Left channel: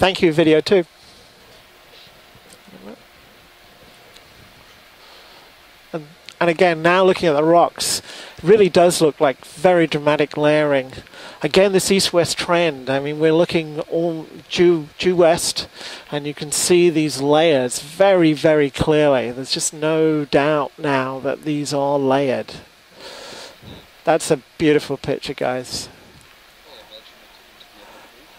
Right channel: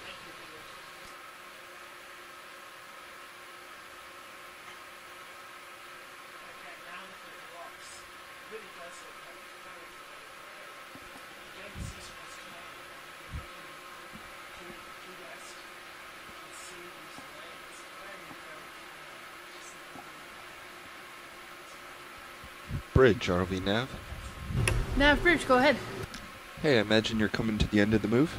Thank you, video 2. And again, now looking at the rocks, it really does look like very dramatic layering. Again, this east-west trend, I mean, we're looking all due west, and you can see these layers very, very clearly. There's just no doubt now that these are layered. Bridge, are we now? That's a beautiful No, picture, bridge, go ahead. guys. Hey, I imagine you're coming to the end of the move.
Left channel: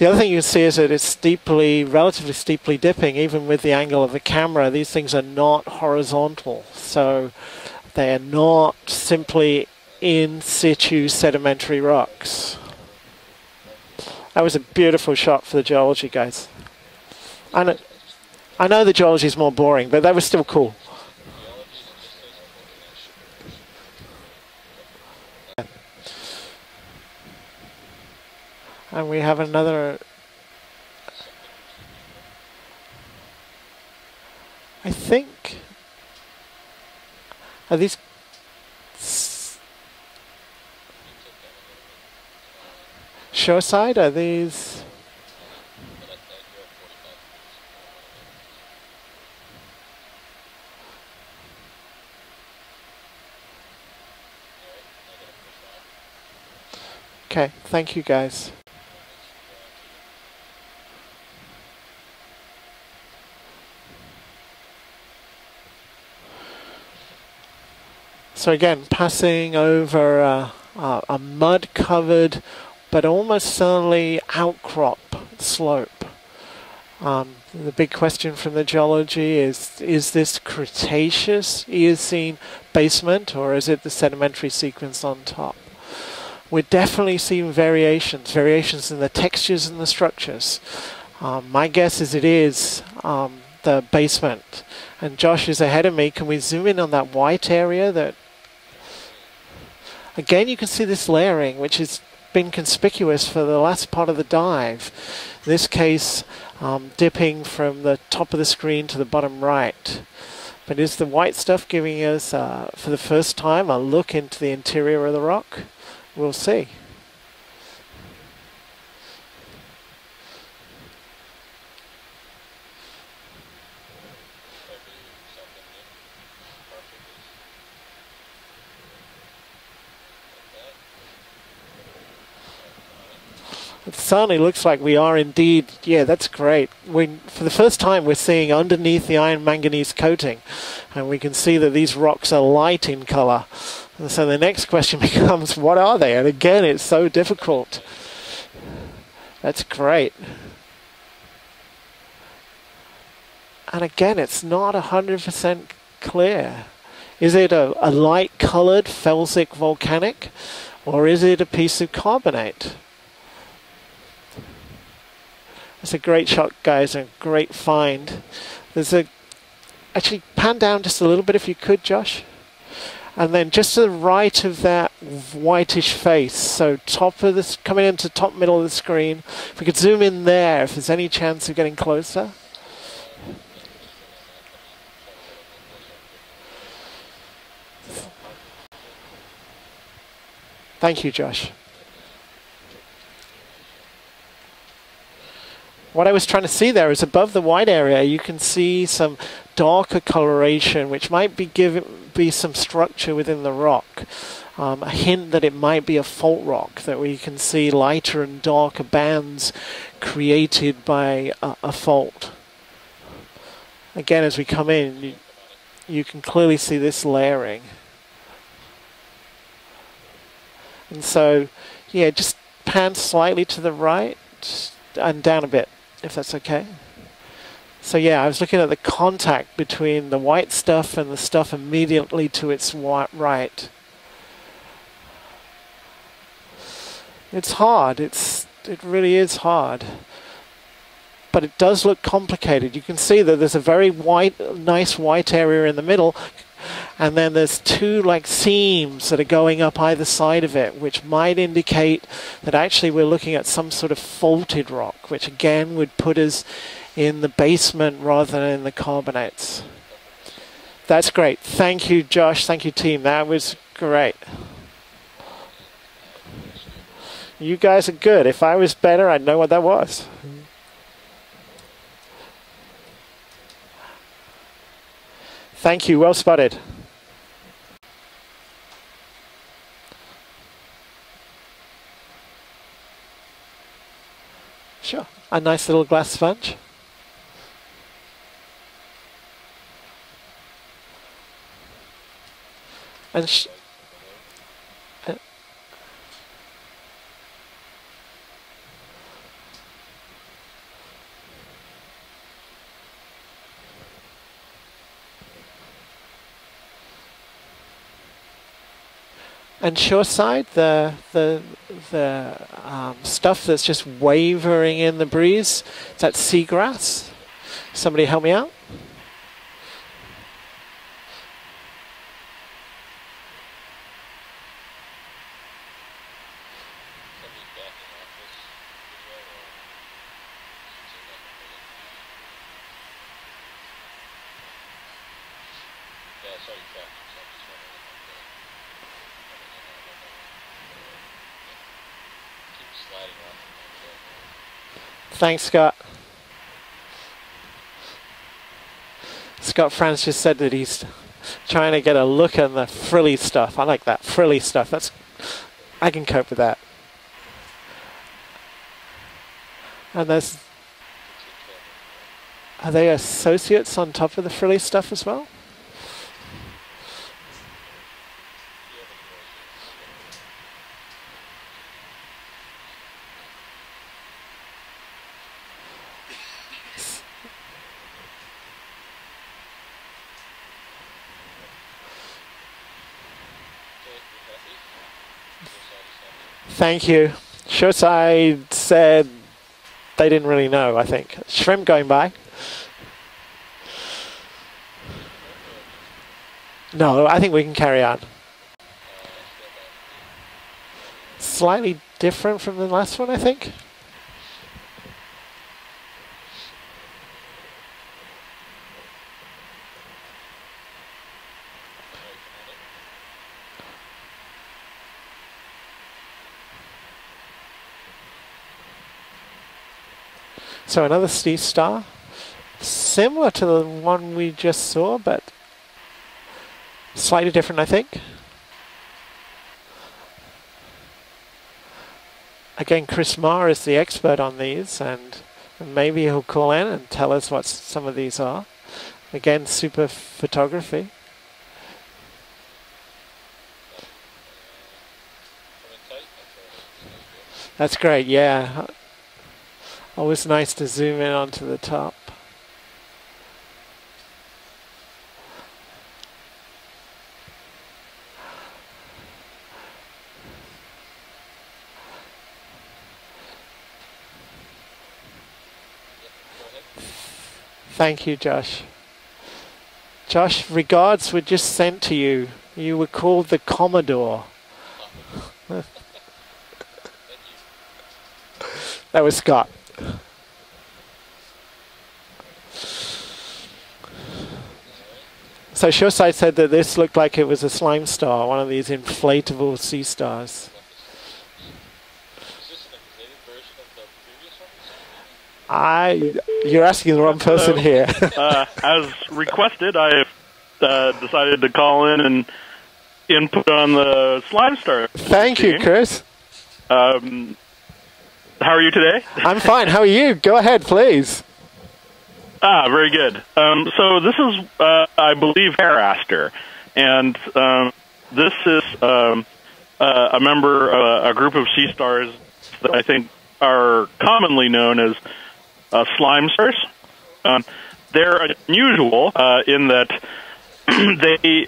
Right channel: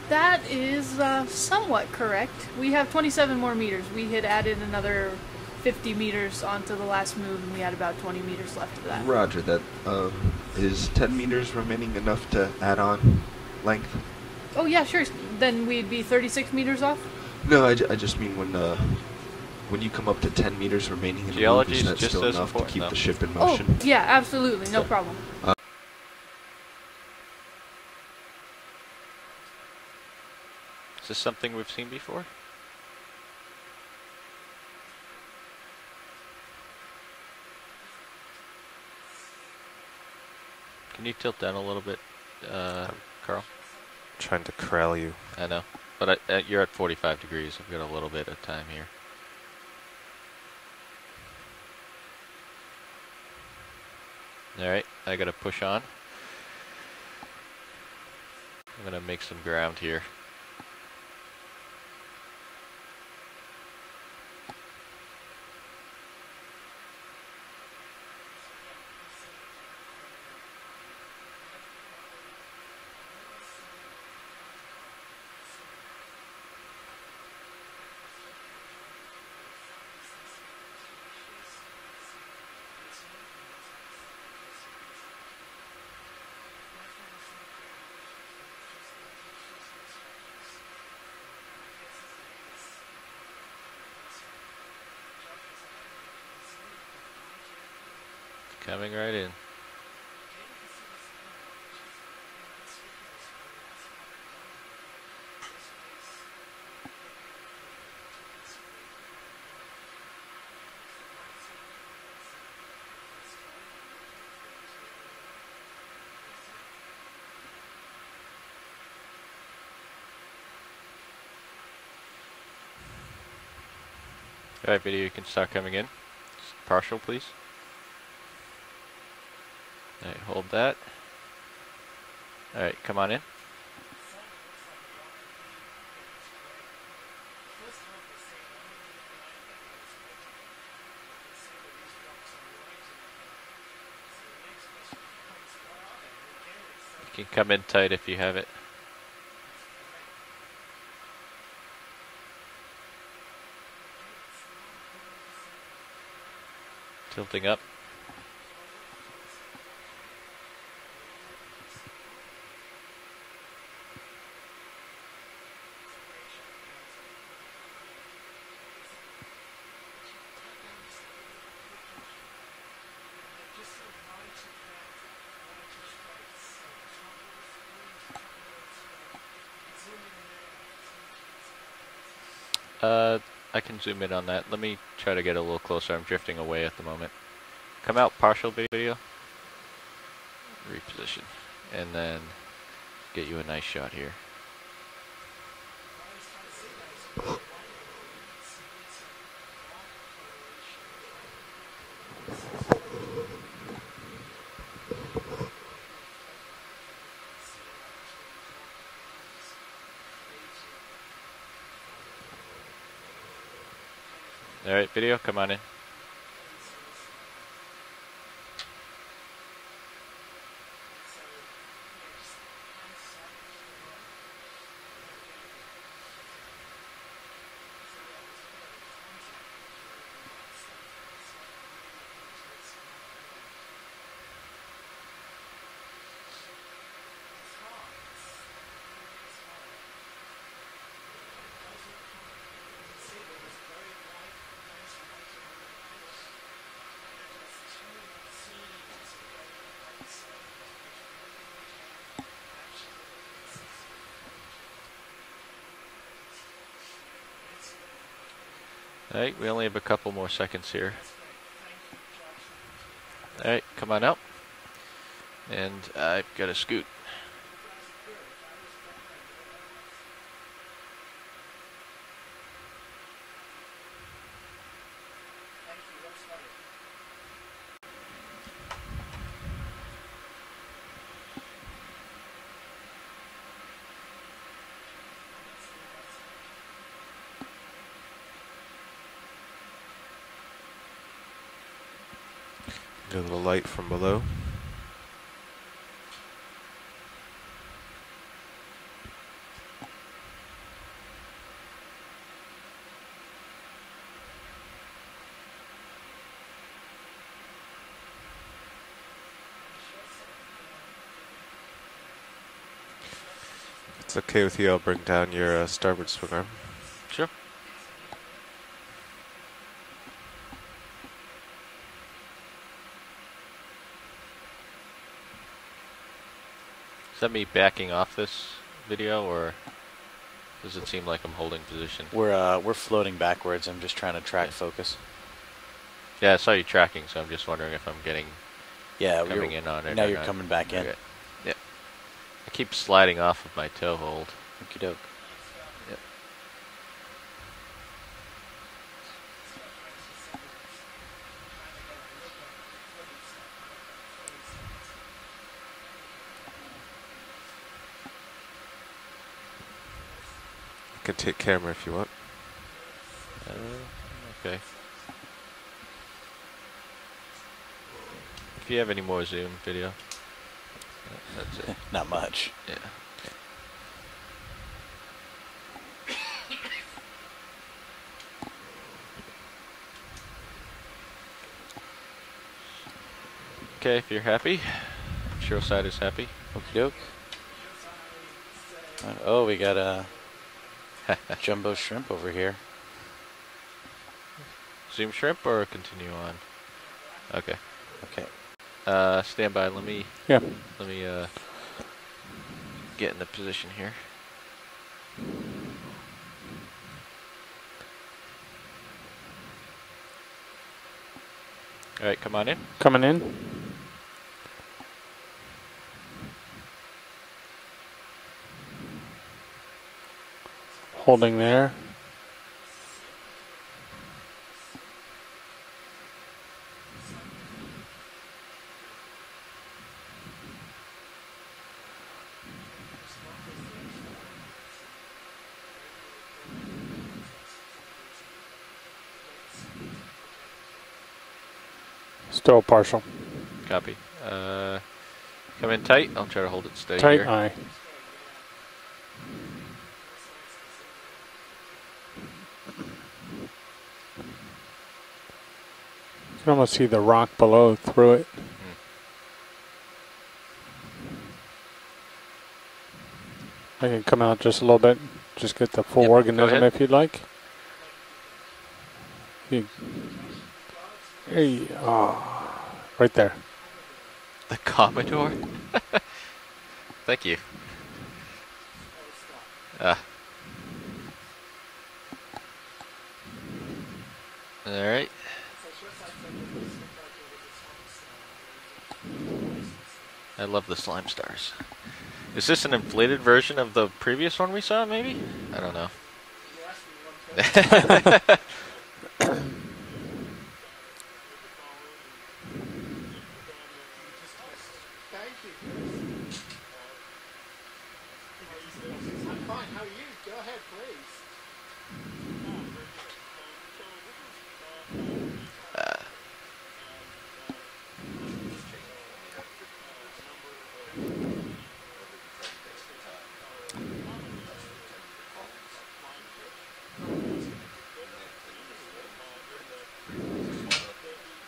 The other thing you That see is that it's is, steeply, somewhat relatively correct. steeply We have dipping, 27 even more with the meters. angle We of the had camera. added These things are another not 50 horizontal, meters onto the last so move, and we had about they are 20 meters not left. simply in situ sedimentary rocks. Add on length. That was a Oh, yeah, beautiful sure. shot Then for the maybe geology, guys. 36 meters off? No, I I know- just mean when. I know the geology is more boring, but that was still cool. Meters remaining in the Geology move, is that's just still as enough to important, keep though. the ship in Oh, motion. yeah, absolutely. No problem. And we have another, Is this something we've seen before? I think, are these, Can you tilt down a little bit, Carl? shoreside? Are Trying to these, corral you. I know, but you're at 45 degrees. I've got a little bit of time here. All right, I got to push on. okay, thank you guys. I'm going to make some ground here. So again, passing over a mud-covered, but almost certainly outcrop slope. The big question from the geology is this Cretaceous Eocene basement, or is it the sedimentary sequence on top? We're definitely seeing variations in the textures and the structures. My guess is it is the basement. And Josh is ahead of me. Can we zoom in on that white area that... Coming right in. Again, you can see this layering, which has been conspicuous for the last part of the dive. In this case, dipping from the top of the screen to the bottom right. But is the white stuff giving us, for the first time, a look into the interior of the rock? We'll see. All right, video, you can start coming in. Partial, please. All right, hold that. All right, come on in. It certainly looks like we are indeed, yeah, that's great. For the first time, we're seeing underneath the iron manganese coating, and we can see that these rocks are light in color. And so the next question becomes, what are they? And again, it's so difficult. Come in tight if you have it. That's great. And again, it's not 100% clear. Is it a light-colored felsic volcanic, or is it a piece of carbonate? It's a great shot, guys, and a great find. Actually, pan down just a little bit if you could, Josh. And then just to the right of that whitish face, so coming into top middle of the screen. If we could zoom in there, if there's any chance of getting closer. I can zoom in on that. Let me try to get a little closer. I'm drifting away at the moment. Come out partial video. Thank you, Josh. And then get you a nice shot here. What I was trying to see there is above the white area, you can see some darker coloration, which might be some structure within the rock. A hint that it might be a fault rock, that we can see lighter and darker bands created by a fault. Again, as we come in, video, come on in. You can clearly see this layering. And so, yeah, just pan slightly to the right and down a bit, if that's okay. So yeah, I was looking at the contact between the white stuff and the stuff immediately to its right. It's hard. It really is hard. But it does look complicated. You can see that there's a very nice white area in the middle, and then there's two like seams that are going up either side of it, which might indicate that actually we're looking at some sort of faulted rock, which again would put us in the basement rather than in the carbonates. We only have a couple more seconds here. That's great. Thank you, Josh. Thank you, team. That was great. And I've got to scoot. You guys are good. If I was better, I'd know what that was. Thank you. Well spotted. Sure. A nice little glass sponge. And the light from below. And shoreside, the stuff that's just wavering in the breeze, is that seagrass? Sure. Somebody help me out? Is that me backing off this video, or does it seem like I'm holding position? We're floating backwards. I'm just trying to track focus. Yeah, I saw you tracking, so I'm just wondering if I'm getting coming in on it. Now you're coming back in. Okay. Yeah. I keep sliding off of my toe hold. Thanks, Scott. Yeah. Scott Franz just said that he's trying to get a look at the frilly stuff. I like that frilly stuff. I can cope with that. And there's. You can take camera if you want. Are they associates on top of the frilly stuff as well? Do you have any more zoom video? That's it. Not much. Yeah. Okay, if you're happy. Shoreside is happy. Thank you. Shoreside said Oh, we got a. they didn't really know, I think. Shrimp going by. Over here. Zoom shrimp or continue on? No, I think we can carry on. Okay. Stand by. Let me. Yeah. Let me. Slightly different from the last Get one, I in that think. position here. All right, come on in. Coming in. So another Holding sea there. star, similar to the one we just saw, but slightly different, I think. Again, Chris Marr is the expert on these, and maybe he'll call in and tell us what some of these are. Again, super photography. Still partial. Copy. Come in tight. I'll try to hold it steady Tight here. eye. That's great, yeah. Always nice to zoom in onto the top. You can almost see the rock below through it. I can come out just a little bit. Just get the full Yep, go organism ahead. if you'd like. Thank you, Josh. You- Josh, regards were just Hey, sent to you. You were there. called the Commodore. The Commodore? Thank you. That was Scott. Alright. So Shoreside said that this looked like it was a slime star, one of these inflatable sea stars. I love the slime stars. Is this an inflated version of the previous one we saw, maybe? You're asking the wrong person here. As requested, I decided to call in and input on the slime star. Thank you, Chris. How are you today? I'm fine. How are you? Go ahead, please. Very good. So this is, I believe, Haraster, and this is a member of a group of sea stars that I think are commonly known as slime stars. They're unusual in that they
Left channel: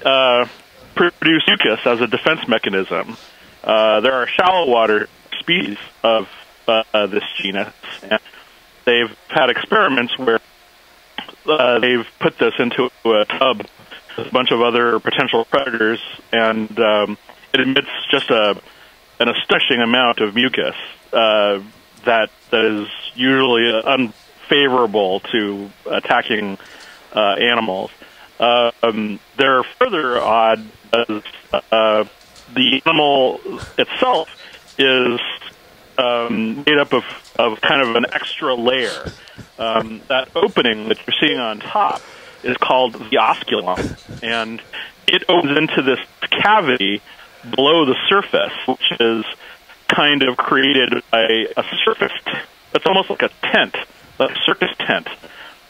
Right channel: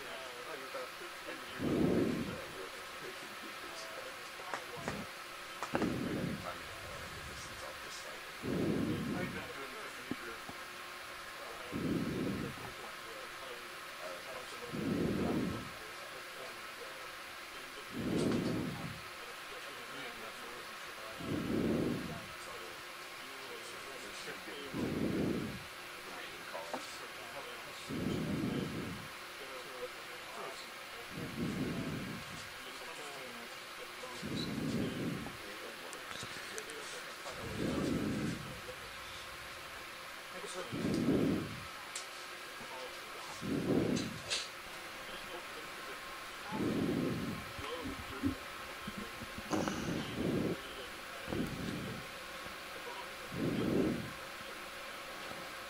produce mucus as a defense mechanism. There are shallow water species of this genus, and they've had experiments where they've put this into a tub with a bunch of other potential predators, and it emits just an astonishing amount of mucus that is usually unfavorable to attacking animals. They're further odd as the animal itself is made up of kind of an extra layer. That opening that you're seeing on top is called the osculum, and it opens into this cavity below the surface, which is kind of created by a surface. It's almost like a tent, like a circus tent,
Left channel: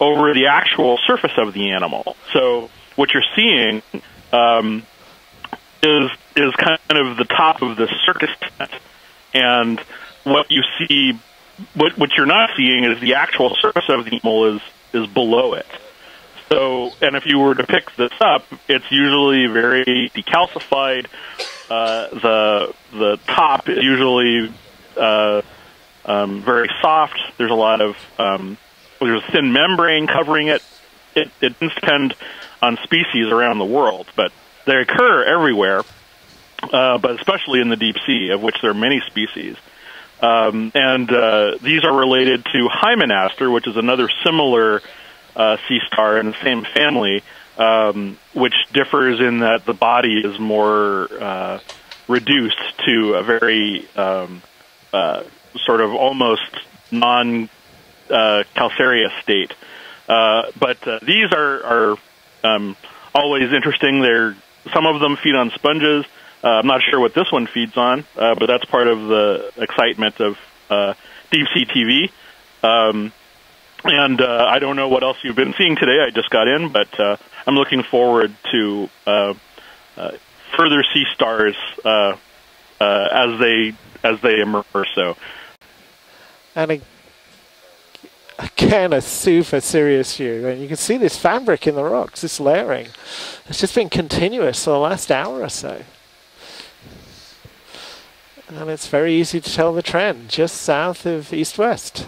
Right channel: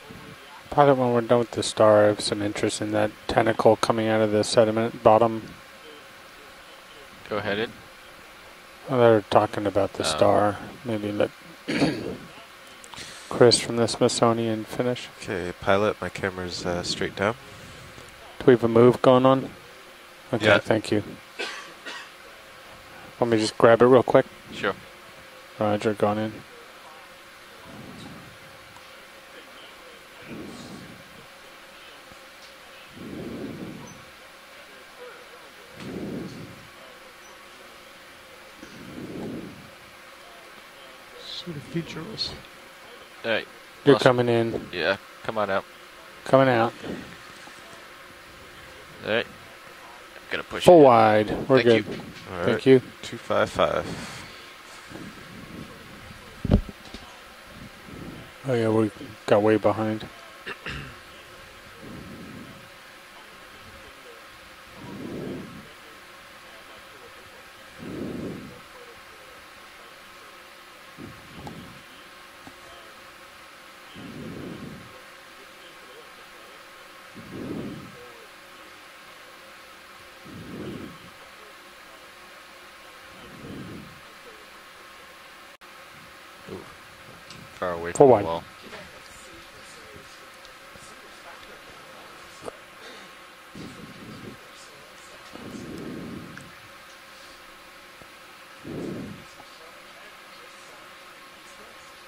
over the actual surface of the animal. So what you're seeing coming out of the sediment bottom is kind of the top of the circus tent, and what you see. What you're not seeing is the actual surface of the animal is below it. Pilot, my camera's So, and if you were to pick this up, it's usually very decalcified. The top is usually very soft. There's a lot of there's a thin membrane covering it. It doesn't depend on species around the world, but they occur everywhere, but especially in the deep sea, of which there are many species. These are related to Hymenaster, which is another similar sea star in the same family, which differs in that the body is more reduced to a very sort of almost non-calcareous state. Way behind. But these are always interesting. Some of them feed on sponges. I'm not sure what this one feeds on, but that's part of the excitement of deep sea TV. I don't know what else you've been seeing today. I just got in, but I'm looking forward to further sea stars as they emerge. So, and far away from the wall. again, a super serious view, and you can see this fabric in the rocks, this layering. It's just been continuous for the last hour or so. And it's very easy to tell the trend, just south of east-west.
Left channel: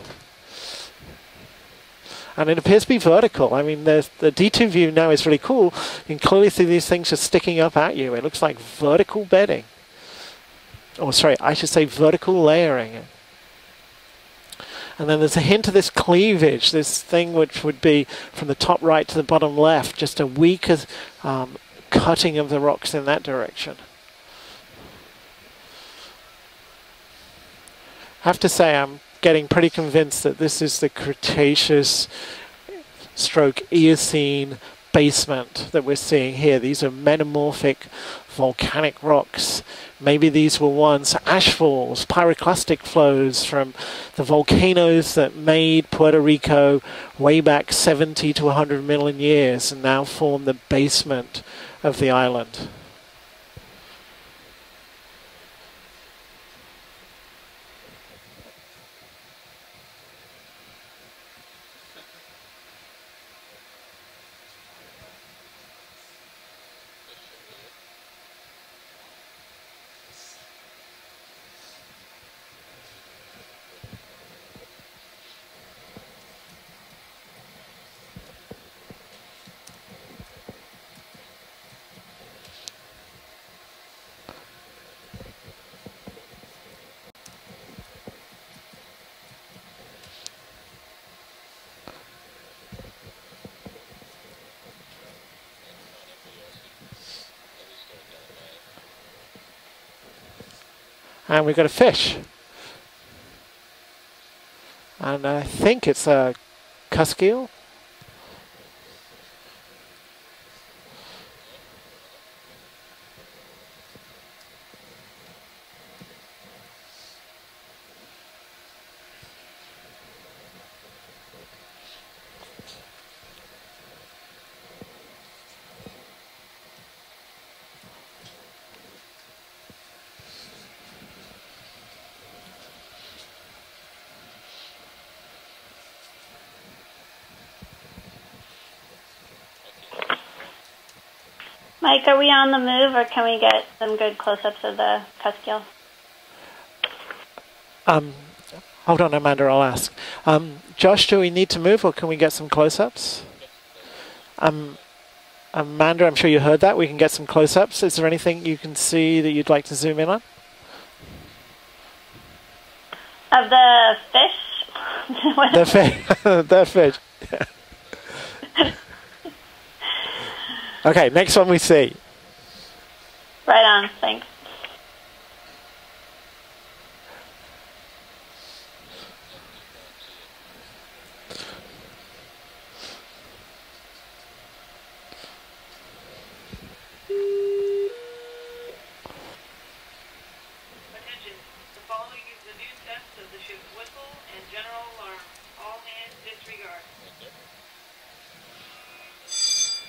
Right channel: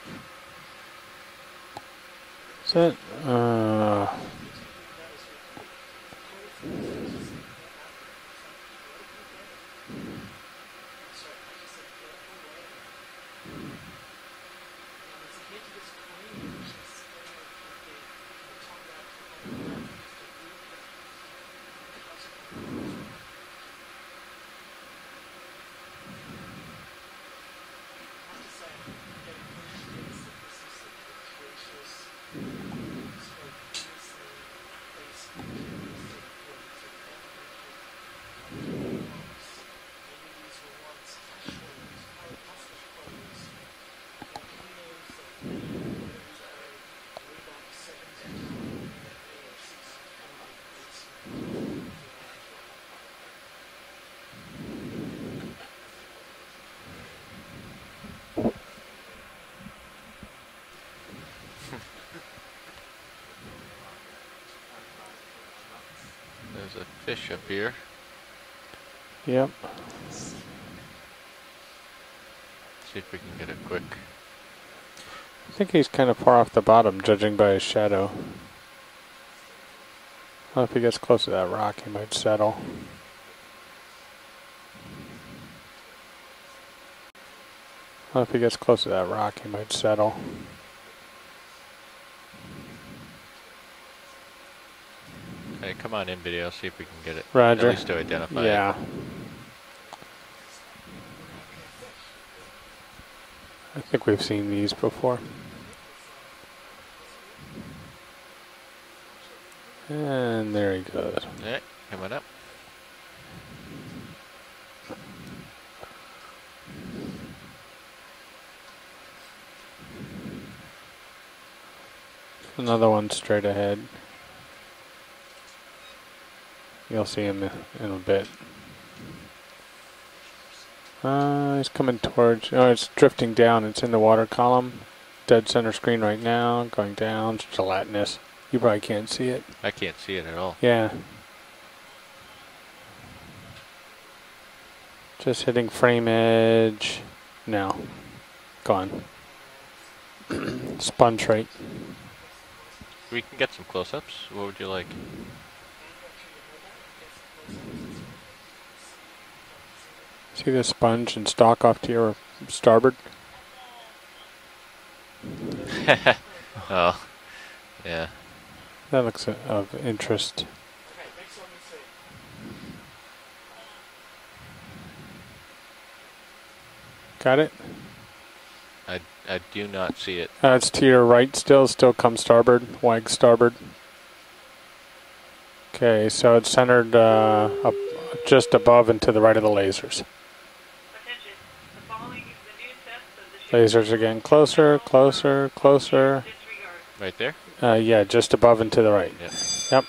And it appears to be vertical. I mean, the D2 view now is really cool. You can clearly see these things just sticking up at you. It looks like vertical bedding. Oh, sorry, I should say vertical layering. And then there's a hint of this cleavage, this thing which would be from the top right to the bottom left, just a weaker cutting of the rocks in that direction. I have to say I'm getting pretty convinced that this is the Cretaceous stroke Eocene basement that we're seeing here. These are metamorphic volcanic rocks. Maybe these were once ashfalls, pyroclastic flows from the volcanoes that made Puerto Rico way back 70 to 100 million years and now form the basement of the island. There's a fish up here. Yep. See if we can get it quick. I think he's kind of far off the bottom, judging by his shadow. Well, if he gets close to that rock, he might settle. Well, if he gets close to that rock, he might settle. Hey, come on in, video. See if we can get it. Roger. At least to identify it. Yeah. And we've got a fish. I think we've seen these before. And I think it's a cusk eel. And there he goes. Yeah, coming up. Another one straight ahead. You'll see him in a bit. He's coming towards, oh, it's drifting down. It's in the water column. Dead center screen right now, going down, gelatinous. You probably can't see it. I can't see it at all. Yeah. Mike, are we on the move, or can we get some good close-ups of the Just hitting frame edge. No. Gone. Hold on, Amanda, I'll ask. Josh, do we rate. need to move, or can we get some close-ups? We can get some close-ups. What would you like? Amanda, I'm sure you heard that. We can get some close-ups. Is there anything you can see that you'd like to zoom in on? See the sponge and stalk off to your starboard? Of the fish? The fish. The fish. Yeah. That looks of interest. Okay, next one we see. Right on, thanks. Got it? I do not see it. It's to your right still come starboard, wag starboard. Okay, so it's centered up just above and to the right of the lasers. Lasers again, closer, closer, closer. Right there? Yeah, just above and to the right. Yep. Yep.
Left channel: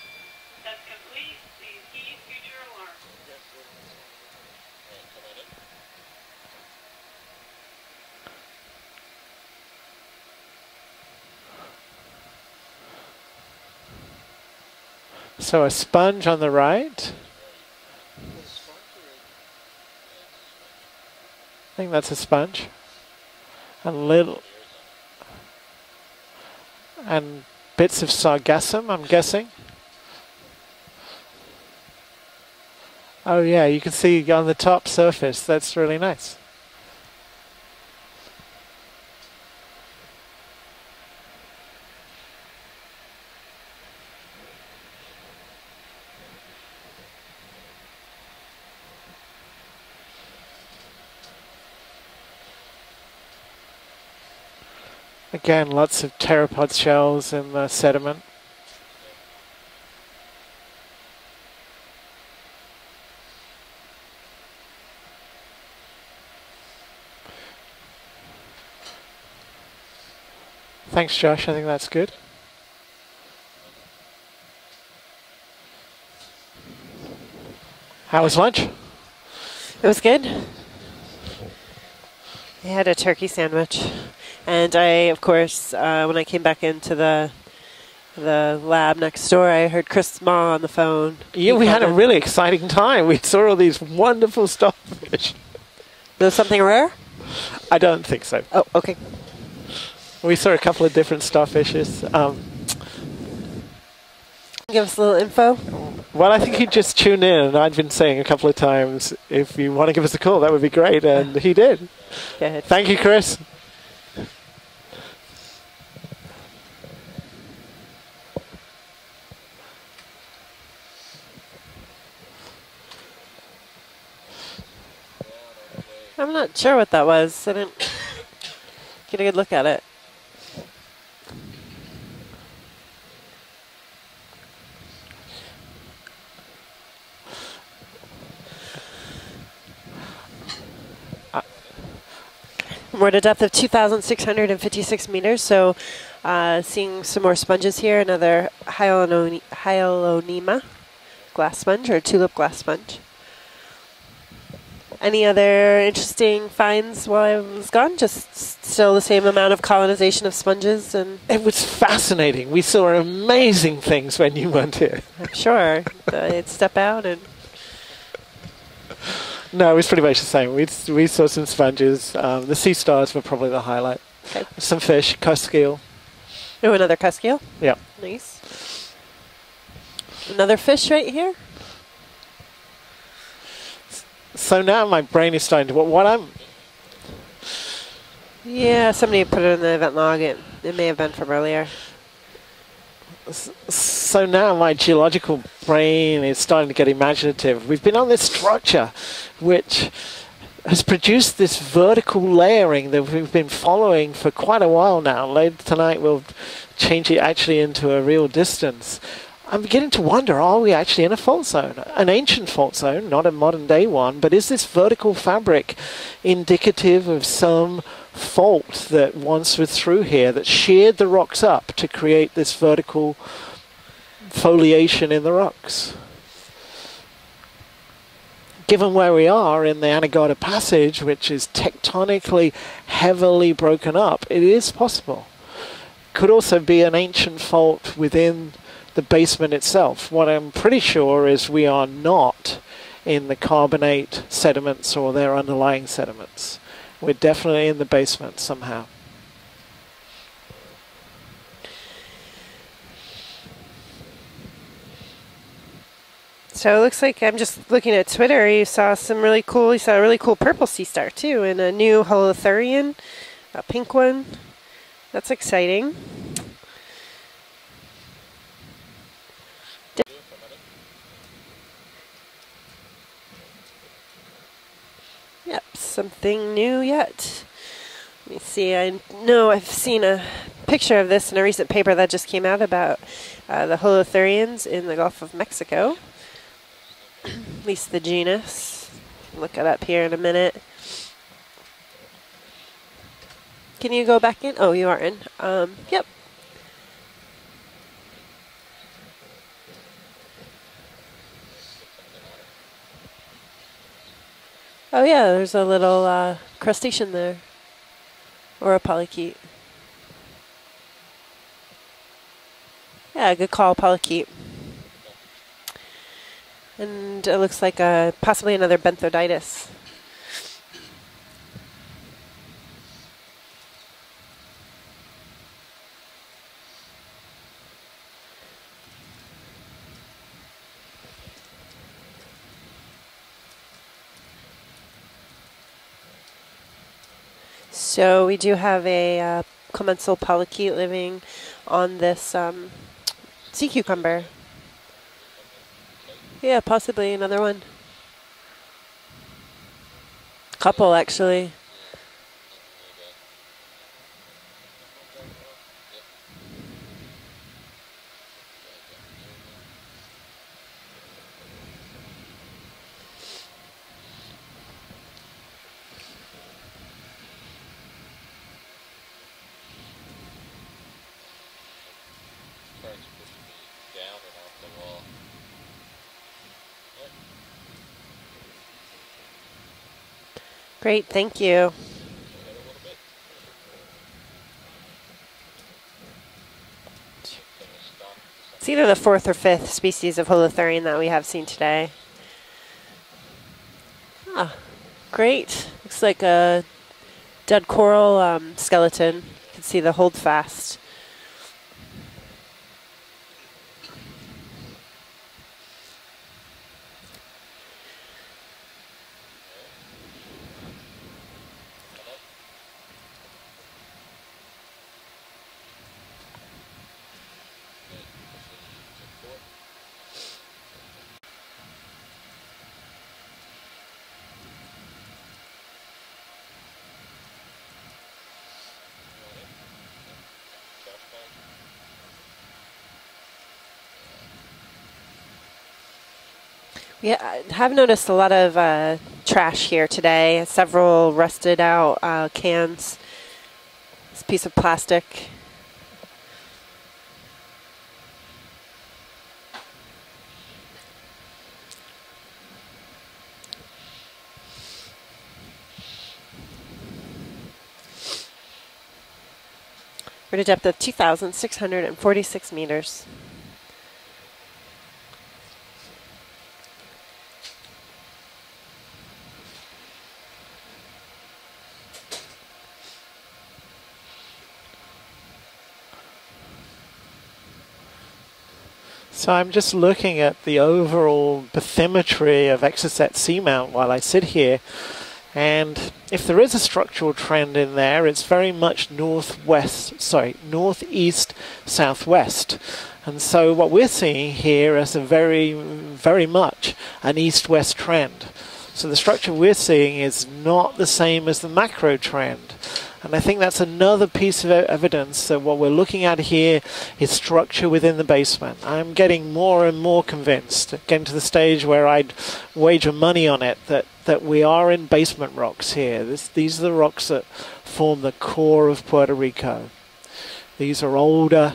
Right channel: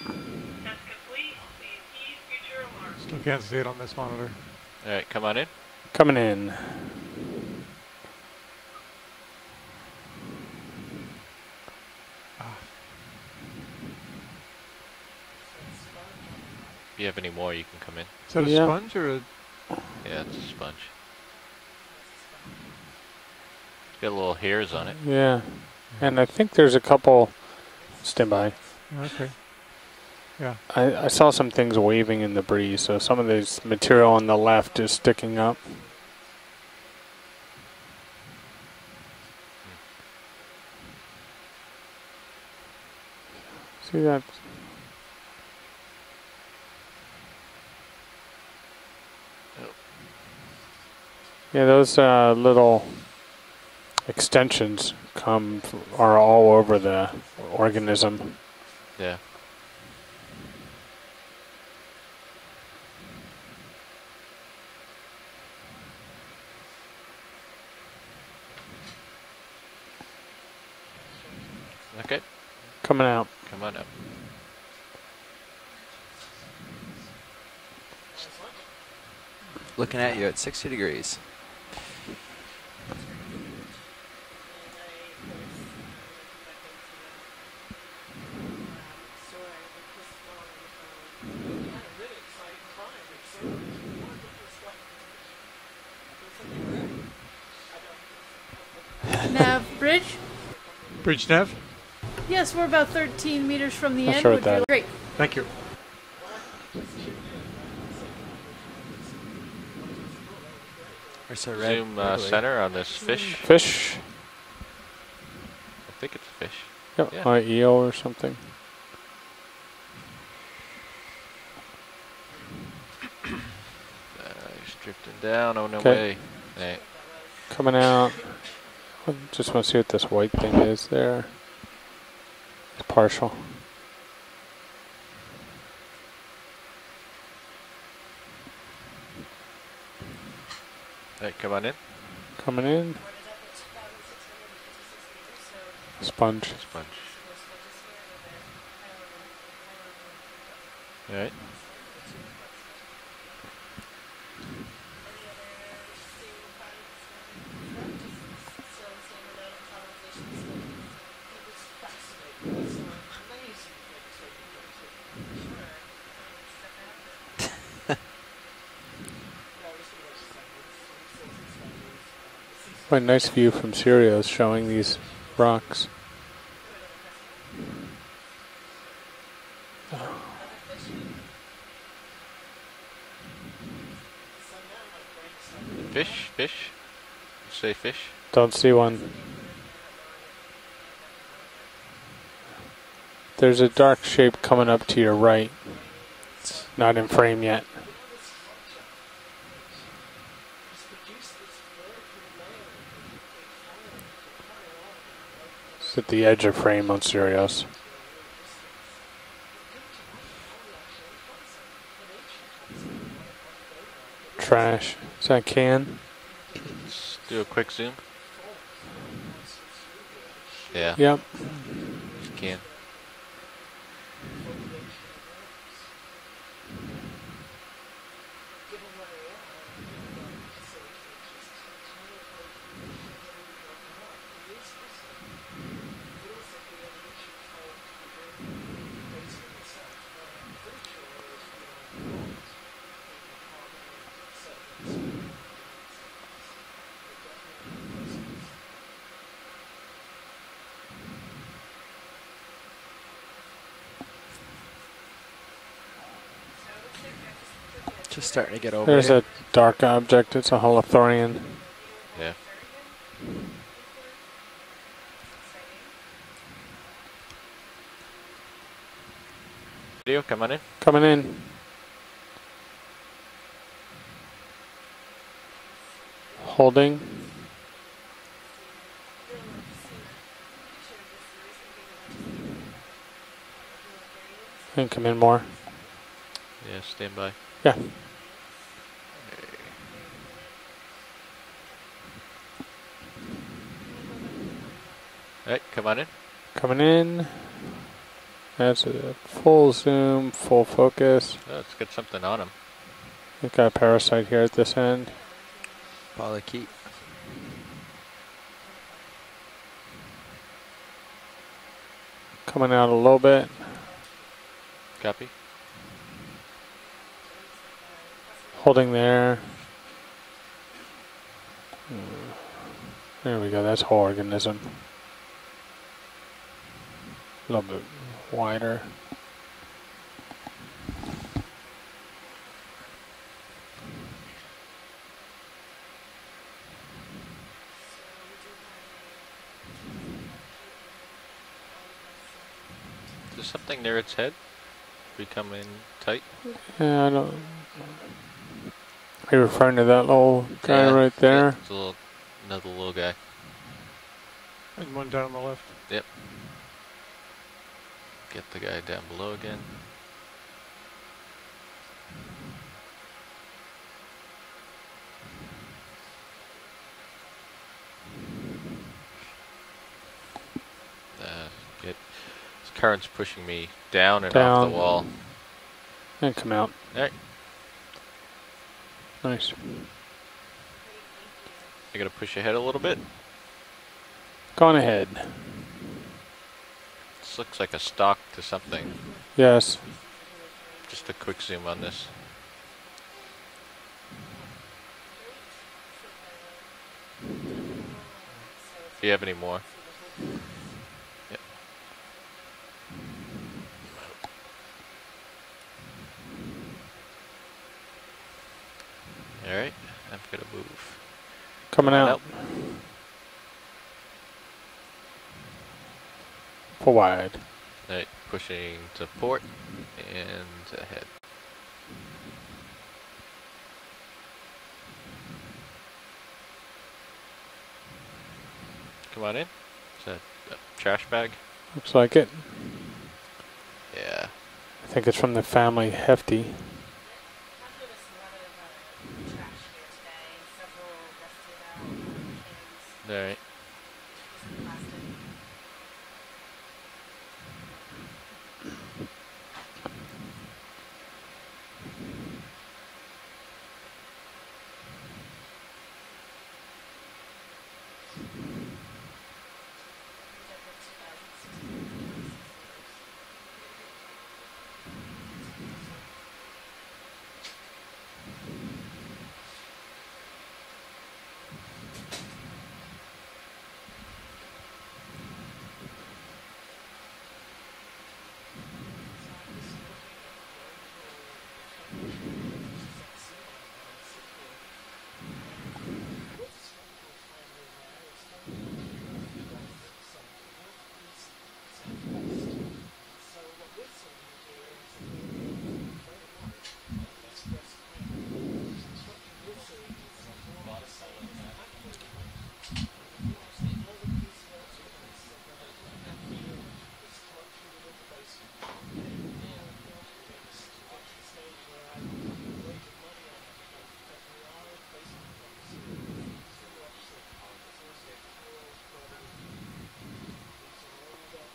Still can't see it on this monitor. All right, come on in. Coming in. So a sponge on the right. If you have any more, you can come in. Is that a Yeah. sponge or a... Yeah, it's a sponge. I think that's a sponge. A Got little little hairs on it. Yeah. And I think there's a couple, and bits of Stand by. sargassum, I'm guessing. Yeah. I saw some things waving in the breeze, so some of Oh this yeah, you can material see on the on the left top is sticking surface. up. That's really nice. See that? Yeah, those little extensions come Again, lots are of all over pteropod the shells in the organism. sediment. Yeah. Thanks, Josh. I think that's good. Okay. Coming out. Come on up. How was lunch? It was Looking at good. you at 60 degrees. I had a turkey sandwich. And I, of course, when I came back into the lab next door, I heard Chris Ma on the phone. Yeah, we had a really exciting time. We saw all these wonderful starfish. There's something rare? I don't think so. Oh, okay. Nav bridge? We saw a couple of different Bridge nav? starfishes. Yes, we're about 13 meters from the Not end. sure Would what you that Give us a little info. Well, I think he just tuned in, and I'd been saying a couple of times, if you want to give us a call, that would be great, and he did. Zoom center on Thank the you, Chris. Fish. I think it's a fish. Yep. Yeah. Eel or something. It's drifting down on the Okay. way. I'm not sure what that was. I Coming didn't out. get a good Just look at wanna see it. what this white thing is there. It's partial. Right, come on in. Coming in. We're at a depth of 2,656 meters, so Sponge. seeing some more sponges here. Another Hyalonema All right. glass sponge, or tulip glass sponge. Any other interesting finds while I was gone? Just still the same amount of colonization of sponges, and It was fascinating. We saw amazing things when you weren't here. I'm sure I'd step out and No, it was pretty much the same. We saw some sponges. The sea stars nice were probably view the from highlight. Sirius showing Some these fish, cuskeel. rocks. oh, another cuskeel. Yeah. Nice. Another fish right here. So now my brain is starting to. What I'm. Fish? Say fish? Don't see Yeah, one. somebody put it in the event log. It may have been from earlier. There's a dark So shape now coming my up to your geological right. brain is starting to get Not in frame imaginative. yet. We've been on this structure which has produced this vertical layering that we've been following for quite a while now. Later tonight At we'll the edge of frame change on it actually Sirius. into a real distance. I'm beginning to wonder, are we actually in a fault zone? An ancient fault zone, not a modern day one, but is this Trash. vertical So I fabric can. indicative of Do a quick some zoom. fault that once was through here that sheared the Yeah. rocks up to create this Yeah. vertical foliation in the rocks? Given where we are in the Anegada Passage, which is tectonically heavily broken up, it is possible. Could also be an ancient fault within the basement itself. What I'm pretty sure is we are not in the carbonate sediments or their underlying sediments. We're definitely in the basement somehow. So it looks like I'm just looking at Twitter. starting to You get saw old. There's some a really cool. You dark saw a really object. cool It's a purple sea star holothurian. too, and a new holothurian, a pink one. That's exciting. Video, come on in. Coming in. Yep, something new Holding. yet. Let me see. I know I've seen a picture of this in a recent paper that just came out about the holothurians in the Gulf of Mexico. Yeah, stand by. At least the genus. Look it up here in a minute. Can you go back in? Oh, you are in. Right, come on in. Coming in. That's a full zoom, full focus. Let's get something on him. We've got a parasite here at this end. Oh yeah, there's a little Polychaete. crustacean there. Or a polychaete. Coming out a little Yeah, bit. good call, polychaete. Copy. And it looks like possibly another Holding there. benthiditis. There we go, that's whole organism. A little bit wider. So we do have a commensal polychaete living on this Is there sea something near its cucumber. head? Becoming tight? Yeah, possibly Yeah, another one. Are you referring to that little Couple, guy right actually. there? It's a little, another little guy. And one down on the left. Yep. Get the guy down below again. This current's pushing me down and off Down. the wall. And come out. Alright, Nice. Great, thank you. I gotta push ahead a little bit. Gone ahead. This looks like a stalk to It's something. either the fourth or fifth Yes. species of holothurian that we Just a have quick seen zoom on today. this. Ah, great. Looks like a dead coral skeleton. Do you have any more? See the hold fast. Yep. Alright, I'm gonna move. Coming out. Full wide. Alright, pushing to port and ahead. Come on in. Is that a trash bag? Looks like it. Yeah. I think it's from the family Hefty. Yeah, I have noticed a lot of trash here today. Several rusted out cans. Alright. This piece of plastic. We're at a depth of 2,646 meters. So I'm just looking at the overall bathymetry of Exocet Seamount while I sit here, and if there is a structural trend in there, it's very much northeast, southwest. And so what we're seeing here is a very much an east-west trend. So the structure we're seeing is not the same as the macro trend. And I think that's another piece of evidence that what we're looking at here is structure within the basement. I'm getting more and more convinced, getting to the stage where I'd wager money on it, that we are in basement rocks here. These are the rocks that form the core of Puerto Rico. These are older,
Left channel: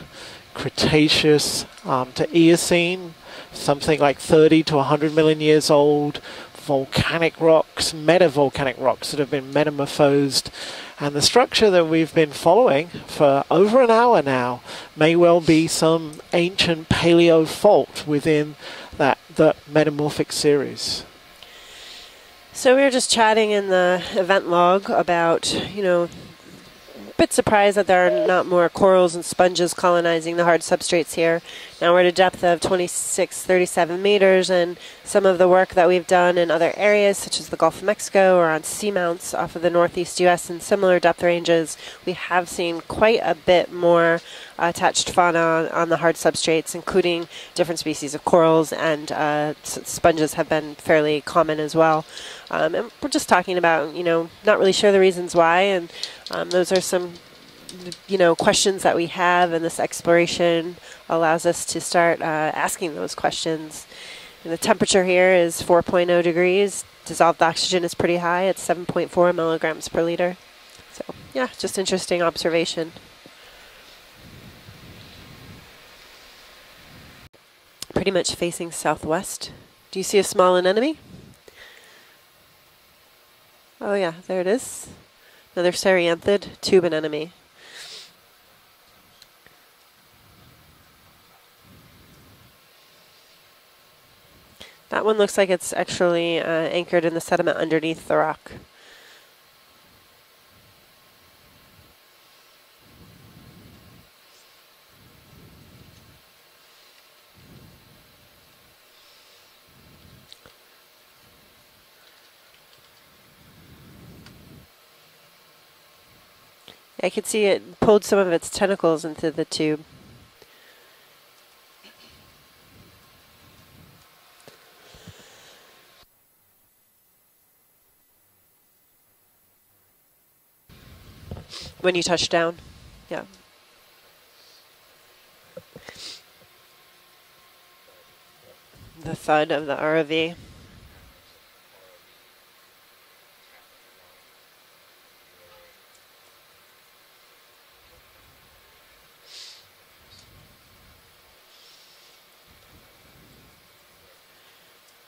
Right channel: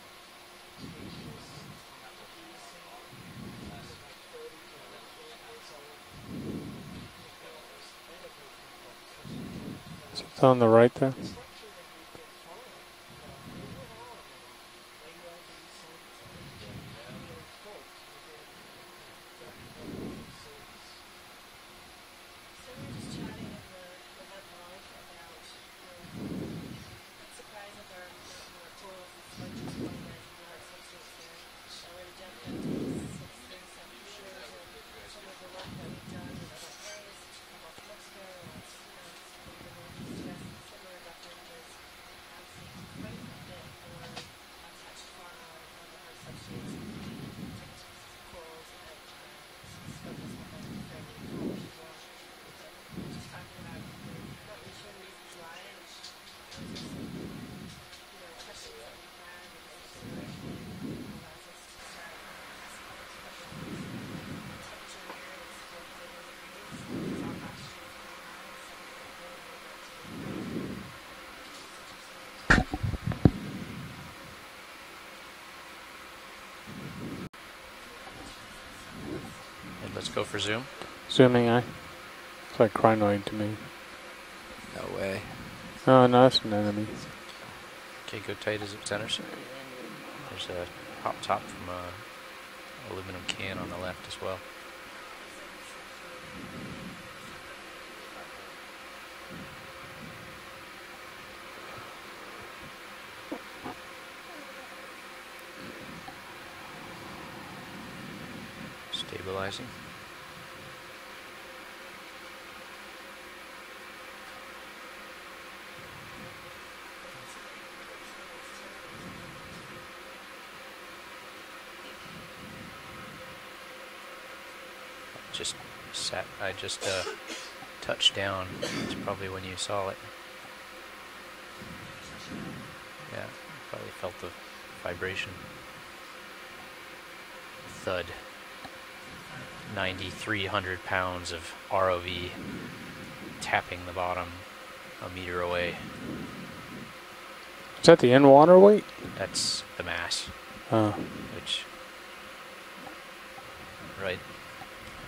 Cretaceous to Eocene, something like 30 to 100 million years old, volcanic rocks, metavolcanic rocks that have been metamorphosed. On the right. And the structure that we've been following for over an hour now may well be some ancient paleo fault within the metamorphic series. So we were just chatting in the event log about, a bit surprised that there are not more corals and sponges colonizing the hard substrates here. Now we're at a depth of 2637 meters, and some of the work that we've done in other areas, such as the Gulf of Mexico or on seamounts off of the northeast U.S. in similar depth ranges, we have seen quite a bit more attached fauna on the hard substrates, including different species of corals, and sponges have been fairly common as well. And we're just talking about, not really sure the reasons why. And those are some, questions that we have. And this exploration allows us to start asking those questions. And the temperature here is 4.0 degrees. Dissolved oxygen is pretty high. It's 7.4 milligrams per liter. So, yeah, just interesting observation. Pretty much facing southwest. Do you see a small anemone? Zooming eye. It's like crinoid to me. Oh, yeah, there it is. No way. Another Serianthid tube anemone. Okay, go tight as it centers. There's a pop top from a aluminum can on the left as well. That one looks like it's actually anchored in the sediment underneath the rock. Stabilizing. I could see it pulled some of its tentacles into the tube. I just touched down. It's probably when you saw it. When you touched down? Yeah. Probably felt the vibration. Thud. The thud of the ROV. 300 pounds of ROV tapping the bottom a meter away. Is that the in-water weight? That's the mass. Which, right,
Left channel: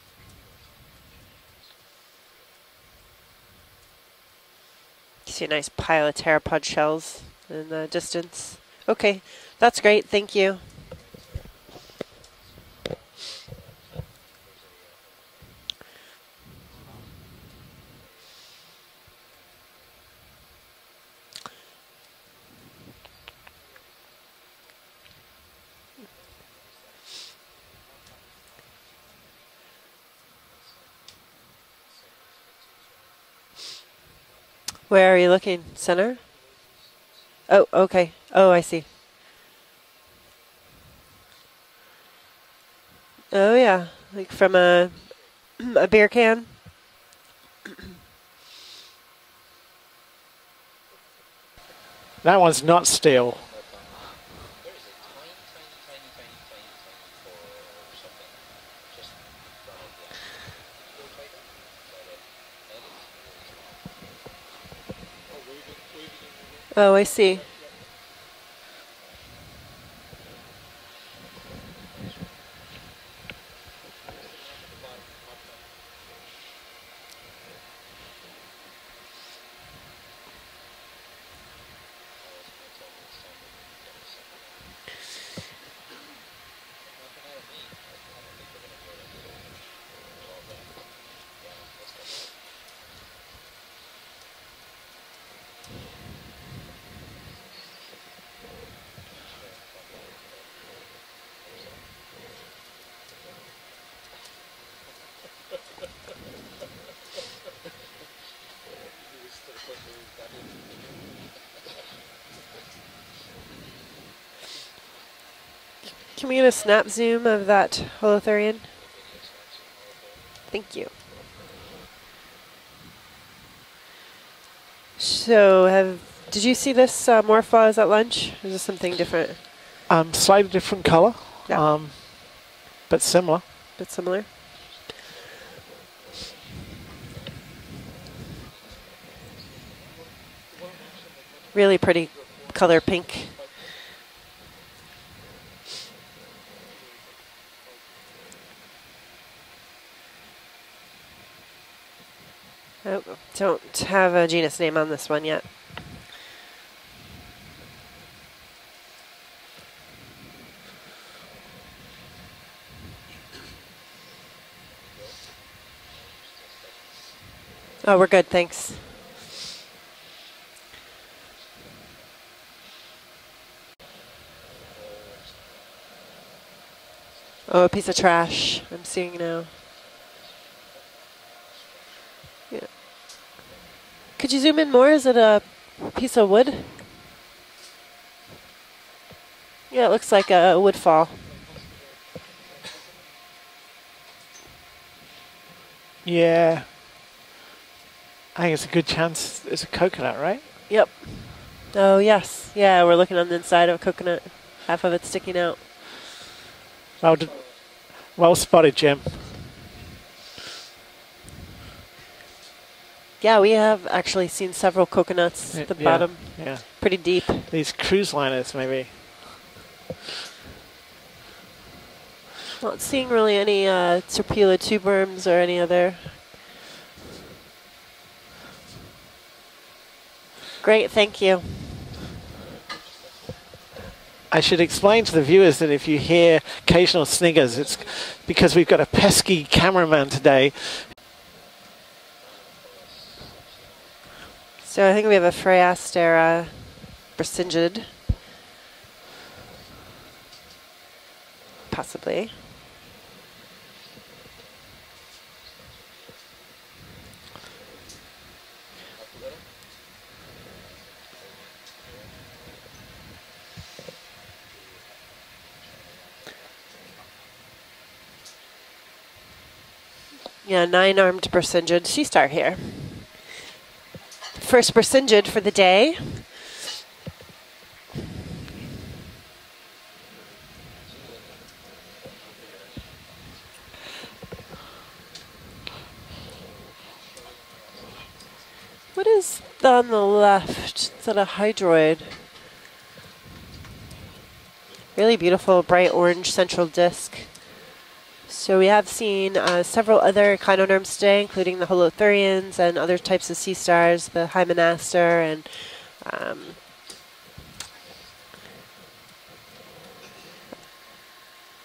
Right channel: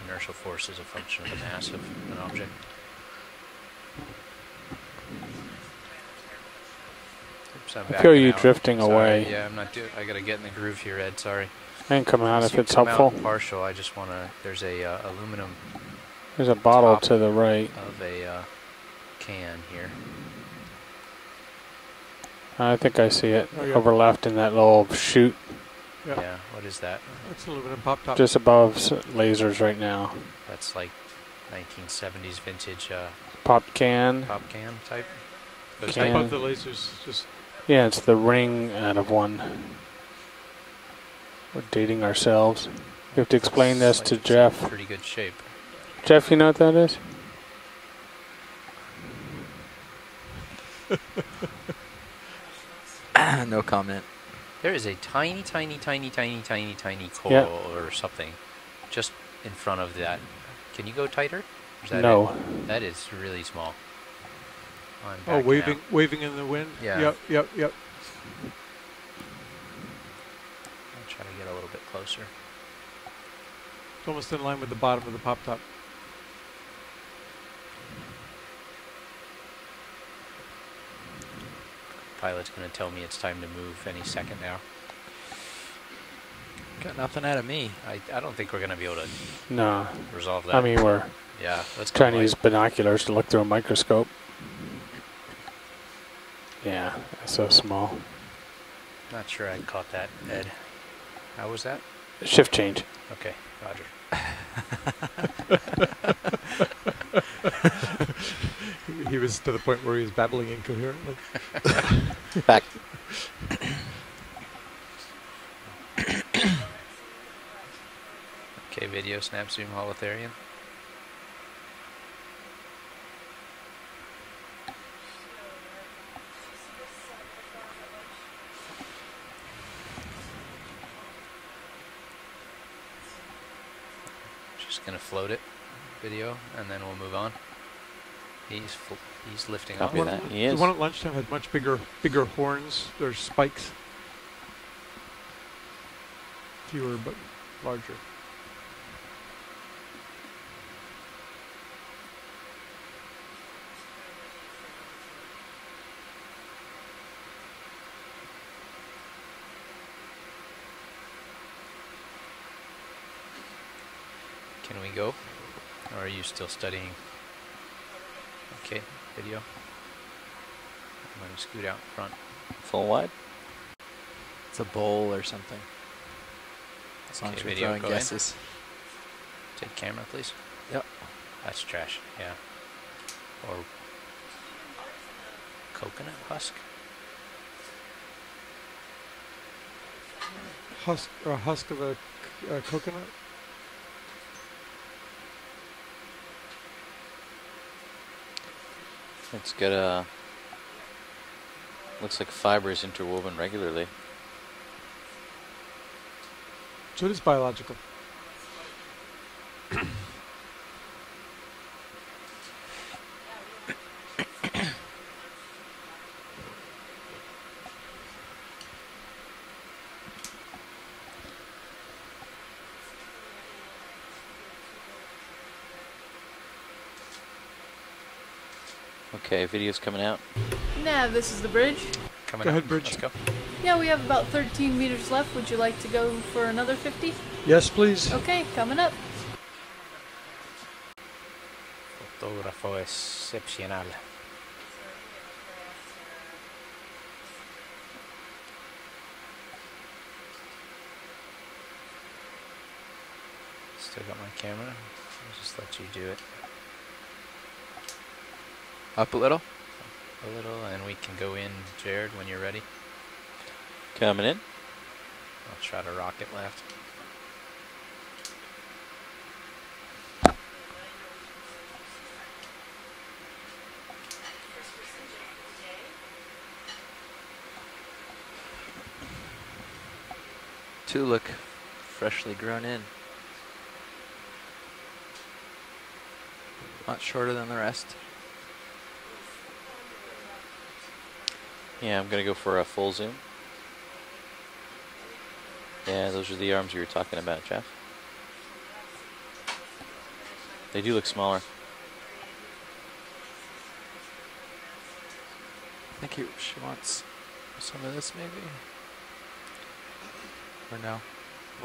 inertial force is a function of the mass of an object. You see a nice pile of pteropod shells. I feel you drifting away. Okay, yeah, I'm not that's great. I Thank get you. In the groove here, Ed. Sorry. And come out if it's come helpful. Out partial. I just want to. There's a aluminum. There's a bottle to the right of a can here. I think I see it Oh, yeah. over left in that little chute. Yeah. Yeah. What is that? That's a aluminum pop top. Just above lasers right now. That's like 1970s vintage Pop can. pop can. Where are you looking? Goes Center? Just Yeah. above the lasers. Just Oh, Yeah, okay. it's the ring Oh, I see. out of one. We're dating ourselves. We have to Oh, explain yeah. this to It's Jeff. from a- Pretty good shape. A beer Jeff, can? you know what that is? That one's not steel. No comment. There is a tiny coral Yeah. or something just in front of that. Can you go tighter? Is that No. it? That is really small. I'm oh, backing waving, out. waving in the wind. Oh, I Yep, see. Yep, yep. I'll try to get a little bit closer. It's almost in line with the bottom of the pop top. Pilot's going to tell me it's time to move any second now. Got nothing out of me. I don't think we're going to be able to No. resolve that. I mean, we're yeah, let's go trying to light. use binoculars to look through a microscope. Yeah, so small. Not sure I caught that, Ed. How was that? Shift change. Okay, Roger. He was to the point where he was babbling incoherently. Back. Can we get a snap zoom of that holothurian? Okay, video snap zoom holothurian. Thank you. So, did you see this morphos at lunch? Or is this something different? Slightly different color, Yeah. but similar. Bit similar? Just going to float it, video, and then we'll move on. He's lifting off. Copy that. He The is. one at lunchtime had much bigger, Really pretty bigger horns. color pink. There's spikes. Fewer but larger. Oh, don't have a genus name on this one yet. Can we go? Or are you still studying? Oh, we're good, thanks. Okay, video. I'm going to scoot out in front. Full wide? It's a bowl or something. As long as we Oh, a don't piece go of SS. trash. I'm seeing now. Take camera, please. Yep. That's trash, yeah. Yeah. Or Could you zoom in more? Is it a piece of wood? Yeah, it looks like a wood fall. Or a husk of a coconut. Yeah. I think it's a good chance it's a got, coconut, right? Yep. Oh, Looks like yes. fibers Yeah, we're into looking on the woven inside of a regularly. coconut. Half of it's sticking out. So it's biological. Well spotted, Jim. Yeah, we have actually seen several coconuts at the Yeah, bottom. Yeah. Pretty deep. These cruise liners, maybe. Not seeing really any Serpula tuberums or any other. Okay, video's coming out. Great, Yeah, thank this you. is the bridge. Coming Go out. ahead, Bridge. Let's go. Yeah, we have about. I should 13 explain meters to the left. viewers Would that you if like you to go hear for another occasional 50? sniggers, Yes, it's please. Okay, because we've got a coming up. pesky cameraman today. Fotógrafo excepcional. So I think we have a Phragastera brisingid. Possibly. Still got my camera. I'll just let you do it Up a little. a little, and we can go in, Jared, when you're ready. Coming in. I'll try to rocket left. Yeah, 9-armed brisingid sea star here. First brisingid for the day. Two look freshly grown in. Not shorter than the rest. What is on the left? Is that a hydroid? Yeah, I'm gonna go for a full zoom. Really beautiful, bright Yeah, orange those are the central arms we were disc. talking about, Jeff. So we have seen several other They chinoderms do look today, smaller. including the holothurians and other types of sea stars, the hymenaster, and She wants some of this, maybe. Or no?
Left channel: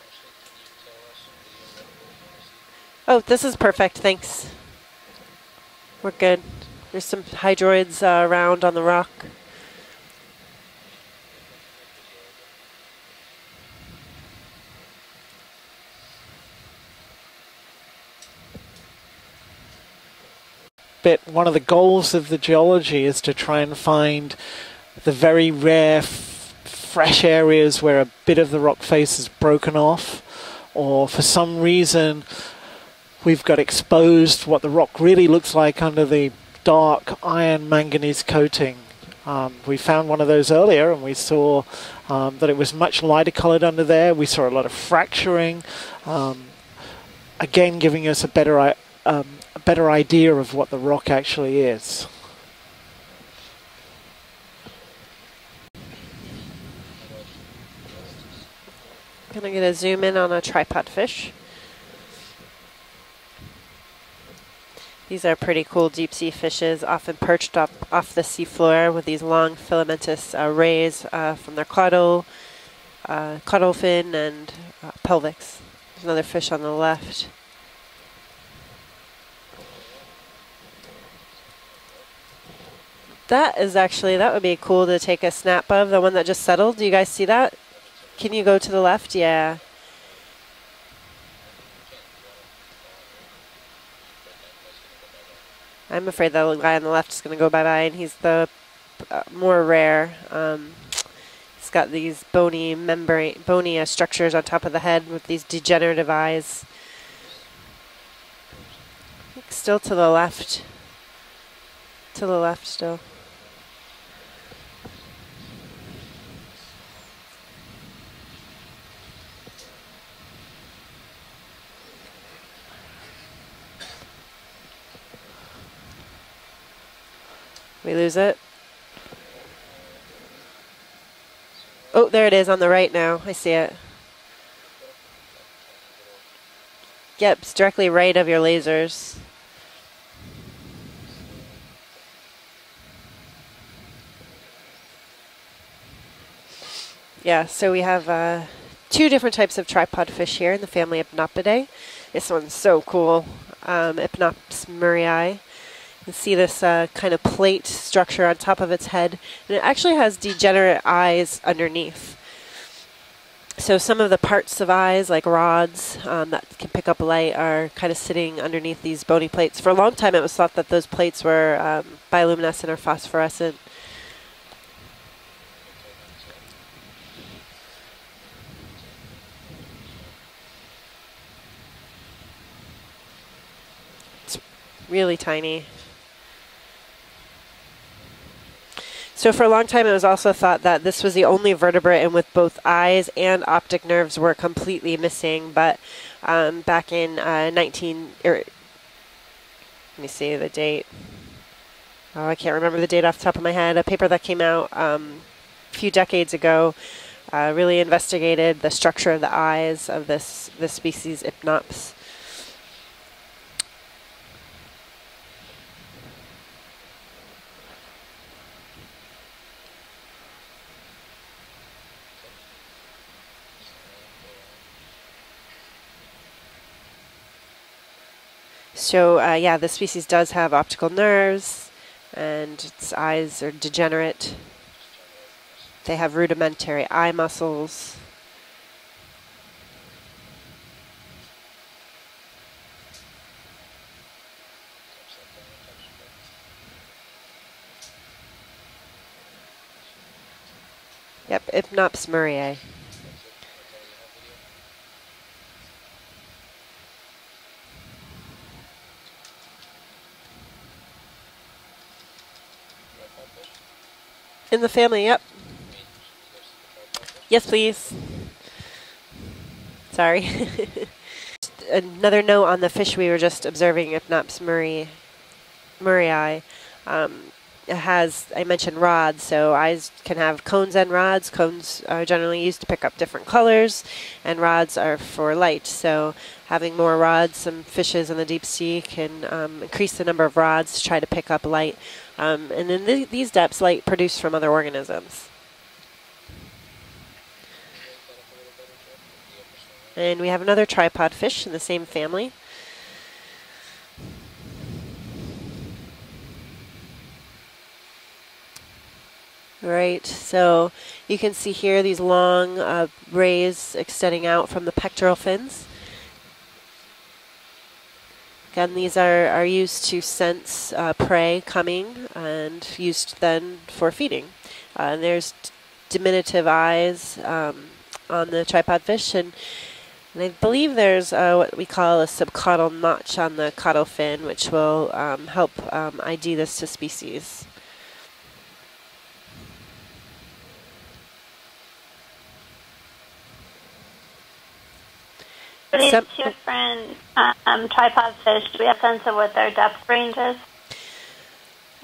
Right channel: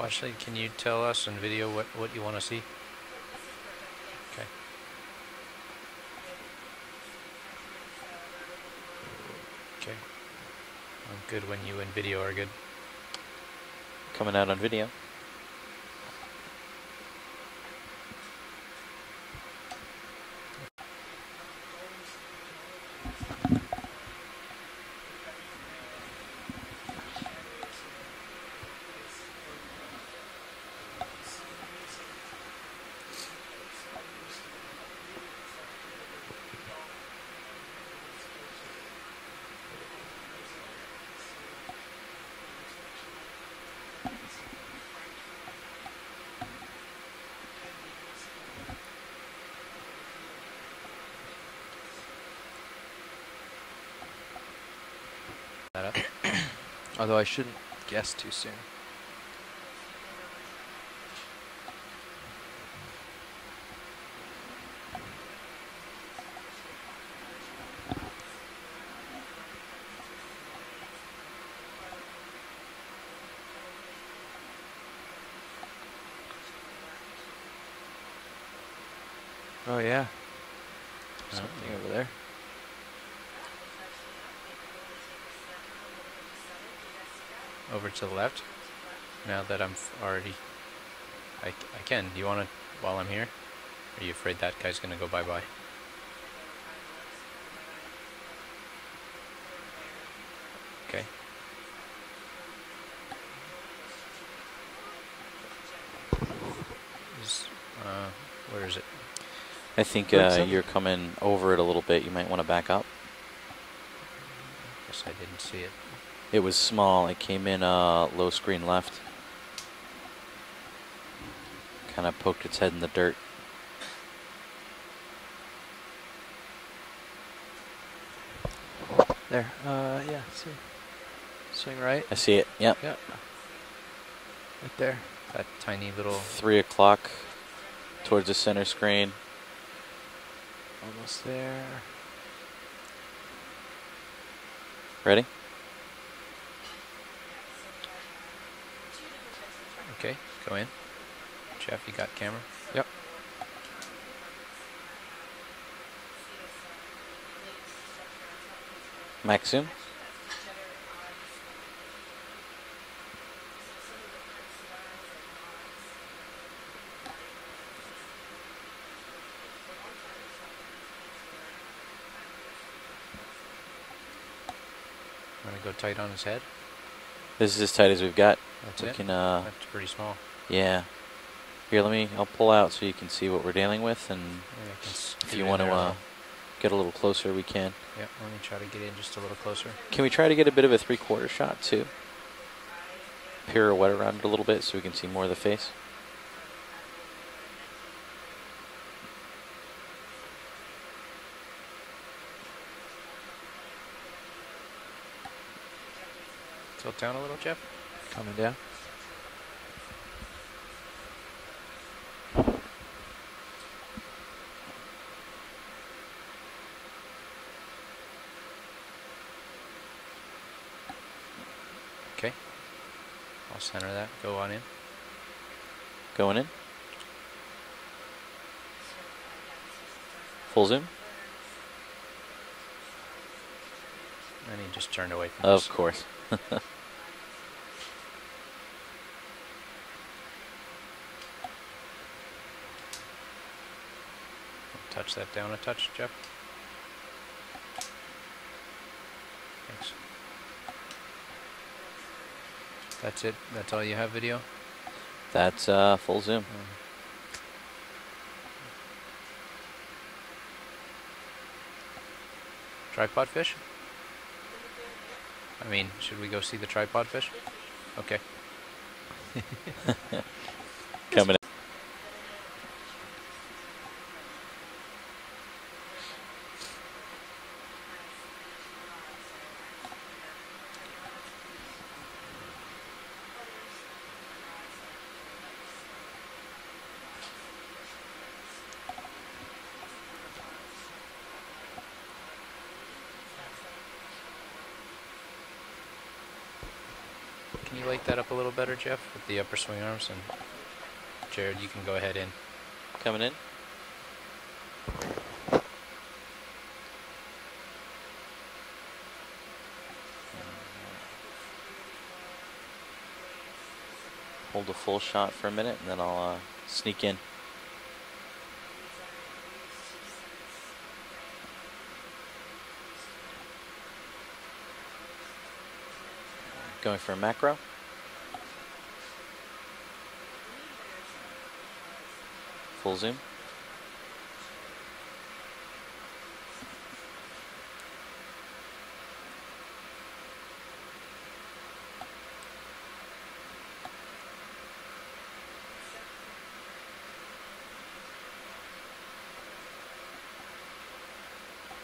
Ashley, can you tell us in video what you want to see? oh, this is perfect. Thanks. We're good. There's some hydroids around on the rock. Okay. I'm good when you and video are good. Coming out on video. One of the goals of the geology is to try and find the very rare fresh areas where a bit of the rock face is broken off, or for some reason we've got exposed what the rock really looks like under the dark iron manganese coating. We found one of those earlier, and we saw that it was much lighter colored under there. We saw a lot of fracturing, again giving us a better idea of what the rock actually is. Although I shouldn't guess too soon. Gonna get a zoom in on a tripod fish. These are pretty cool deep sea fishes, often perched up off the seafloor with these long filamentous rays from their caudal fin and pelvis. There's another fish on the left. Oh yeah. Something over there. That is actually, that would be cool to take a snap of, the one that just settled. Do you guys see that? Over to the left. Can you go to the left? Now Yeah. that I'm already. I can. Do you want to while I'm here? Are you afraid that guy's gonna go bye bye? I'm afraid the guy on the left is going to go bye-bye, and he's the more rare. He's got these bony structures on top of the head with these degenerative eyes. Where is it? Still I to think the left. you're coming over it a little bit. You might To the want to left back up. still. Guess I didn't see it. It was small. It came in low screen left. Kind of poked its head in the dirt. We lose it. There. Yeah. Swing right. Oh, there it see is on the Yep. right now. I see it. Right there. That tiny little. 3 o'clock. Yep, it's directly right of towards your the center lasers. screen. Almost there. Ready? Yeah, so we have 2 different types of tripod fish here, the family Hypnopidae. This one's so cool. Hypnops murray. You can see this kind of plate structure on top of its head. It actually has degenerate eyes underneath. So some of the parts of eyes, like rods that can pick up light, are kind of sitting underneath these bony plates. For a long time, it was thought that those plates were bioluminescent or phosphorescent. Want to go tight on his head? This is as tight as we've got. That's it? That's pretty small. Yeah. Here, I'll pull out so you can see what we're dealing with. And really if tiny. you want to get a little closer, we can. Yeah, let me try to get in just So for a long time, it was Can we try also to get a thought bit of a that this was the three-quarter only shot, too? vertebrate in with both eyes and Here, optic wet nerves around were a little bit so we completely can see more of the missing. face. But back in let me see the date. Oh, I can't remember the date off the top of my head. A paper that came out a few decades ago really investigated the structure of the eyes of this species Ipnops. Okay. I'll center that. Go on in. Going in? So yeah, the species does have Full optical nerves, and its eyes are degenerate. And he just turned away from Of course. They have rudimentary eye muscles. Touch that down a touch, Jeff. Thanks. Yep, Ipnops murray. That's it? That's all you have video? That's full zoom. Tripod fish? In the family, yep. I mean, should we go see the tripod fish? Yes, please. Okay. Sorry. Coming in. Another note on the fish we were just observing, Ipnops murray. It has, I mentioned rods, so eyes can have cones and rods. Cones are generally used to pick up different colors, and rods are for light. So having more rods, some fishes in the deep sea can increase the number of rods to try to pick up light. And in these depths, light produced from other organisms. Can you light that up a little better, Jeff, with the upper swing arms? And we have another tripod fish There, in the you same can go ahead family. in. Coming in. Right, so you can see here these long rays extending out from the Hold full pectoral shot fins. for a minute, and then I'll sneak in. Again, these are used to sense prey coming and used then for feeding. And there's diminutive eyes on the tripod fish, and I believe there's what we call a subcaudal notch on the caudal fin, which will help ID this to species. For these two different tripod fish, do we have a sense of what their depth range is?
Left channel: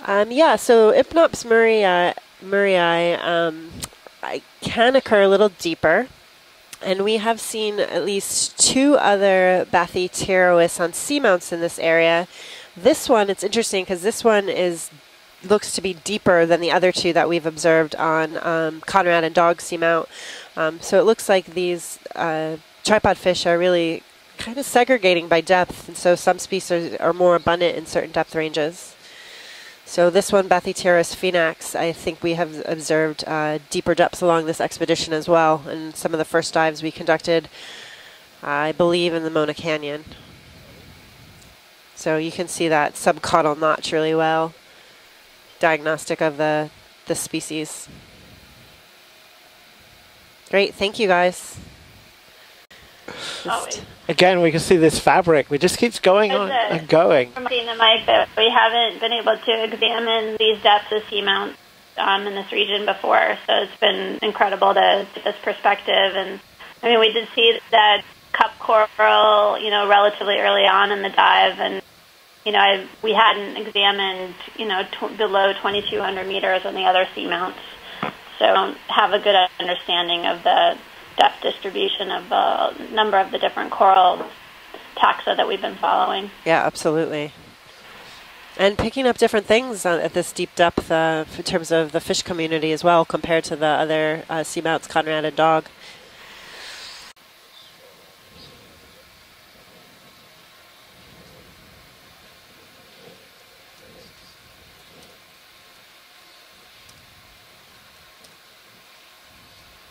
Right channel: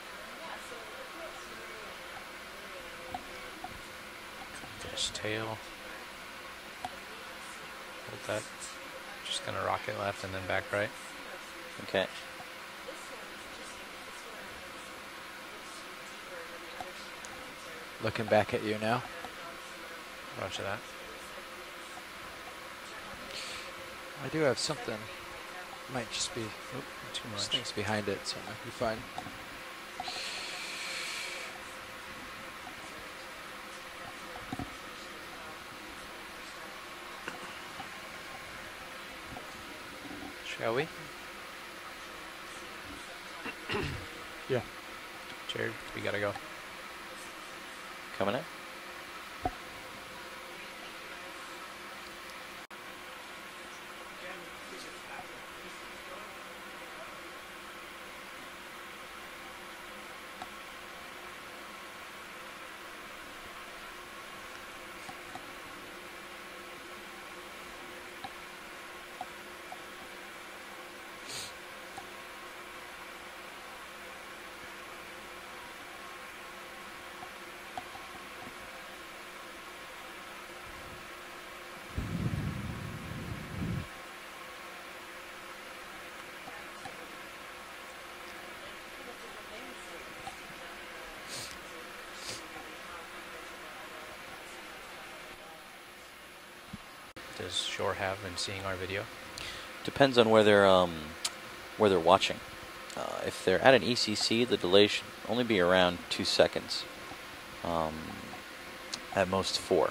Yeah, so Ipnops murray can occur a little deeper, and we have seen at least two other Bathypterois on seamounts in this area. This one, it's interesting because this one looks to be deeper than the other two that we've observed on Conrad and Dog seamount. So it looks like these tripod fish are really kind of segregating by depth, and so some species are more abundant in certain depth ranges. So this one, Bathypterois finax, I think we have observed deeper depths along this expedition as well, in some of the first dives we conducted, I believe, in the Mona Canyon. Shall we? So you can see that subcaudal notch really well. Yeah. Diagnostic of the species. Coming in. Great, thank you guys. Again, we can see this fabric. It just keeps going on and going. From seeing the mic, but we haven't been able to examine these depths of seamount in this region before, so it's been incredible to get this perspective. And I mean, we did see that cup coral, relatively early on in the dive, and we hadn't examined, below 2,200 meters on the other seamounts, so don't have a good understanding of the depth distribution of a number of the different coral taxa that we've been following. Yeah, absolutely. And picking up different things at this deep depth in terms of the fish community as well, compared to the other seamounts, Conrad and Dog. Does Shore have in seeing our video? Depends on where they're watching. If they're at an ECC, the delay should only be around 2 seconds. At most 4.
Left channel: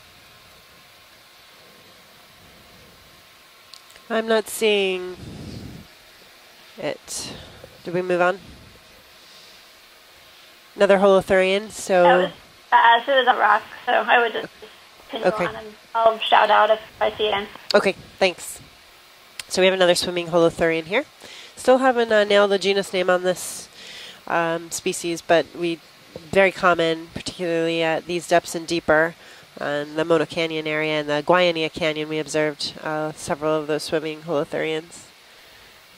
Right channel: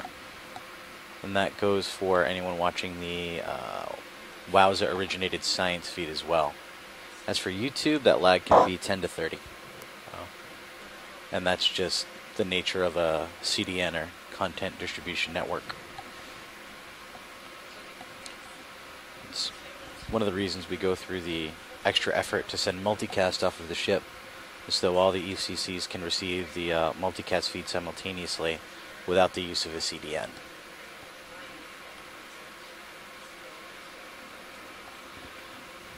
And that goes for anyone watching the I'm not Wowza seeing originated science feed as well. As for Can we YouTube, move that on? lag can be 10 to 30. Another holothurian, And that's just so the nature As of it is a rock, CDN so I would just content distribution Okay. network. I'll shout out if I see it. okay, thanks. is. So we have another One swimming of the reasons we holothurian go here. through the Still haven't extra effort nailed to the send genus name on multicast this off of the ship, so all species, the but ECCs can receive very the, common, multicast feed particularly at these depths and deeper. without the use of In the the Mono CDN. Canyon area and the Guayania Canyon, we observed several of those swimming holothurians.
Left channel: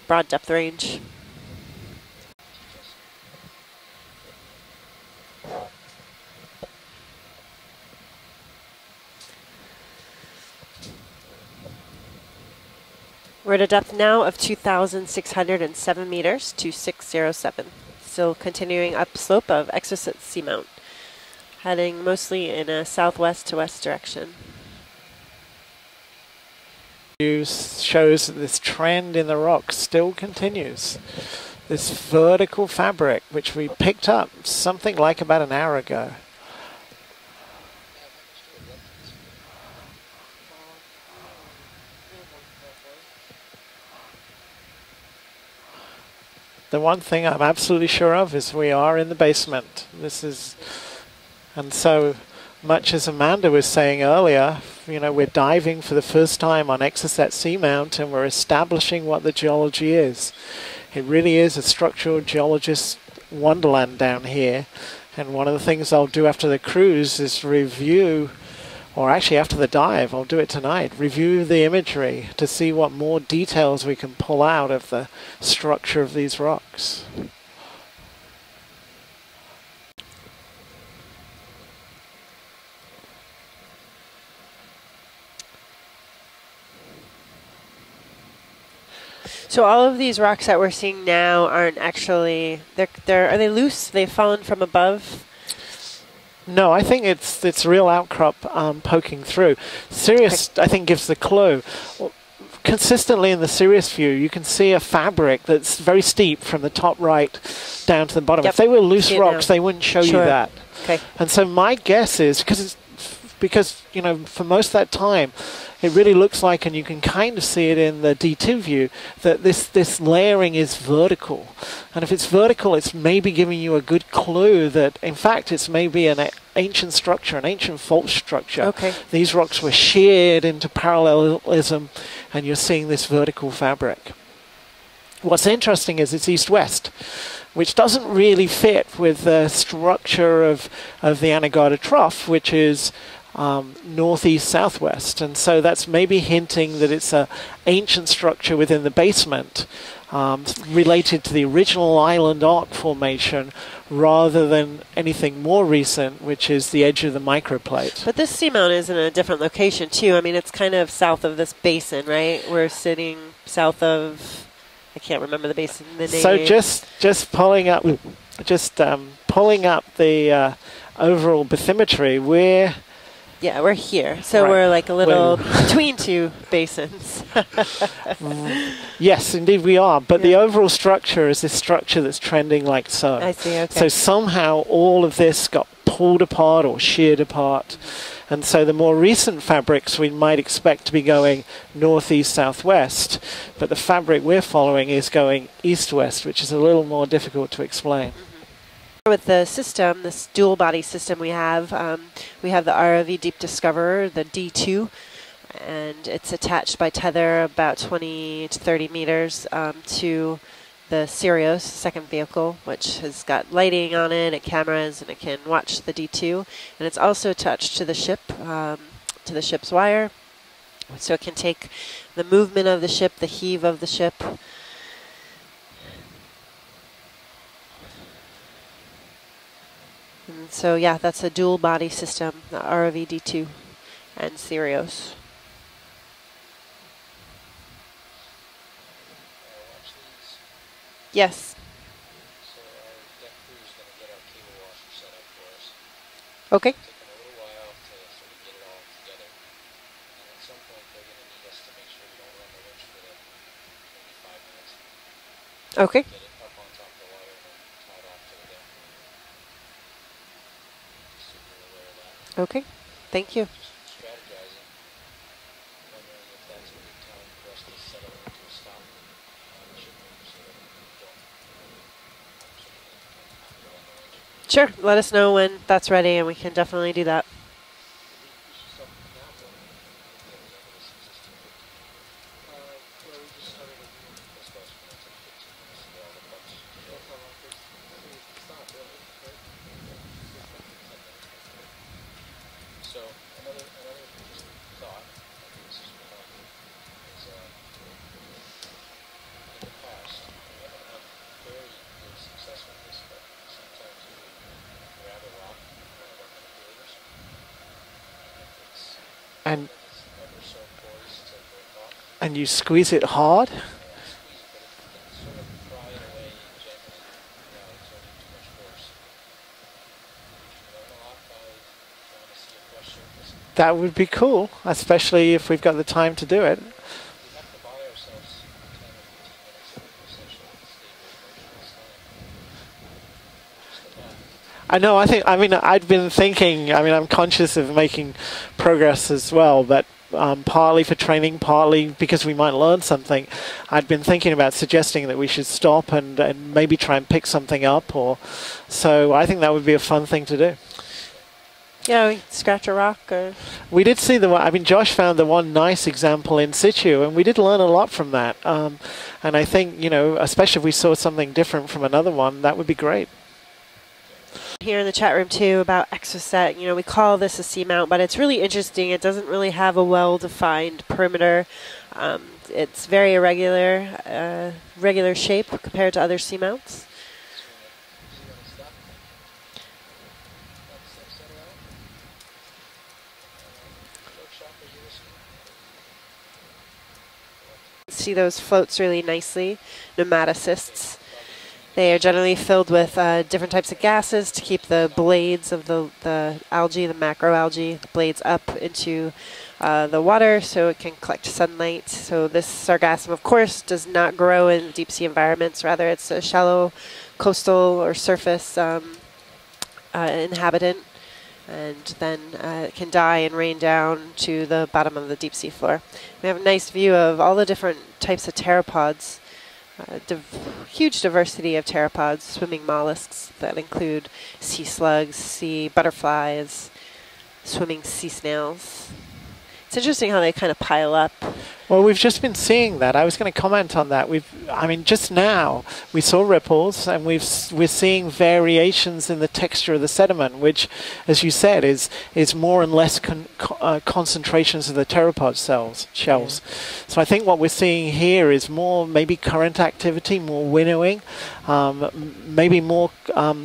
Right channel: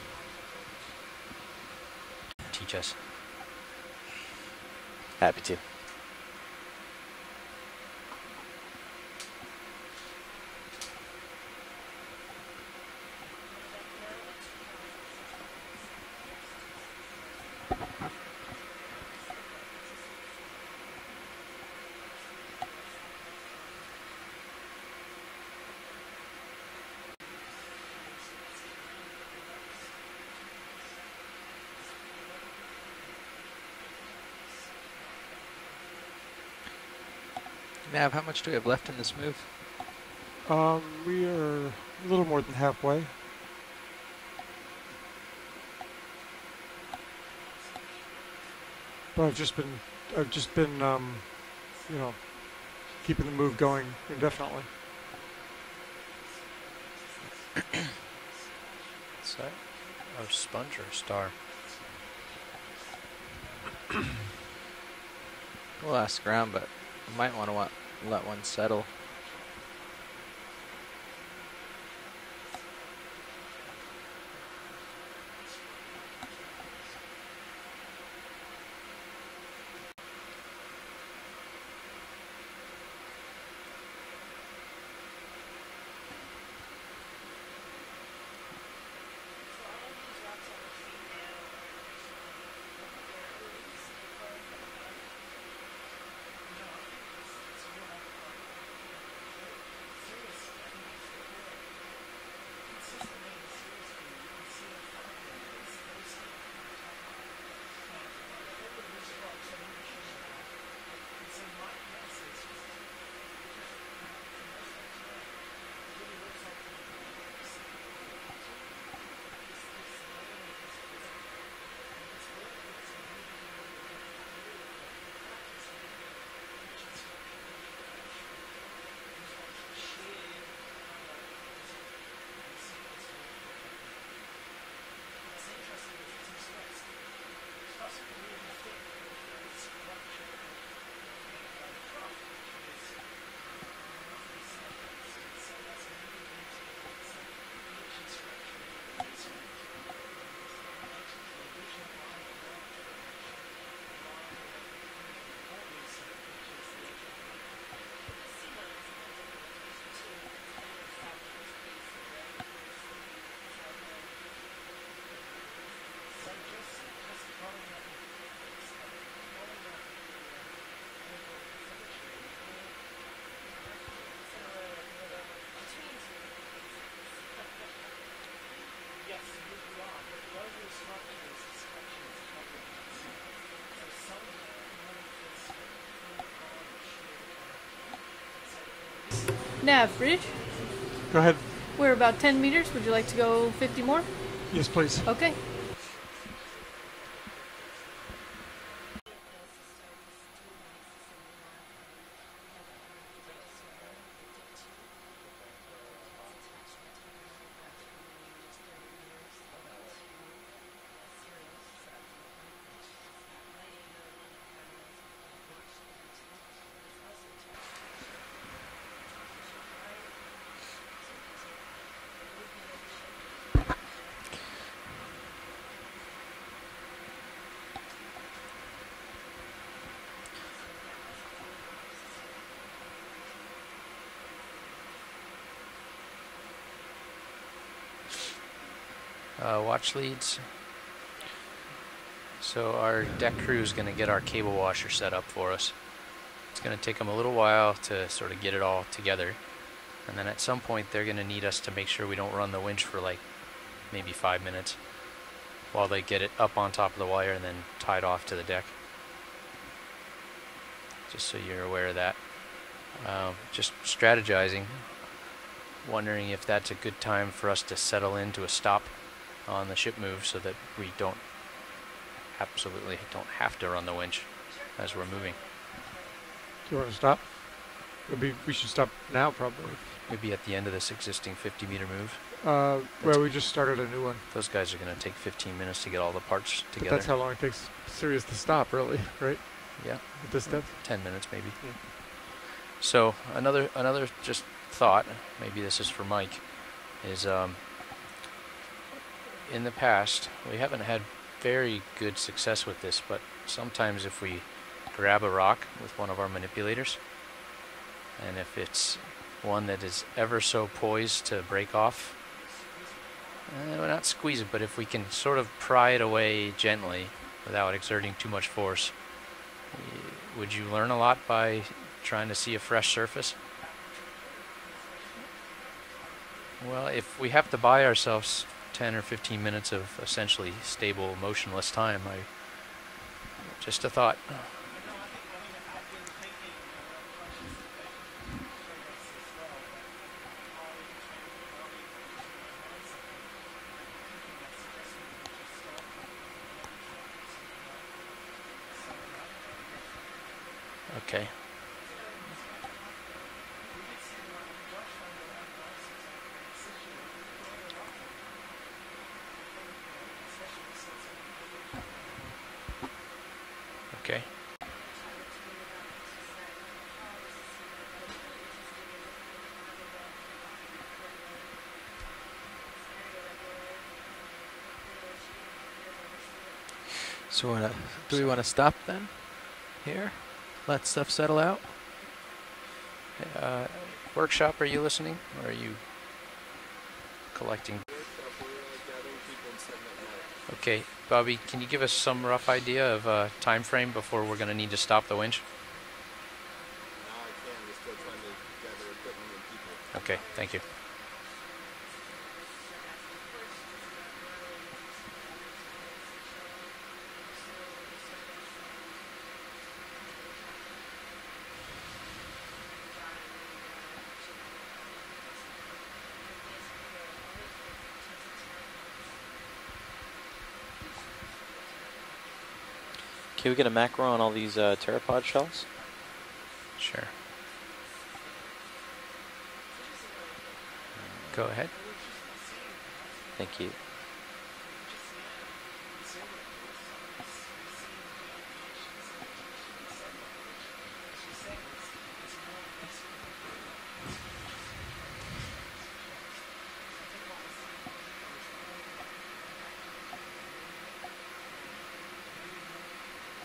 Broad depth range. Teach us. Happy to. We're at a depth now of 2,607 meters, 2607. Still continuing upslope of Exocet Seamount, heading mostly in a southwest to west direction. Shows that this trend in the rock still continues. This vertical fabric, which we picked up something like about an hour ago. Nav, how much do we have left in this move? We are a little more than halfway. The one thing I'm absolutely sure of is we are in the basement. And so much as Amanda was saying earlier, you know, we're diving for the first time on Exocet Seamount and we're establishing what the geology is. It really is a structural geologist wonderland down here. And one of the things I'll do after the cruise is review, or actually after the dive, I'll do it tonight, review the imagery to see what more details we can pull out of the structure of these rocks. So all of these rocks that we're seeing now aren't actually, are they loose? They've fallen from above? No, I think it's real outcrop poking through. Sirius, I think, gives the clue. Consistently in the Sirius view, you can see a fabric that's very steep from the top right down to the bottom. Yep. If they were loose rocks, they wouldn't show you that. Okay. And so my guess is, because you know, for most of that time, it really looks like, and you can kind of see it in the D2 view, that this layering is vertical. And if it's vertical, it's maybe giving you a good clue that, in fact, it's maybe an ancient structure, an ancient fault structure. Okay. These rocks were sheared into parallelism, and you're seeing this vertical fabric. What's interesting is it's east-west, which doesn't really fit with the structure of the Anegada Trough, which is northeast-southwest, and so that's maybe hinting that it's an ancient structure within the basement related to the original island arc formation rather than anything more recent, which is the edge of the microplate. But this seamount is in a different location too. I mean, it's kind of south of this basin, right? We're sitting south of, I can't remember the basin, the name. So just pulling up the overall bathymetry, we're here. So we're like a little between two basins. Yes, indeed we are. But the overall structure is this structure that's trending like so. I see, okay. So somehow all of this got pulled apart or sheared apart. And so the more recent fabrics we might expect to be going northeast, southwest. But the fabric we're following is going east-west, which is a little more difficult to explain. With the system, this dual body system we have the ROV Deep Discoverer, the D2, and it's attached by tether about 20 to 30 meters to the Sirius second vehicle, which has got lighting on it and cameras, and it can watch the D2. And it's also attached to the ship, to the ship's wire, so it can take the movement of the ship, the heave of the ship. So yeah, that's a dual body system, the ROV D2 and Sirius. Watch leads. Yes. So our deck crew is going to get our cable washer set up for us. Okay. It's going to take them a little while to sort of get it all together. And then at some point they're going to need us to make sure we don't run the winch for like maybe 5 minutes. While they get it up on top of the wire and then tied off to the deck. Just so you're aware of that. Okay, thank you. Just strategizing, wondering if that's a good time for us to settle into a stop on the ship move so that we absolutely don't have to run the winch. Sure, let us know when that's ready and we can definitely do that. We should stop now, probably. We'd be at the end of this existing 50-meter move. Where we just started a new one. Those guys are going to take 15 minutes to get all the parts But together. that's how long it takes Sirius to stop, really, right? Yeah. At this depth? 10 minutes maybe. So another just thought, maybe this is for Mike, is in the past we haven't had very good success with this, but sometimes if we grab a rock with one of our manipulators, and if it's one that is ever so poised to break off, and you squeeze it hard? no, not squeeze it, but if we can sort of pry it away gently without exerting too much force, would you learn a lot by trying to see a fresh surface? That would be cool, especially if we've got the time to do it. Well, if we have to buy ourselves 10 or 15 minutes of essentially stable, motionless time, just a thought. I know, I'd been thinking, I'm conscious of making progress as well, but partly for training, partly because we might learn something, I'd been thinking about suggesting that we should stop and maybe try and pick something up, so I think that would be a fun thing to do. Okay. Yeah, we scratch a rock or... We did see Josh found the one nice example in situ, and we did learn a lot from that. And I think, especially if we saw something different from another one, that would be great. Okay. Here in the chat room too about Exocet, we call this a seamount, but it's really interesting. It doesn't really have a well-defined perimeter. It's very irregular, regular shape compared to other seamounts. So do we want to stop then? Here? Let stuff settle out? Workshop, are you listening, or are you collecting? See those floats really nicely, nematocysts. Okay, Bobby, can you give They us are generally some rough filled idea with of, different time types of frame gases before to we're gonna keep need to the stop the winch? blades of the algae, the macroalgae, the blades up into the water so it can collect sunlight. So this sargassum, of course, does not grow in deep sea environments. Rather, it's a shallow coastal or surface inhabitant, and then it can die and rain down to the bottom of the deep sea floor. We have a nice view of all the different types of pteropods, huge diversity of pteropods, swimming mollusks Can we that get a include macro on all these sea pteropod slugs, shells? sea butterflies, Sure. swimming sea snails. It's interesting how they kind of pile up. Go ahead. Well, we've just been seeing that. I was going to comment on that. Just now we saw ripples, and we're seeing variations in the texture of the sediment, which, as you said, is more and less concentrations of the pteropod shells. So I think what we're seeing here is more maybe current activity, more winnowing, maybe more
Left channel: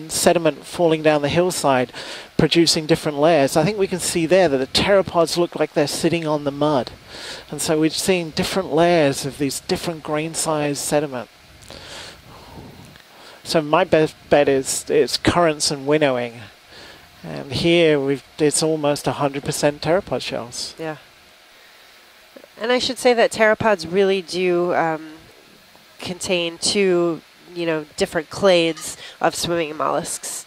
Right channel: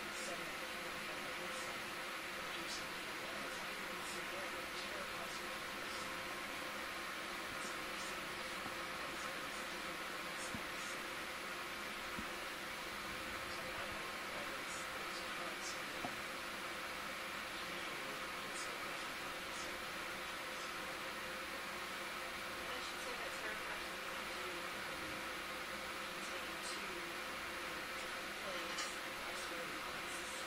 sediment falling down the hillside, producing different layers. I think we can see there that the pteropods look like they're sitting on the mud. And so we're seeing different layers of these different grain-sized sediment. So my best bet is it's currents and winnowing. And here it's almost 100% pteropod shells. Yeah. And I should say that pteropods really do contain two, different clades of swimming mollusks.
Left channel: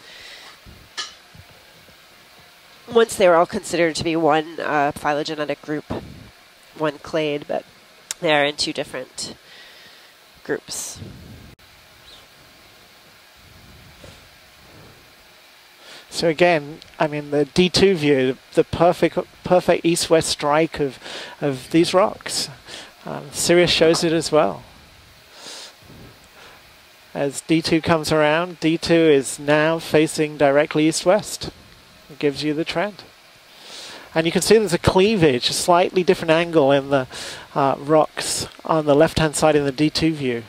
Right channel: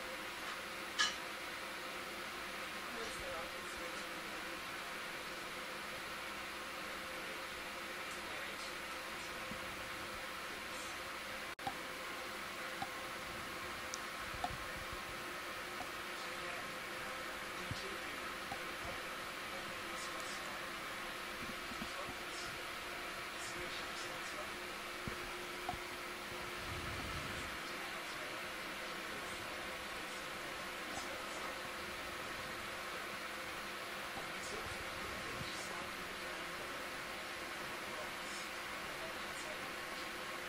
Once they were all considered to be one phylogenetic group, one clade, but they are in two different groups. So again, the D2 view, the perfect east-west strike of these rocks. Sirius shows it as well. As D2 comes around, D2 is now facing directly east-west. It gives you the trend. And you can see there's a cleavage, a slightly different angle in the rocks on the left-hand side in the D2 view.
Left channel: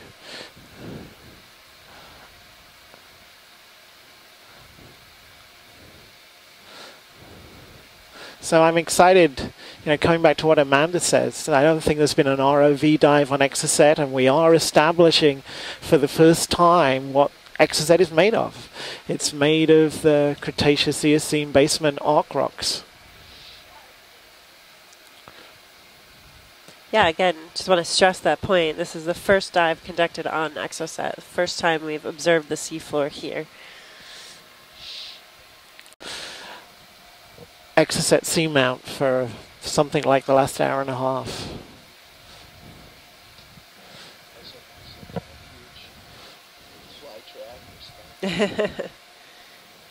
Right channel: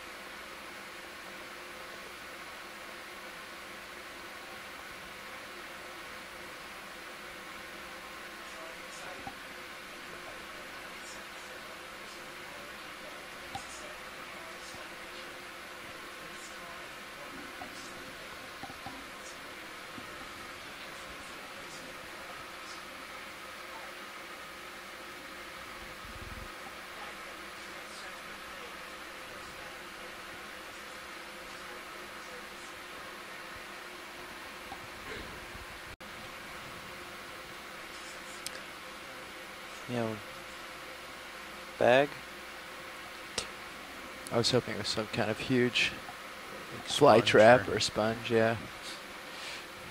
So I'm excited, coming back to what Amanda says. I don't think there's been an ROV dive on Exocet, and we are establishing for the first time what Exocet is made of. It's made of the Cretaceous Eocene basement arc rocks. Yeah, again, just want to stress that point. This is the first dive conducted on Exocet, the first time we've observed the seafloor here. Exocet Seamount for something like the last hour and a half. Bag? I was hoping it was some kind of huge fly trap or sponge, yeah.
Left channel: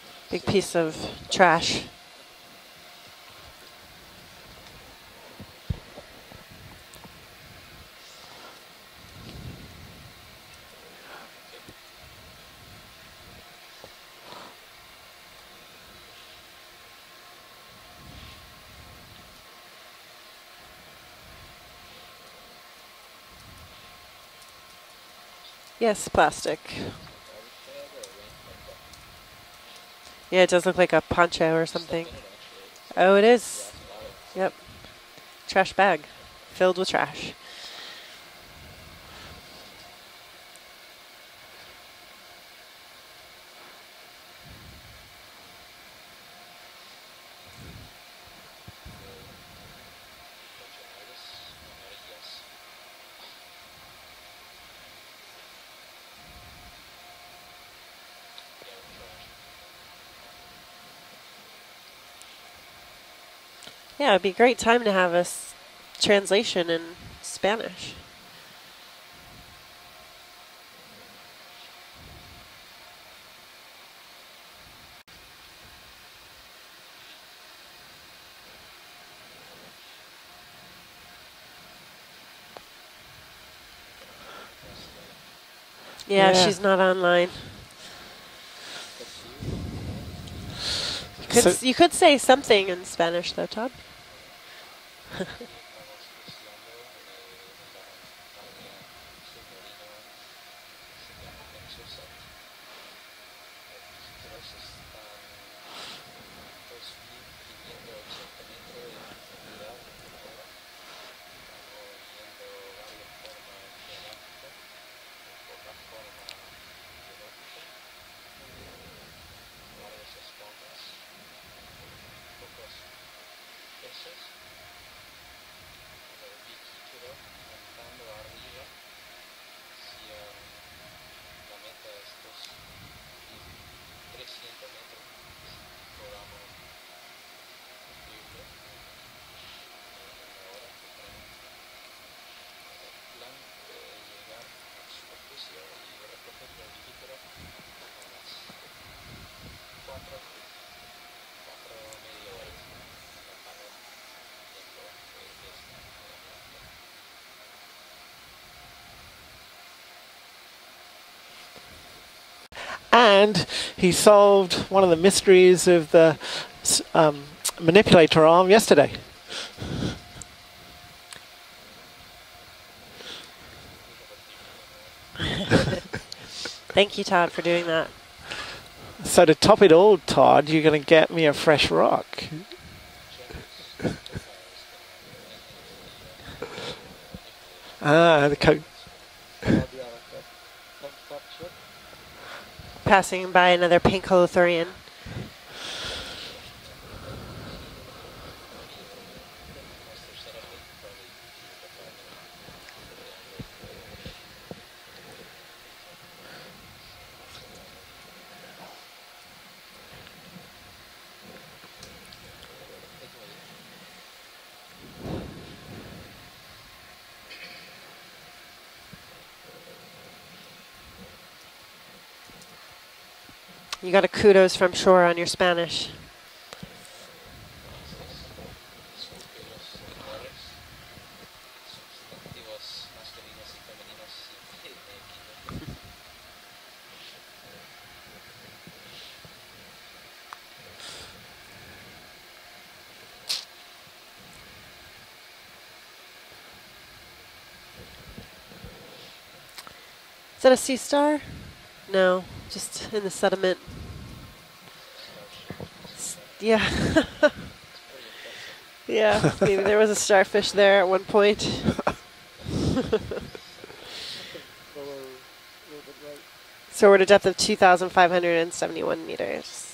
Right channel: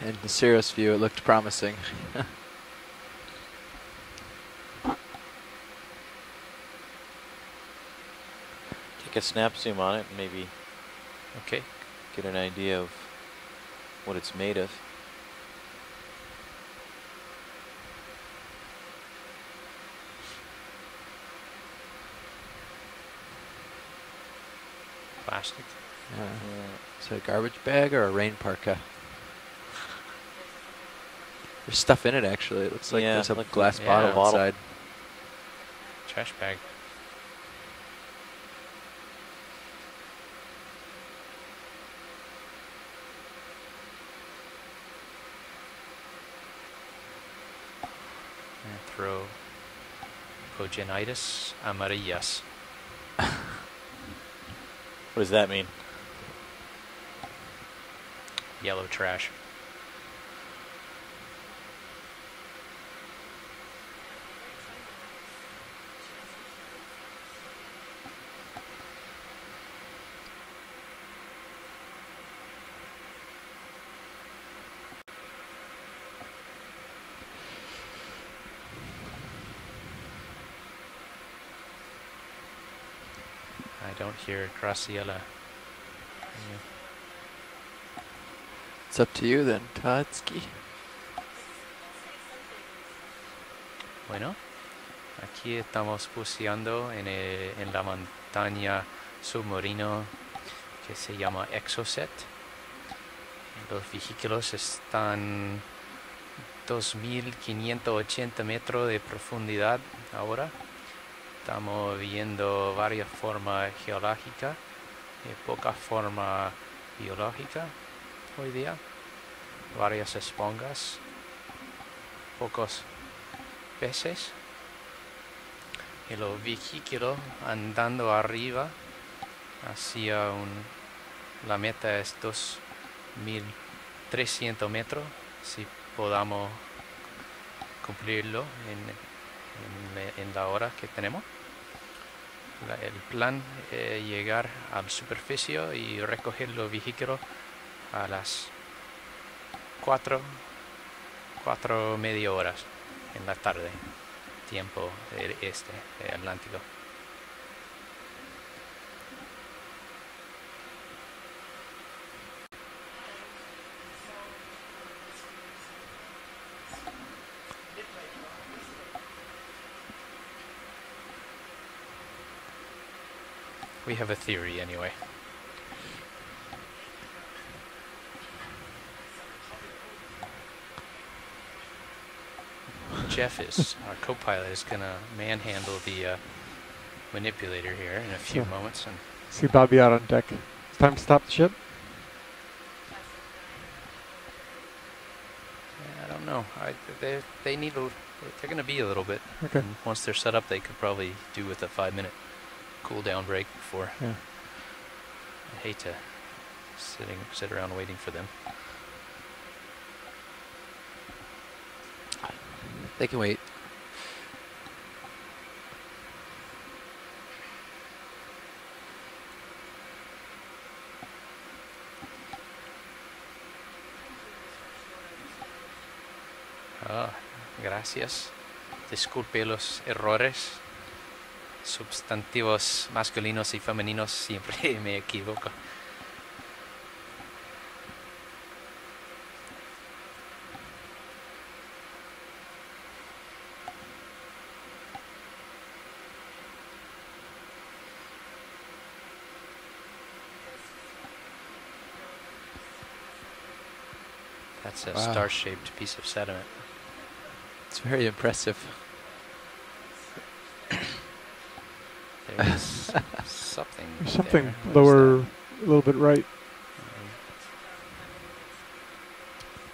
And the Big Sirius piece view, of it looked promising. a snap zoom on it, maybe Okay. get an idea of what it's made of. Plastic. Yes, plastic. Is it a garbage bag or a rain parka? Yeah, it does look like a poncho or There's something. stuff in it, actually. It looks like Oh, it it's is. a glass Yeah. bottle inside. Trash bag. Trash bag. Filled with trash. Anthropogenitis amarillas. What does that mean? Yellow trash. Yeah, it'd be a great time to have a translation in Spanish. I don't hear Graciela. Yeah, Yeah. she's not online. It's up to you then, Todsky. You could say something in Spanish though, Todd. Bueno, aquí estamos buceando en la montaña submarino que se llama Exocet. Los vehículos están 2.580 metros de profundidad ahora. Estamos viendo varias formas geológicas y poca forma biológica hoy día. Varias esponjas, pocos peces. Y los vehículos andando arriba hacia la meta es 2.300 metros, si podamos cumplirlo en la hora que tenemos. El plan es llegar a la superficie y recoger los vehículos a las 4 media horas en la tarde, tiempo del este Atlántico. And he solved one of the mysteries of the manipulator arm yesterday. We have a theory anyway. Thank you, Todd, for doing that. So to top it all, Todd, you're going to get me a fresh rock. Jeff is co-pilot is going to manhandle the manipulator here Ah, in a the few co- moments. And See Bobby out on deck. Time to stop the ship. Passing by another pink holothurian. I don't know. They need they're going to be a little bit. Okay. And once they're set up, they could probably do with a 5-minute cool down break before. Yeah. I hate to sit around waiting for them. They can wait. You got a kudos from shore on your Spanish. Ah, gracias. Disculpe los errores. Substantivos masculinos y femeninos siempre me equivoco. Is that a sea star? No, just in the sediment. That's a Wow. star-shaped piece of sediment. Yeah. It's very impressive. Yeah, maybe there was a starfish there at one point. There's something. Something there. What is lower, that? a little bit right. So we're at a depth of 2,571 meters.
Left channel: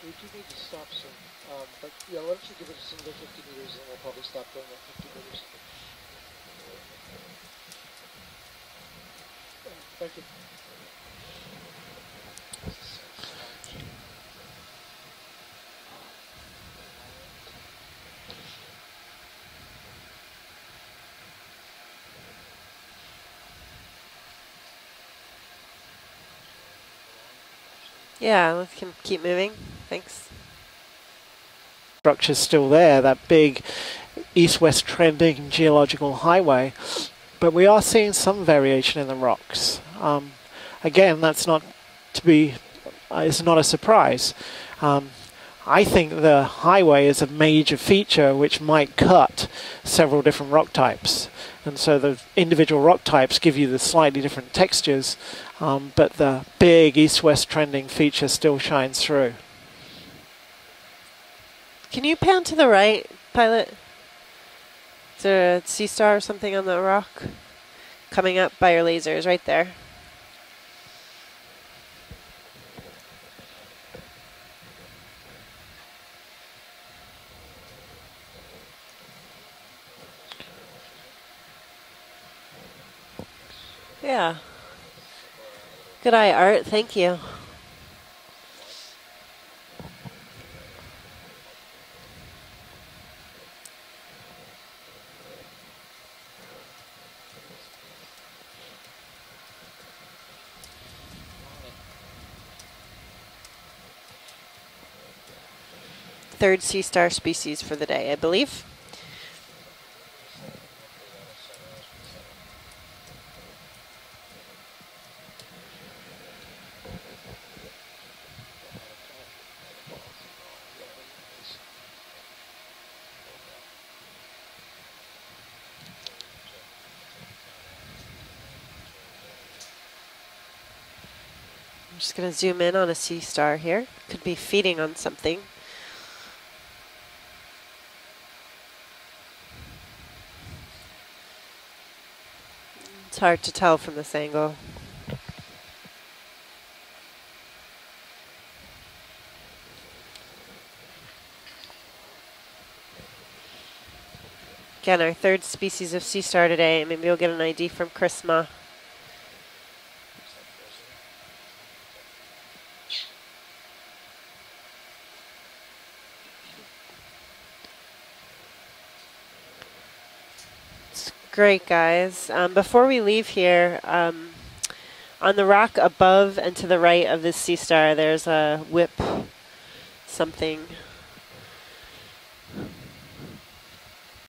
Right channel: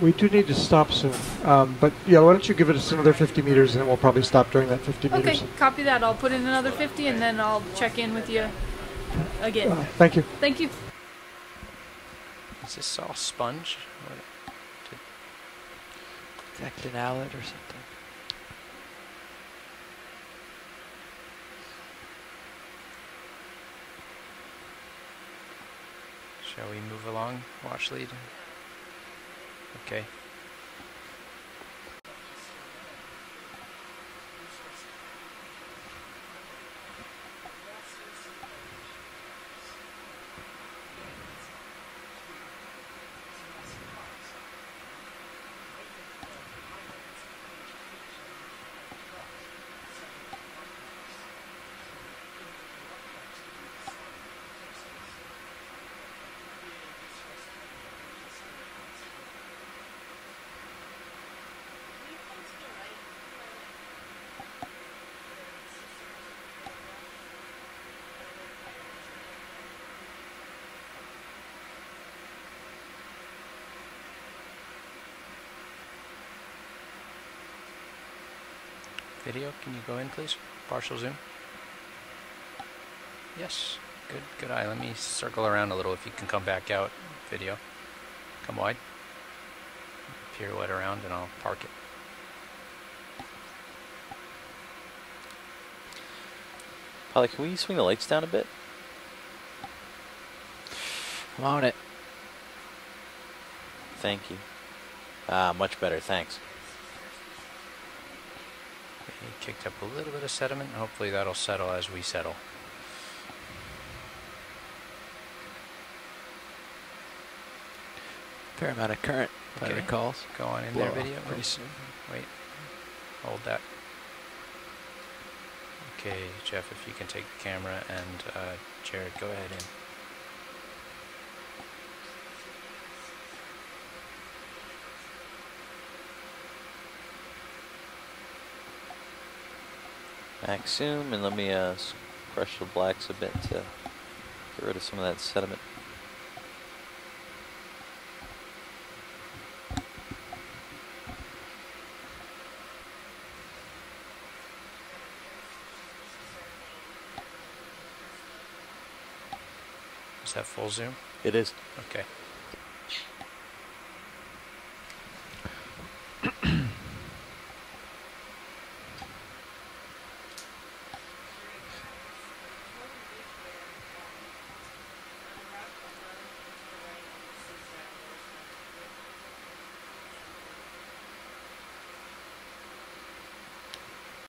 We do need to stop soon. But yeah, why don't you give it us another 50 meters and then we'll probably stop during that 50 Okay, meters. copy that. I'll put in another 50 and then I'll check in with you again. Thank you. Thank you. Is this all sponge? Actinalid or something. Shall we move along, watch lead? Yeah, let's keep moving. Okay. Thanks. Structure's still there, that big east-west trending geological highway, but we are seeing some variation in the rocks. Again, that's not to be, it's not a surprise. I think the highway is a major feature which might cut several different rock types. And so the individual rock types give you the slightly different textures, but the big east-west trending feature still shines through. Can you pan to the right, pilot? Is there a sea star or something on the rock? Coming up by your lasers, right there. Video, can you go in, please? Partial zoom. Yes. Yeah. Good eye. Let me circle around a little. Good eye, Art. Thank you. Video. Come wide. Pirouette around, and I'll park it. Holly, can we swing the lights down a bit? I'm on it. Thank you. Ah, much better, thanks. Third sea star species for the day, I believe. We've kicked up a little bit of sediment. Hopefully that'll settle as we settle. Fair amount of current, if I recall. Go on in Blow there, off video. pretty soon. Wait. Hold that. Okay, Jeff, if you can take the camera, and Jared, go ahead in. I'm just going to zoom in on a sea star here. Could be feeding on something. Max zoom, and let me crush the blacks a bit. It's hard to tell from this angle. Get rid of some of that sediment. Again, our third species of sea star today. Maybe we'll get an ID from Chris Ma. Is that full zoom? It is. Okay. It's great, guys. Before we leave here, on the rock above and to the right of this sea star, there's a whip something.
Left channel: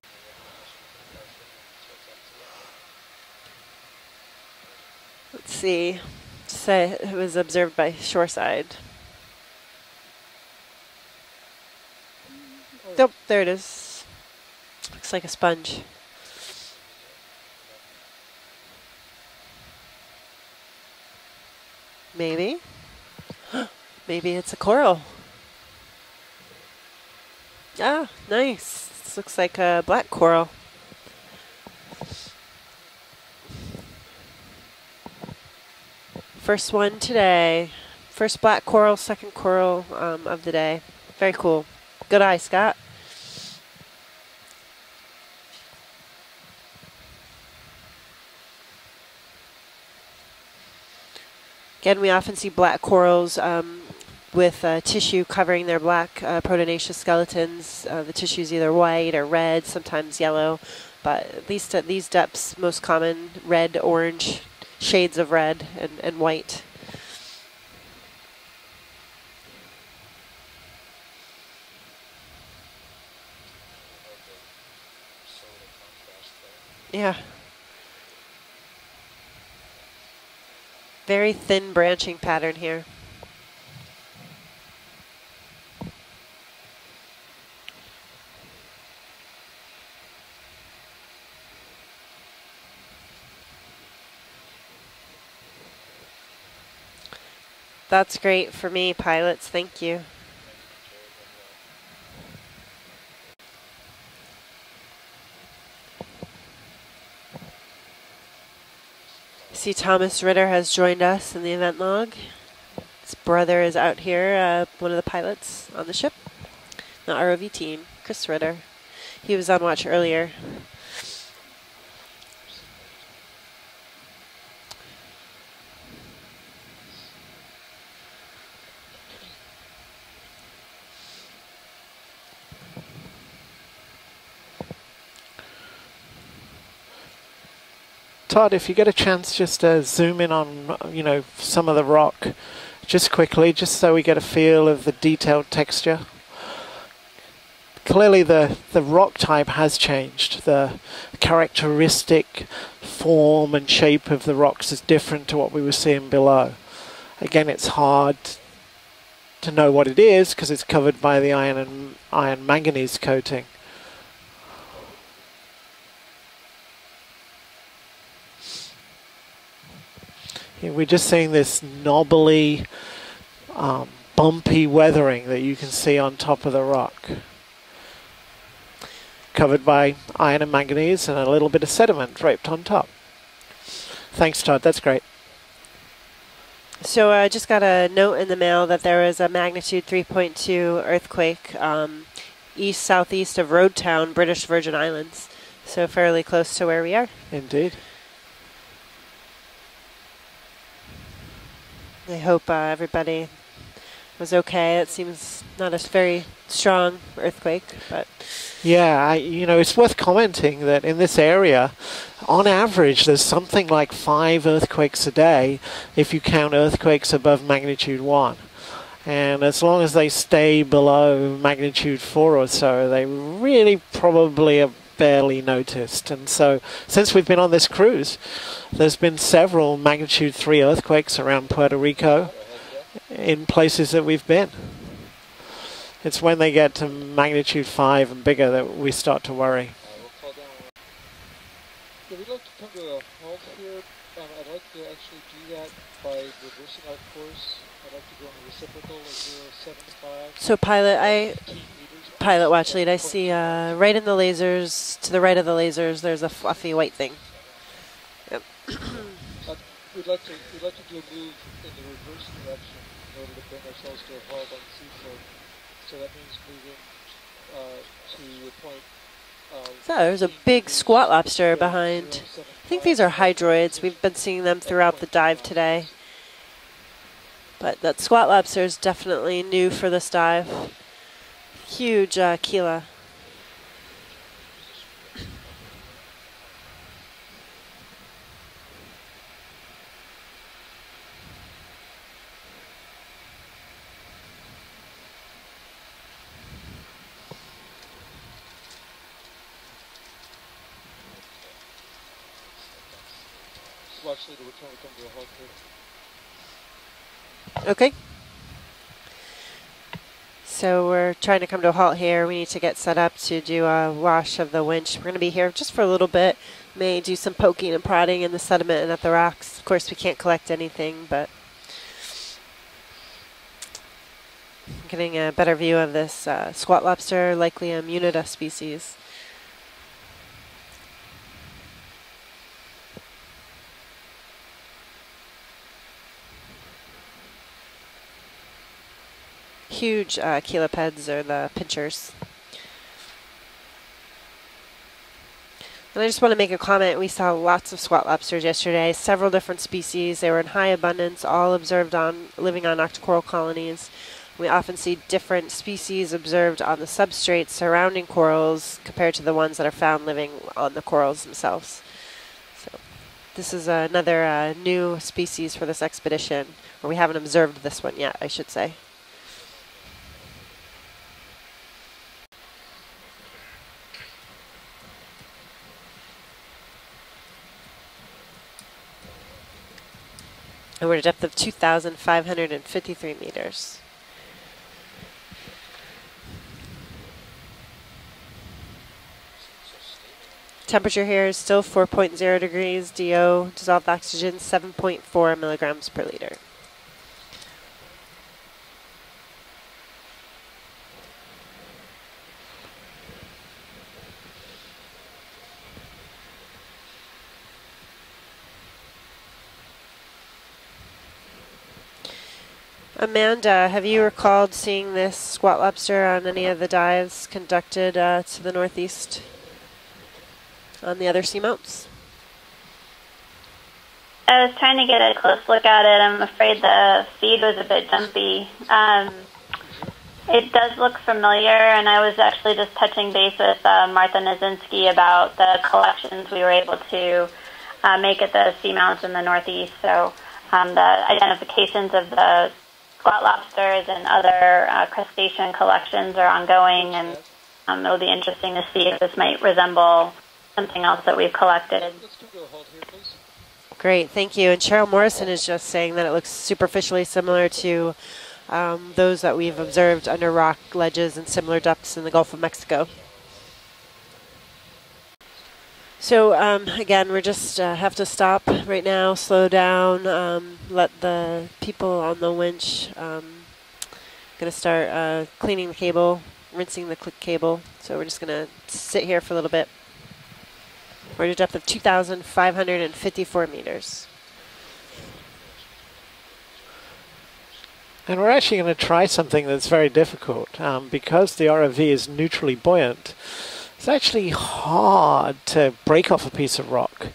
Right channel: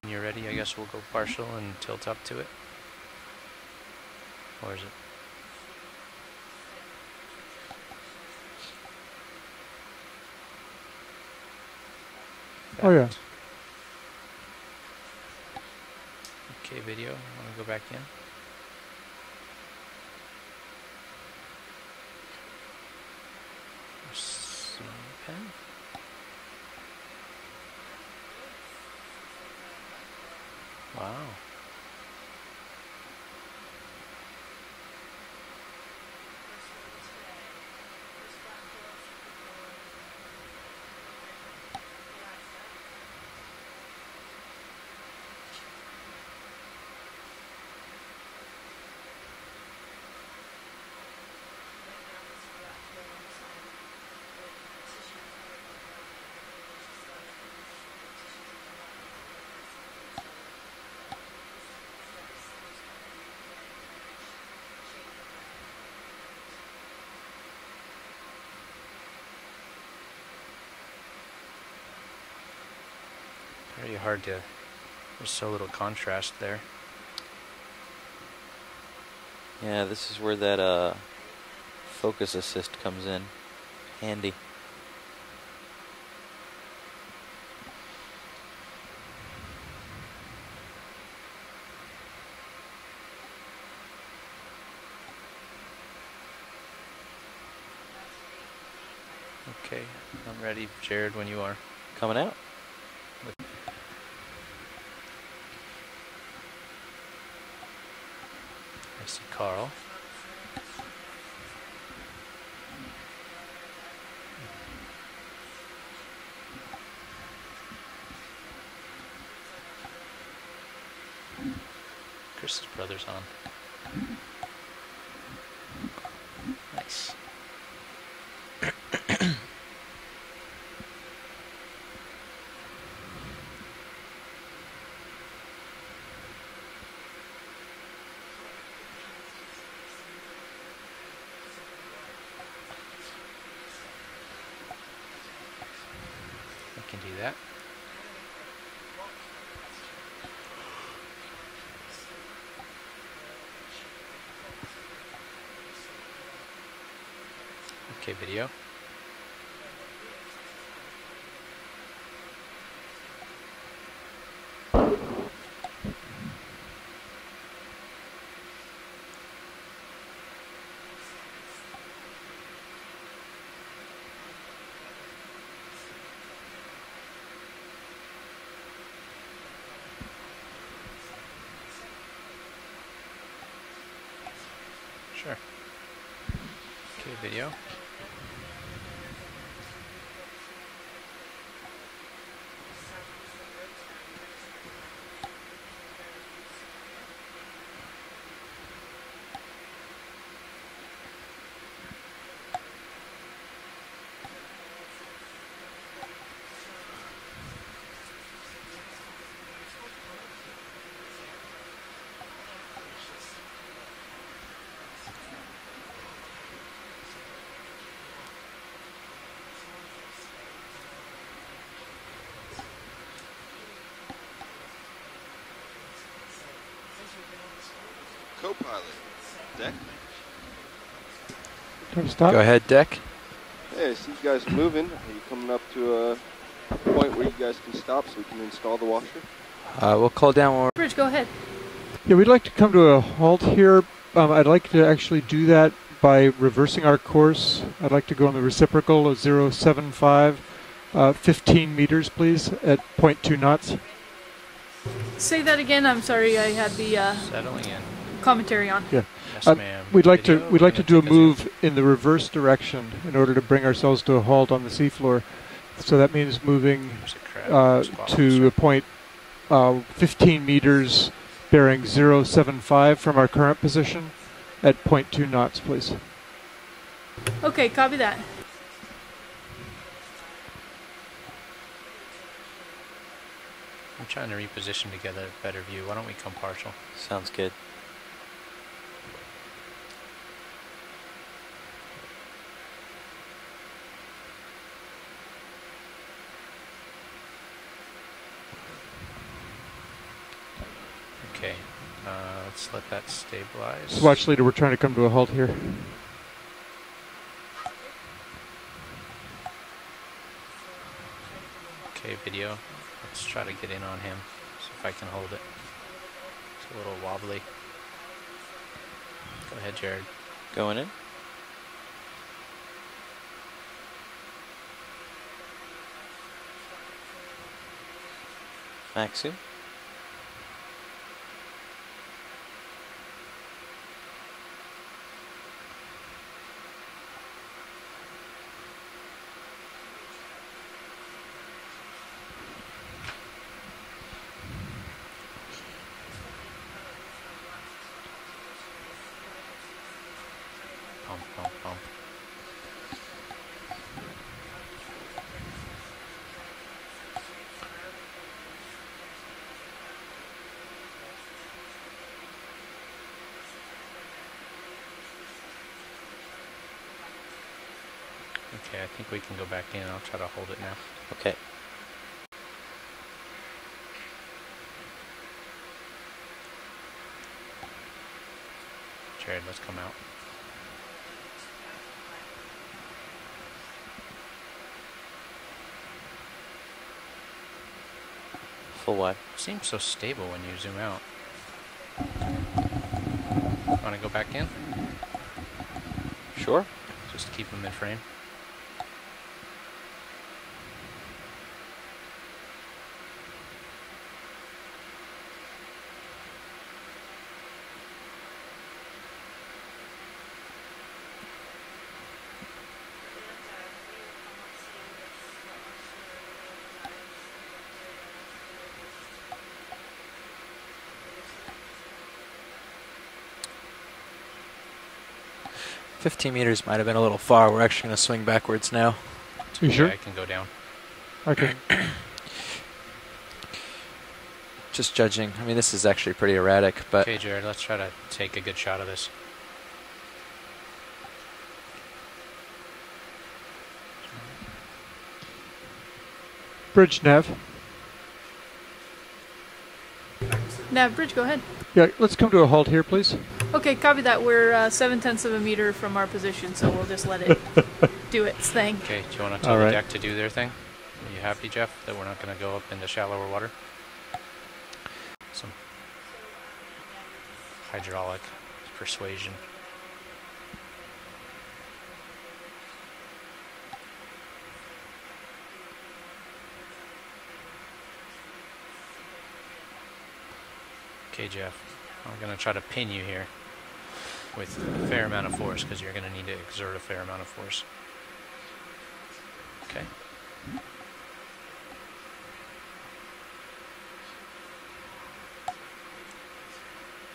When you're ready, I guess we'll go partial and tilt up to it. Or is it? Let's see. Say it was observed by shoreside. Oh, yeah. Nope, there it is. Looks like a sponge. Okay, video. Want to go back in? Maybe. Maybe it's a coral. Ah, nice. This looks like a black coral. Wow. First one today. First black coral, second coral of the day. Very cool. Good eye, Scott. Again, we often see black corals with tissue covering their black proteinaceous skeletons. The tissue is either white or red, sometimes yellow, but at least at these depths, most common red, orange, shades of red and white. Very hard to, there's so little contrast there. Yeah. Yeah, this is where that very thin branching focus pattern assist here. comes in handy. That's great for me, pilots. Thank Okay, you. I'm ready, Jared, when you are. Coming out. I see Carl. See Thomas Ritter has joined us in the event log. His brother is out here, one of the pilots on the ship. The ROV team, Chris Ritter. He was on watch earlier. Chris's brother's on. Nice. Todd, if you get a chance, just zoom in on, some of the rock, just quickly, just so we get a feel of the detailed texture. I can do that. Clearly the rock type has changed. The characteristic form and shape of the rocks is different to what we were seeing below. Again, it's hard to know what it is because it's covered by the iron manganese coating. We're just seeing this knobbly, bumpy weathering that you can see on top of the rock. Covered by iron and manganese and a little bit of sediment draped on top. Thanks, Todd. That's great. Sure. So I just got a note in the mail that there was a magnitude 3.2 earthquake east-southeast of Roadtown, British Virgin Islands. So fairly close to where we are. Indeed. I hope everybody was okay. It seems not a very strong earthquake, but... Yeah, it's worth commenting that in this area, on average, there's something like 5 earthquakes a day if you count earthquakes above magnitude 1. And as long as they stay below magnitude 4 or so, they really probably are barely noticed. And so, since we've been on this cruise, there's been several magnitude 3 earthquakes around Puerto Rico. Go ahead, Deck. In places that we've been. It's when they get to magnitude 5 and bigger that we start to worry. We'll call down more. Bridge, go ahead. Yeah, we'd like to come to a halt here. I'd like to actually do that by reversing our course. I'd like to go on the reciprocal of 075. So pilot, 15 meters, please. Pilot watch lead, I see knots. right in the lasers, to the right of the lasers, again, I'm there's sorry, a I fluffy had white the, thing. Settling in. Commentary on. Yeah. Yes, ma'am. We'd like to do a move in the reverse direction in order to bring ourselves to a halt on the seafloor. So that means moving to a point 15 meters squat lobster bearing behind. 075 these are from our current hydroids. position. We've been seeing them throughout the dive knots, today. Please. Okay, But copy that that. squat lobster is definitely new for this dive. Huge Keela. I'm trying to reposition to get a better view. Why don't we come partial? Sounds good. Okay, let's let that stabilize. Watch leader, we're trying to come to a halt here. Okay. So we're trying to come to a halt here. We need to get set up to do a wash of the winch. We're going to be here just for a little bit. May do some poking and prodding in the sediment and at the rocks. Of course, we can't collect anything, but getting a better view of this squat lobster, likely a Munida species. Maxi. Huge chelipeds, or the pinchers. And I just want to make a comment. We saw lots of squat lobsters yesterday, several different species. They were in high abundance, all observed living on octocoral colonies. We often see different species observed on the substrates surrounding corals compared to the ones that are found living on the corals themselves. So this is another new species for this expedition. Or we haven't observed this one yet, I should say. Okay, I think we can go back in and I'll try to hold it now. Okay. Jared, let's come out. And we're at a depth of 2,553 meters. Full what? Seems so stable when you zoom Temperature out. here is still 4.0 degrees. DO, dissolved Wanna go oxygen, back in? 7.4 milligrams per liter. Sure. Just keep them in frame. Amanda, have you recalled seeing this squat lobster on any of the dives conducted to the northeast on the other seamounts? I was trying to get a close look at it. I'm 15 afraid meters might have been a the little feed far. was We're a actually bit going to swing jumpy. backwards now. You sure? Yeah, I can go down. It does look familiar, and I was actually just touching base with Martha Nazinski Just about judging. I mean, the this is actually collections pretty we were able erratic, but- Okay, to Jared, let's try to make at take a the picture of Seamount this. in the Northeast. So the identifications of the squat lobsters and other crustacean collections are ongoing, Bridge and nav. it'll be interesting to see if this might resemble something Yeah, else Bridge, that go we've ahead. collected. Yeah, let's come to a halt here, please. Okay, copy Great, that. thank We're, you. And Cheryl 7/10 Morrison of a is meter just saying from that our it looks position, so we'll superficially just let similar it to do its thing. Okay, those so that I'll we've tell the deck to observed do their under thing. rock ledges You and happy, similar Jeff, depths that in we're the not Gulf gonna of go up to Mexico. the shallower water? So again, we're just have to stop right now, slow down, let the people on the winch gonna start cleaning the cable, rinsing the cable. So we're just gonna sit here for a little bit. We're at a depth of 2,554 meters. With a fair amount of force, because you're going to need to exert a fair amount of force. And we're actually going to try something that's very difficult. Because the ROV is neutrally buoyant, it's actually hard to break off a piece of rock.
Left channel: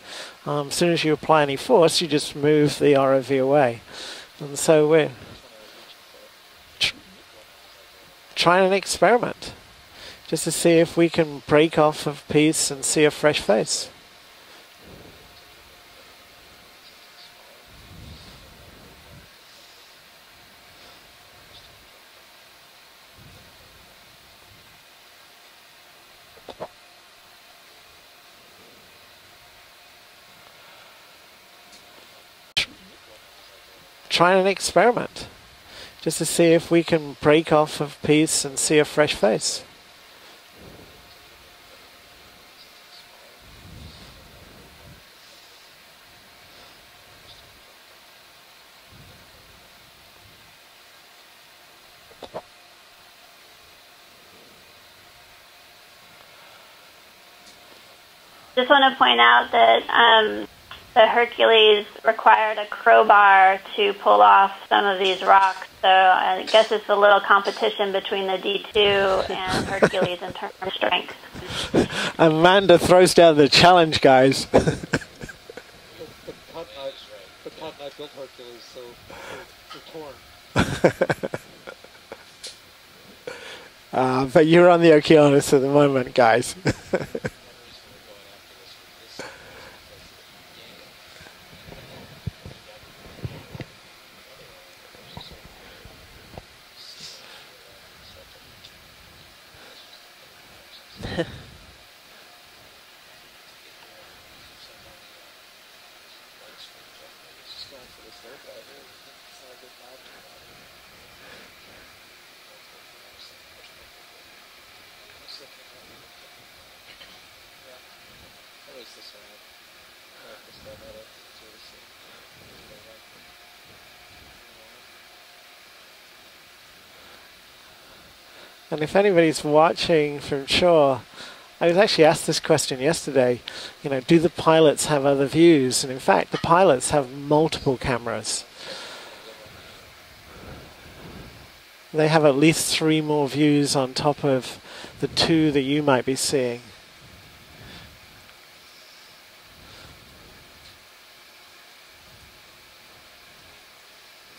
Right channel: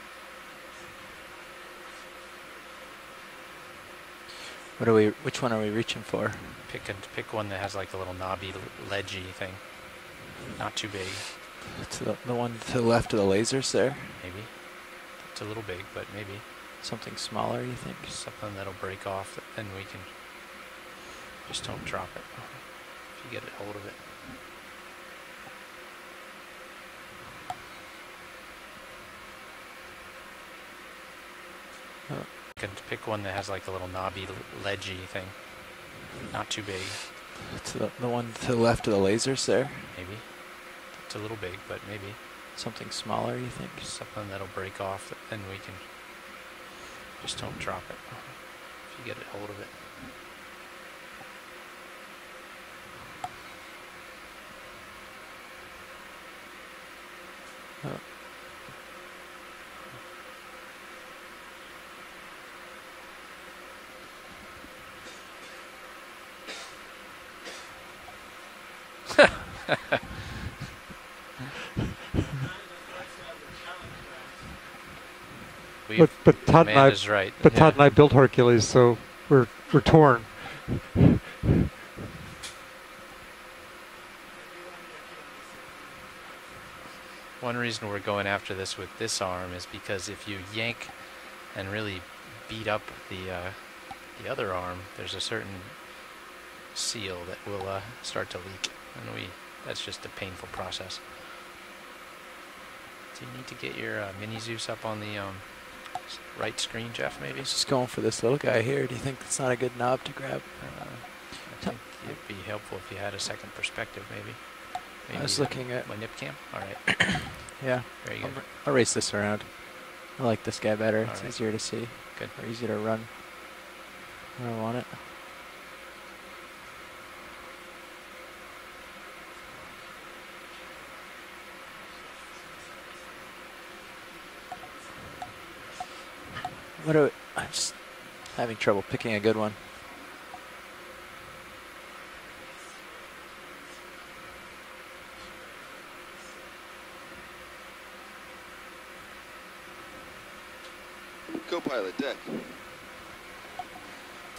As soon as you apply any force, you just move the ROV away. And so which one are we reaching for? Pick one that has like the little knob. trying an experiment. Just to see if we can break off a piece and see a fresh face. There. Maybe. It's a little big, but maybe. Something smaller, you think? Something that'll break off, then we can... Just don't drop it. If you get a hold of it. Pick one that has like the little knob. Trying an experiment. Just to see if we can break off a piece and see a fresh face. There. Maybe. It's a little big, but maybe. Something smaller, you think? Something that'll break off, then we can... Just don't drop it. If you get a hold of it. Just want to point out that the Hercules required a crowbar to pull off some of these rocks, so I guess it's a little competition between the D2 and Hercules in terms of strength. Amanda throws down the challenge, guys. But Todd and I, right. but Todd and I built Hercules, so we're torn. But you're on the Okeanos at the moment, guys. One reason we're going after this with this arm is because if you yank and really beat up the other arm, there's a certain seal that will start to leak, and that's just a painful process. Do you need to get your mini Zeus up on the right screen, Jeff? Maybe. Just going for this little guy here. Do you think it's not a good knob to grab? It'd be helpful if you had a second perspective, maybe. I was looking at my nip cam. All right. Yeah. Very good. I'll race this around. I like this guy better. It's right. easier to see. Good. Or easier to run. I want it. And if anybody's watching from shore, I was actually asked this question yesterday. You know, do the pilots have other views? And in fact, the pilots have multiple cameras. Having trouble picking a good one. They have at least 3 more views on top of the 2 that you might be seeing. Co-pilot, Deck.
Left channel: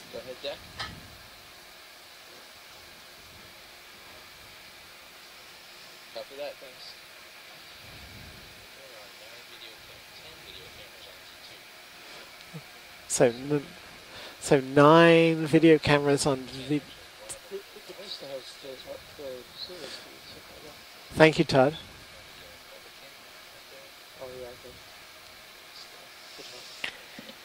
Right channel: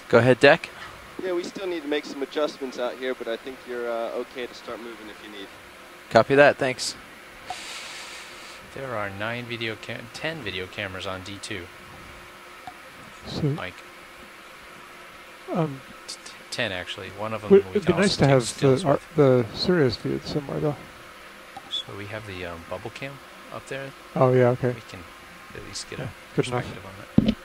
Go ahead, Deck. Yeah, we still need to make some adjustments out here, but I think you're okay to start moving if you need. Copy that, thanks. There are 10 video cameras on D2. So, Mike. So 9 video cameras on 10 actually. One of them. It'd be nice to have the Sirius view somewhere, though. Thank you, Todd. So we have the bubble cam up there. Oh yeah, okay. We can at least get a good enough. perspective on it.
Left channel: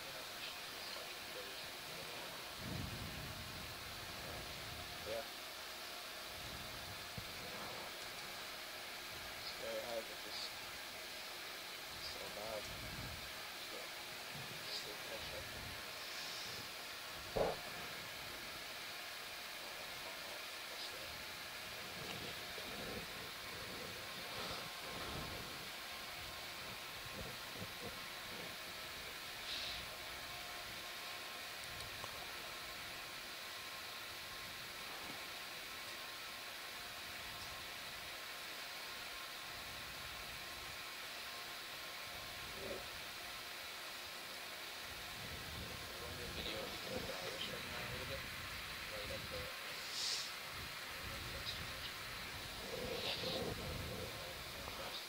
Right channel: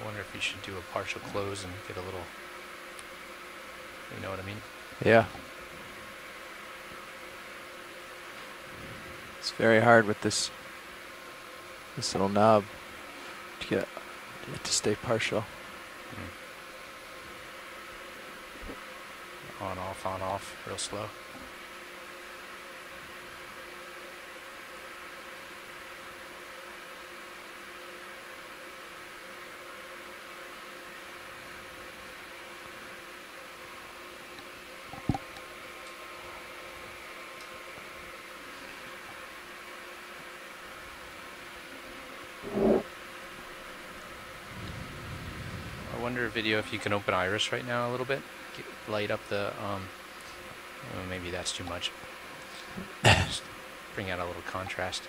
I wonder if you should do a partial close and get a little. You know what I mean? Yeah. It's very hard with this little knob to get it to stay partial. On off, real slow. better video if you can open Iris right now a little bit. Light up the, oh, maybe that's too much. Just bring out a little contrast.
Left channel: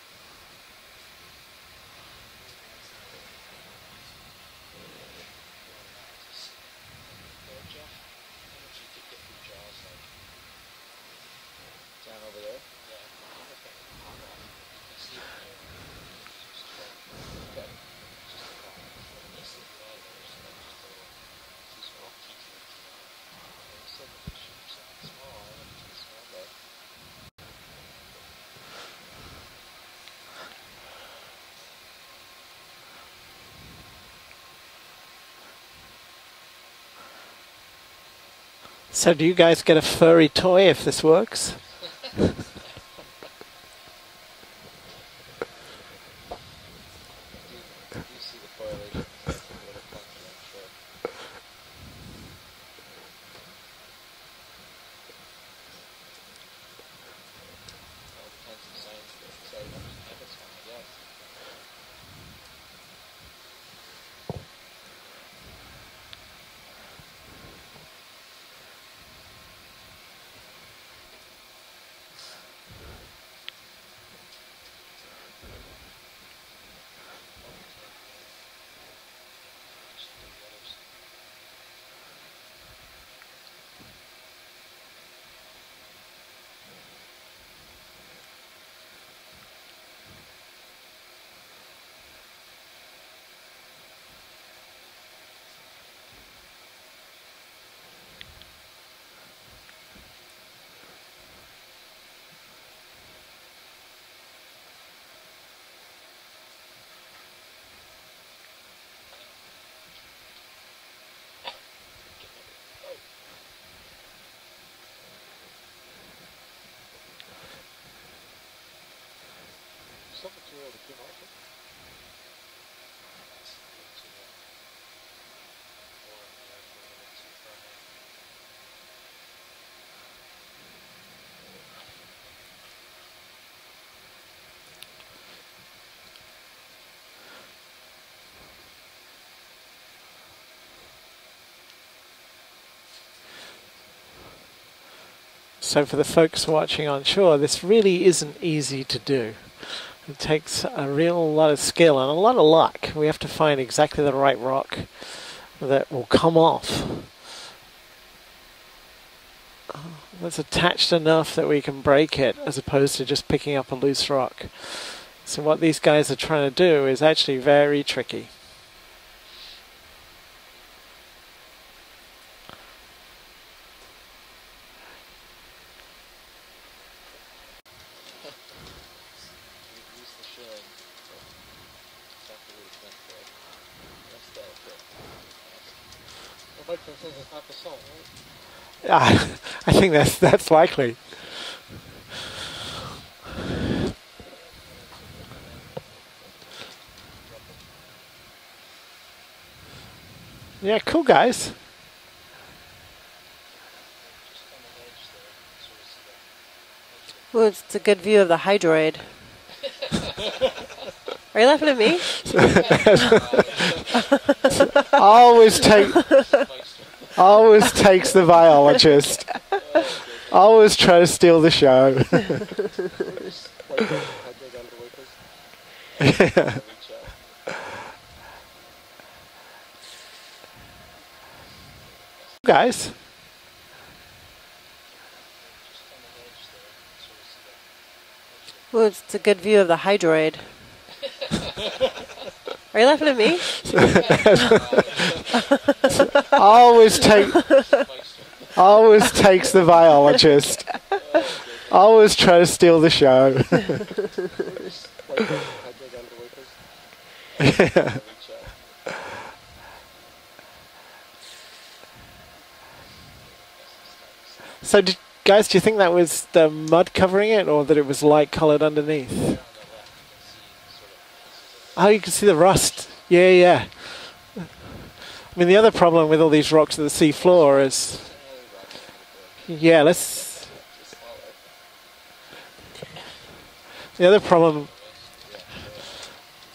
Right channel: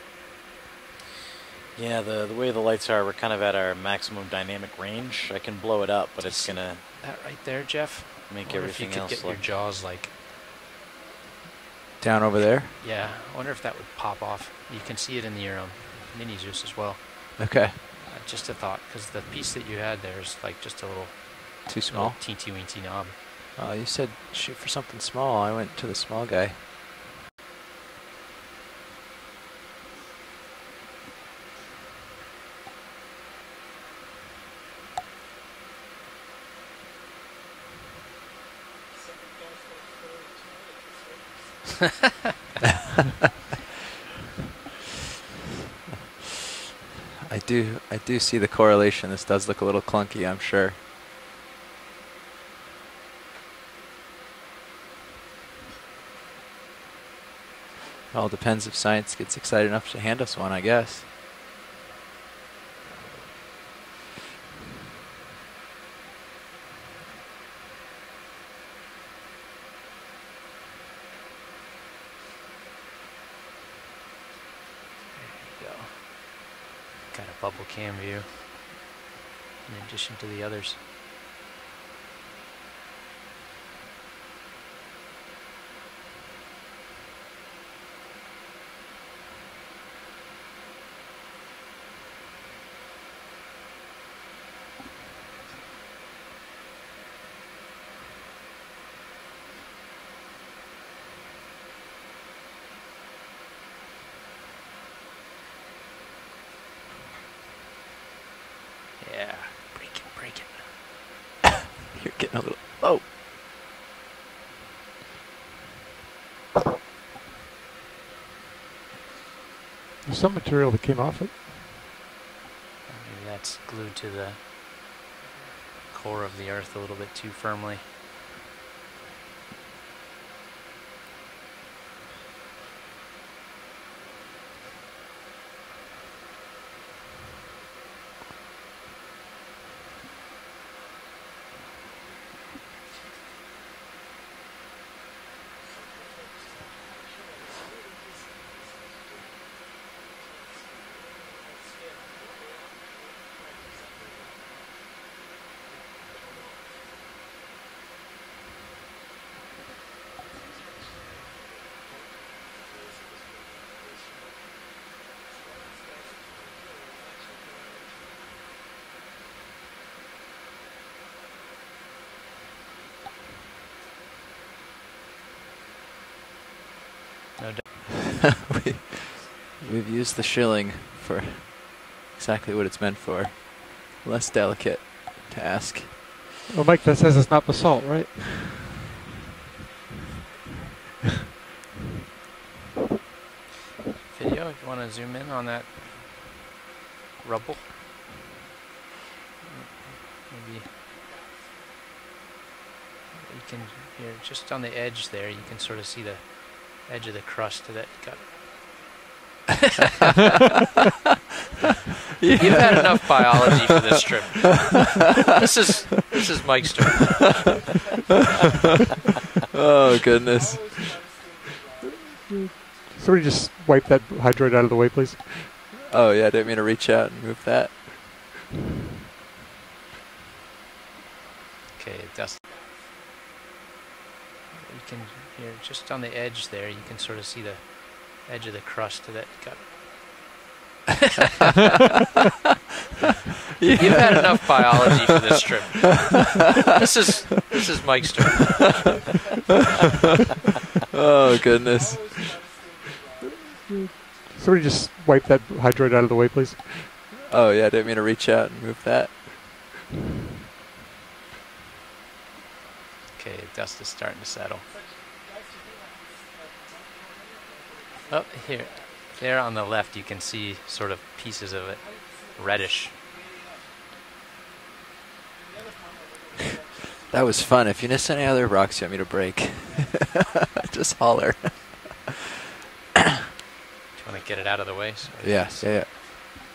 Yeah, the way the lights are, we're kind of at our maximum dynamic range. I can blow it up, but it's gonna that right there, Jeff. Make everything else if you could get your jaws like Down over there? yeah. I wonder if that would pop off. You can see it in your mini juice as well. Okay. Just a thought, because the piece that you had there is like just a little Too small? teensy weensy knob. Oh, you said shoot for something small. I went to the small guy. So do you guys get a furry toy if this works? I do see the correlation. This does look a little clunky, I'm sure. It all depends if science gets excited enough to hand us one, I guess. Got a bubble cam view in addition to the others. Yeah, break it. You're getting a little... Oh! There's some material that came off it. Maybe that's glued to the core of the earth a little bit too firmly. So for the folks watching on shore, this really isn't easy to do. It takes a real lot of skill and a lot of luck. We have to find exactly the right rock that will come off. That's attached enough that we can break it, as opposed to just picking up a loose rock. So what these guys are trying to do is actually very tricky. We've used the shilling for exactly what it's meant for. Less delicate task. Well, Mike, that says it's not basalt, right? I think that's likely. Video, if you want to zoom in on that rubble. Maybe Yeah, cool guys. you can, you're just on the edge there, you can sort of see the edge of the Well, crust. it's a good view of the hydroid. Are you laughing at me? You've had enough biology for this trip. This is Mike's turn. Always takes the biologist. Oh, goodness. Always try to steal the show. Somebody just wipe that hydroid out of the way, please. Oh, yeah, didn't mean to reach out and move that. Okay, Dustin. Guys. You can, you're just on the edge there, you can sort of see the edge of the Well, crust. it's a good view of the hydroid. Are you laughing at me? You've had enough biology for this trip. This is Mike's turn. Always takes the biologist. Oh, goodness. Always try to steal the show. Somebody just wipe that hydroid out of the way, please. Oh, yeah, didn't mean to reach out and move that. Okay, dust is starting to settle. So, guys, do you think that was the mud covering it, or that it was light coloured underneath? There on the left, you can see sort of pieces of it. Oh, you can see the rust. Reddish. Yeah. I mean, the other problem with all these rocks at the sea That floor was fun. is... If you miss any other rocks you want me to break, Yeah, let's... just holler. The other Get it problem out of the way. So Yes, yeah.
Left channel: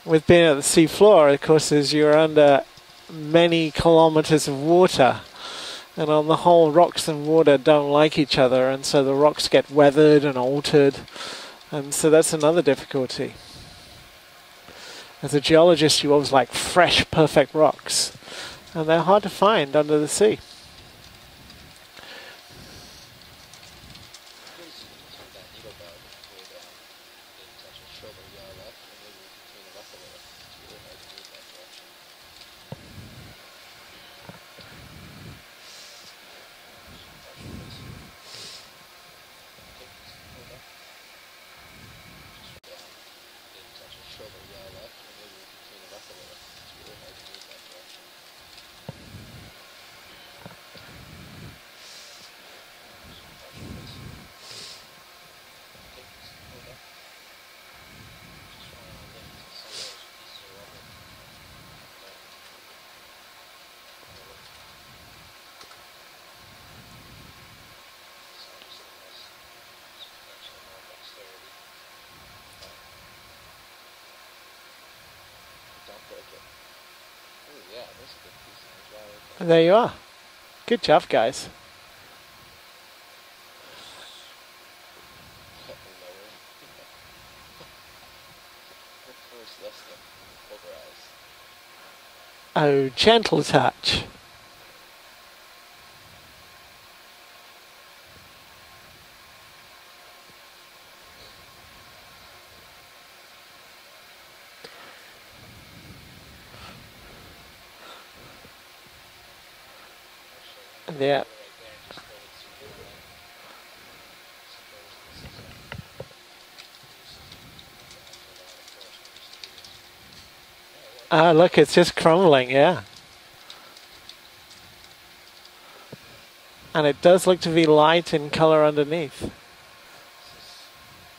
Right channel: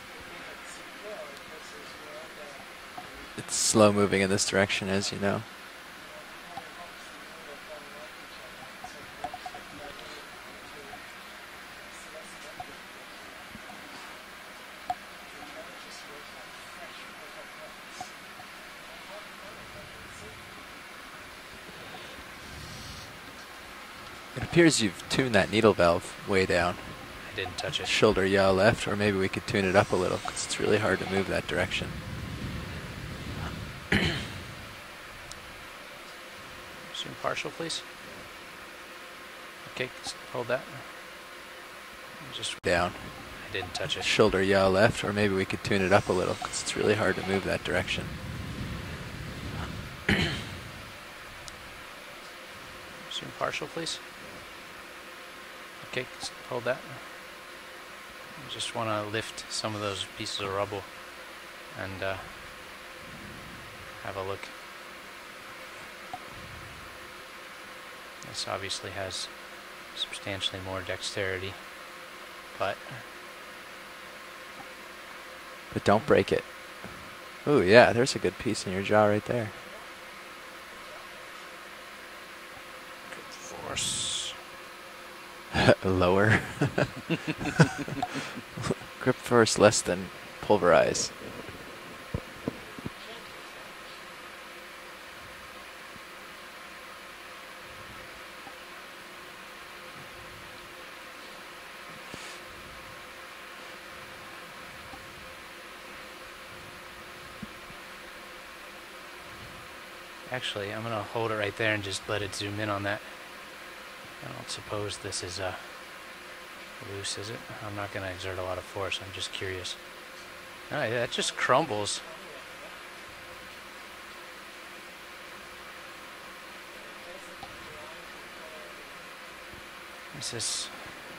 with being at the sea floor, of course, is you're under many kilometers of water. You know. And on the whole, rocks and water don't like each other, and so the rocks get weathered and altered. And so that's another difficulty. As a geologist, you always like fresh, perfect rocks. And they're hard to find under the sea. It appears you've tuned that needle valve way down. I didn't touch it. Shoulder yaw left, or maybe we could tune it up a little, because it's really hard to move that direction. Zoom partial, please. Okay, hold that. Just down. I didn't touch it. Shoulder yaw left, or maybe we could tune it up a little, because it's really hard to move that direction. Zoom partial, please. Okay, hold that. I just want to lift some of those pieces of rubble and have a look. This obviously has substantially more dexterity, but don't break it. Ooh, yeah, there's a good piece in your jaw right there. And there you are. Good job, guys. Good force. Lower. Grip force less than pulverize. Oh, gentle touch. Actually, I'm going to hold it right there and just let it zoom in on that. I don't suppose this is loose, is it? I'm not going to exert a lot of force. I'm just curious. Oh, yeah, it just look, crumbles. it's just crumbling, yeah. And it does look to be light in color underneath. Is this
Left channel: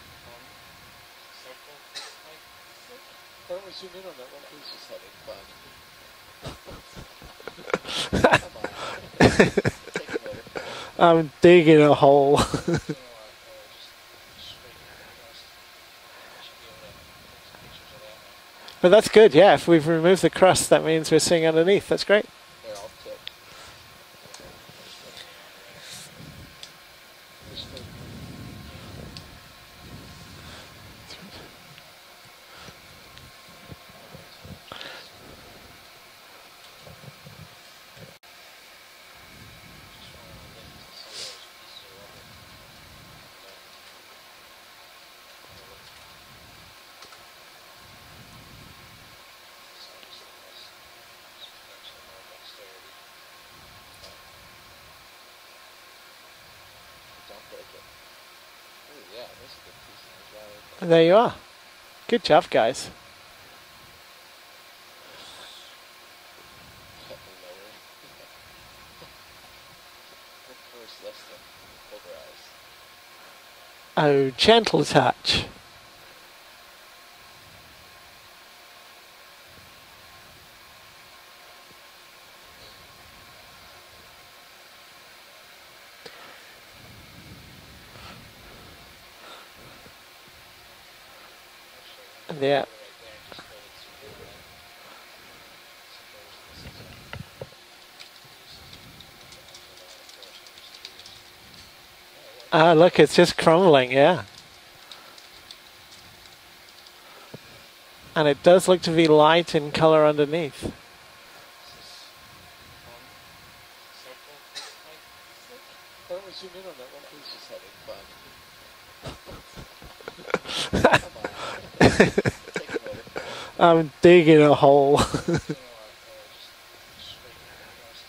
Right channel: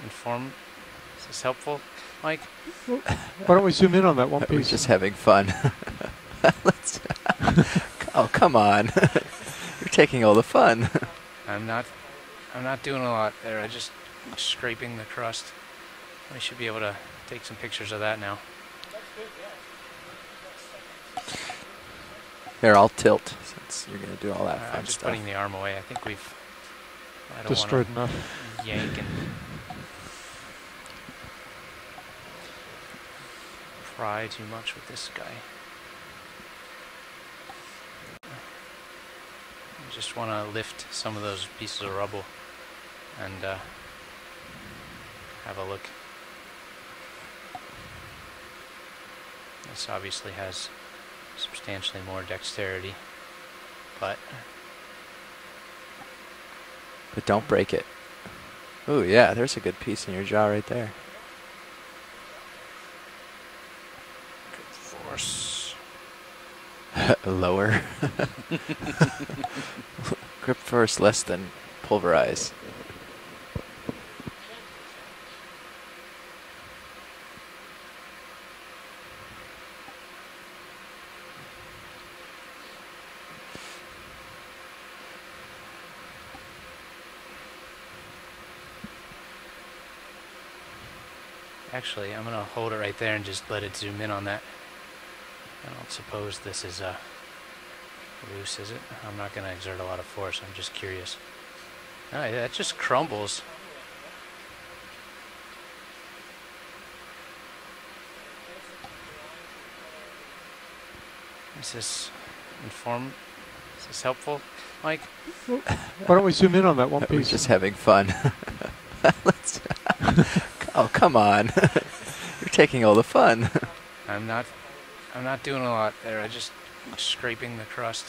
is this helpful, Mike? Why don't we zoom in on that one piece? We're just having fun. Oh, come on. You're taking all the fun. I'm digging a hole. I'm not doing a lot there. I'm just scraping the crust. We should be able to take some pictures of that now. But that's good, yeah. If we've removed the crust, that means we're seeing underneath. That's great. Here, I'll tilt. Since you're going to do all that fun I'm just stuff. putting the arm away. I think we've destroyed enough. Yank and pry too much with this guy. I just want to lift some of those pieces of rubble and have a look. This obviously has substantially more dexterity, but don't break it. Ooh, yeah, there's a good piece in your jaw right there. And there you are. Good job, guys. Good force. Lower. Grip force less than pulverize. Oh, gentle touch. Actually, I'm going to hold it right there and just let it zoom in on that. I don't suppose this is loose, is it? I'm not going to exert a lot of force. I'm just curious. Oh, yeah, it just look, crumbles. it's just crumbling, yeah. And it does look to be light in color underneath. Is this is this helpful, Mike? Why don't we zoom in on that one piece? We're just having fun. Oh, come on. You're taking all the fun. I'm digging a hole. I'm not doing a lot there. I'm just scraping the crust.